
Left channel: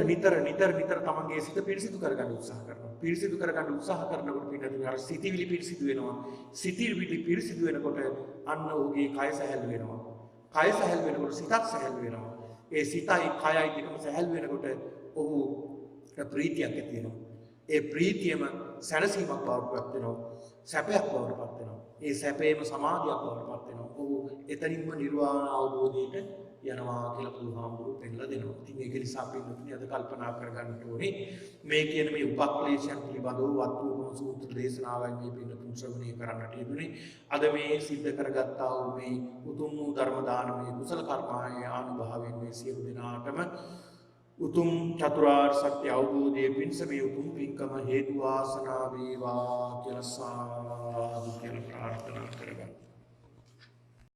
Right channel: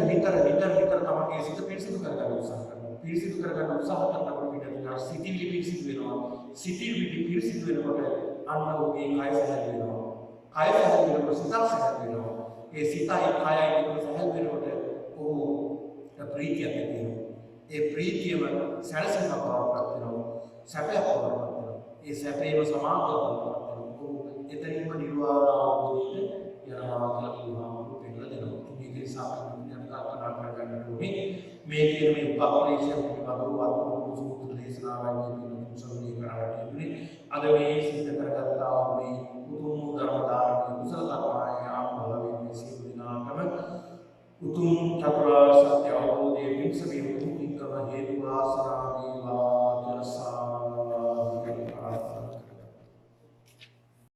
තමගේ සිත පිරිසිදු කරගන්න උත්සාහ කරනවා. පිරිසිදු කරගන්න උත්සාහ කරනකොට පිටුන අර සිතිවිලි පිරිසිදු වෙනවා. සිතිවිලි පිරිසිදු වෙනකොට අන්න ඔහුගේ කය සැහැල් වෙනවා. කය සැහැල් වෙනකොට සිතක් සැහැල් වෙනවා. ඒ සිතයි කයයි පිටුන සැහැල් වෙනකොට ඔහු ප්‍රීතියක් ඇති වෙනවා. ඒ ප්‍රීතියම සැනසීමක් බවට පත් වෙනවා. සැපයක් බවට පත් වෙනවා. ඒ සැපේම සමාධියක් බවට පත් වෙනවා. ඔහු එතනින්ම නිර්වාණ අවබෝධයට යනවා කියලා බුදුහාමුදුරුවෝ පෙන්නලා දෙනවා. ඉතින් මේක නිසා අපි මුලින්ම අද කල්පනා කරගන්න ඕනේ මේ කියන මේ උපක්ලේශයන් පිළිබඳව වත්තුන් සූත්‍ර දේශනාවෙන් මේ පිළිතුරු ශ්‍රවණය කරන්නට යෙදුනේ. අද මේ සිද්ධ කරගත්තා වූ මේ උතුම් ධර්ම දානමය කුසල කර්මාය ආභාවයෙන් මේ සියලු දෙනාටම උතුම් චතුරාර්ය සත්‍ය අවබෝධයේ පිණිස මේ උතුම් පින්කම හේතු වාසනා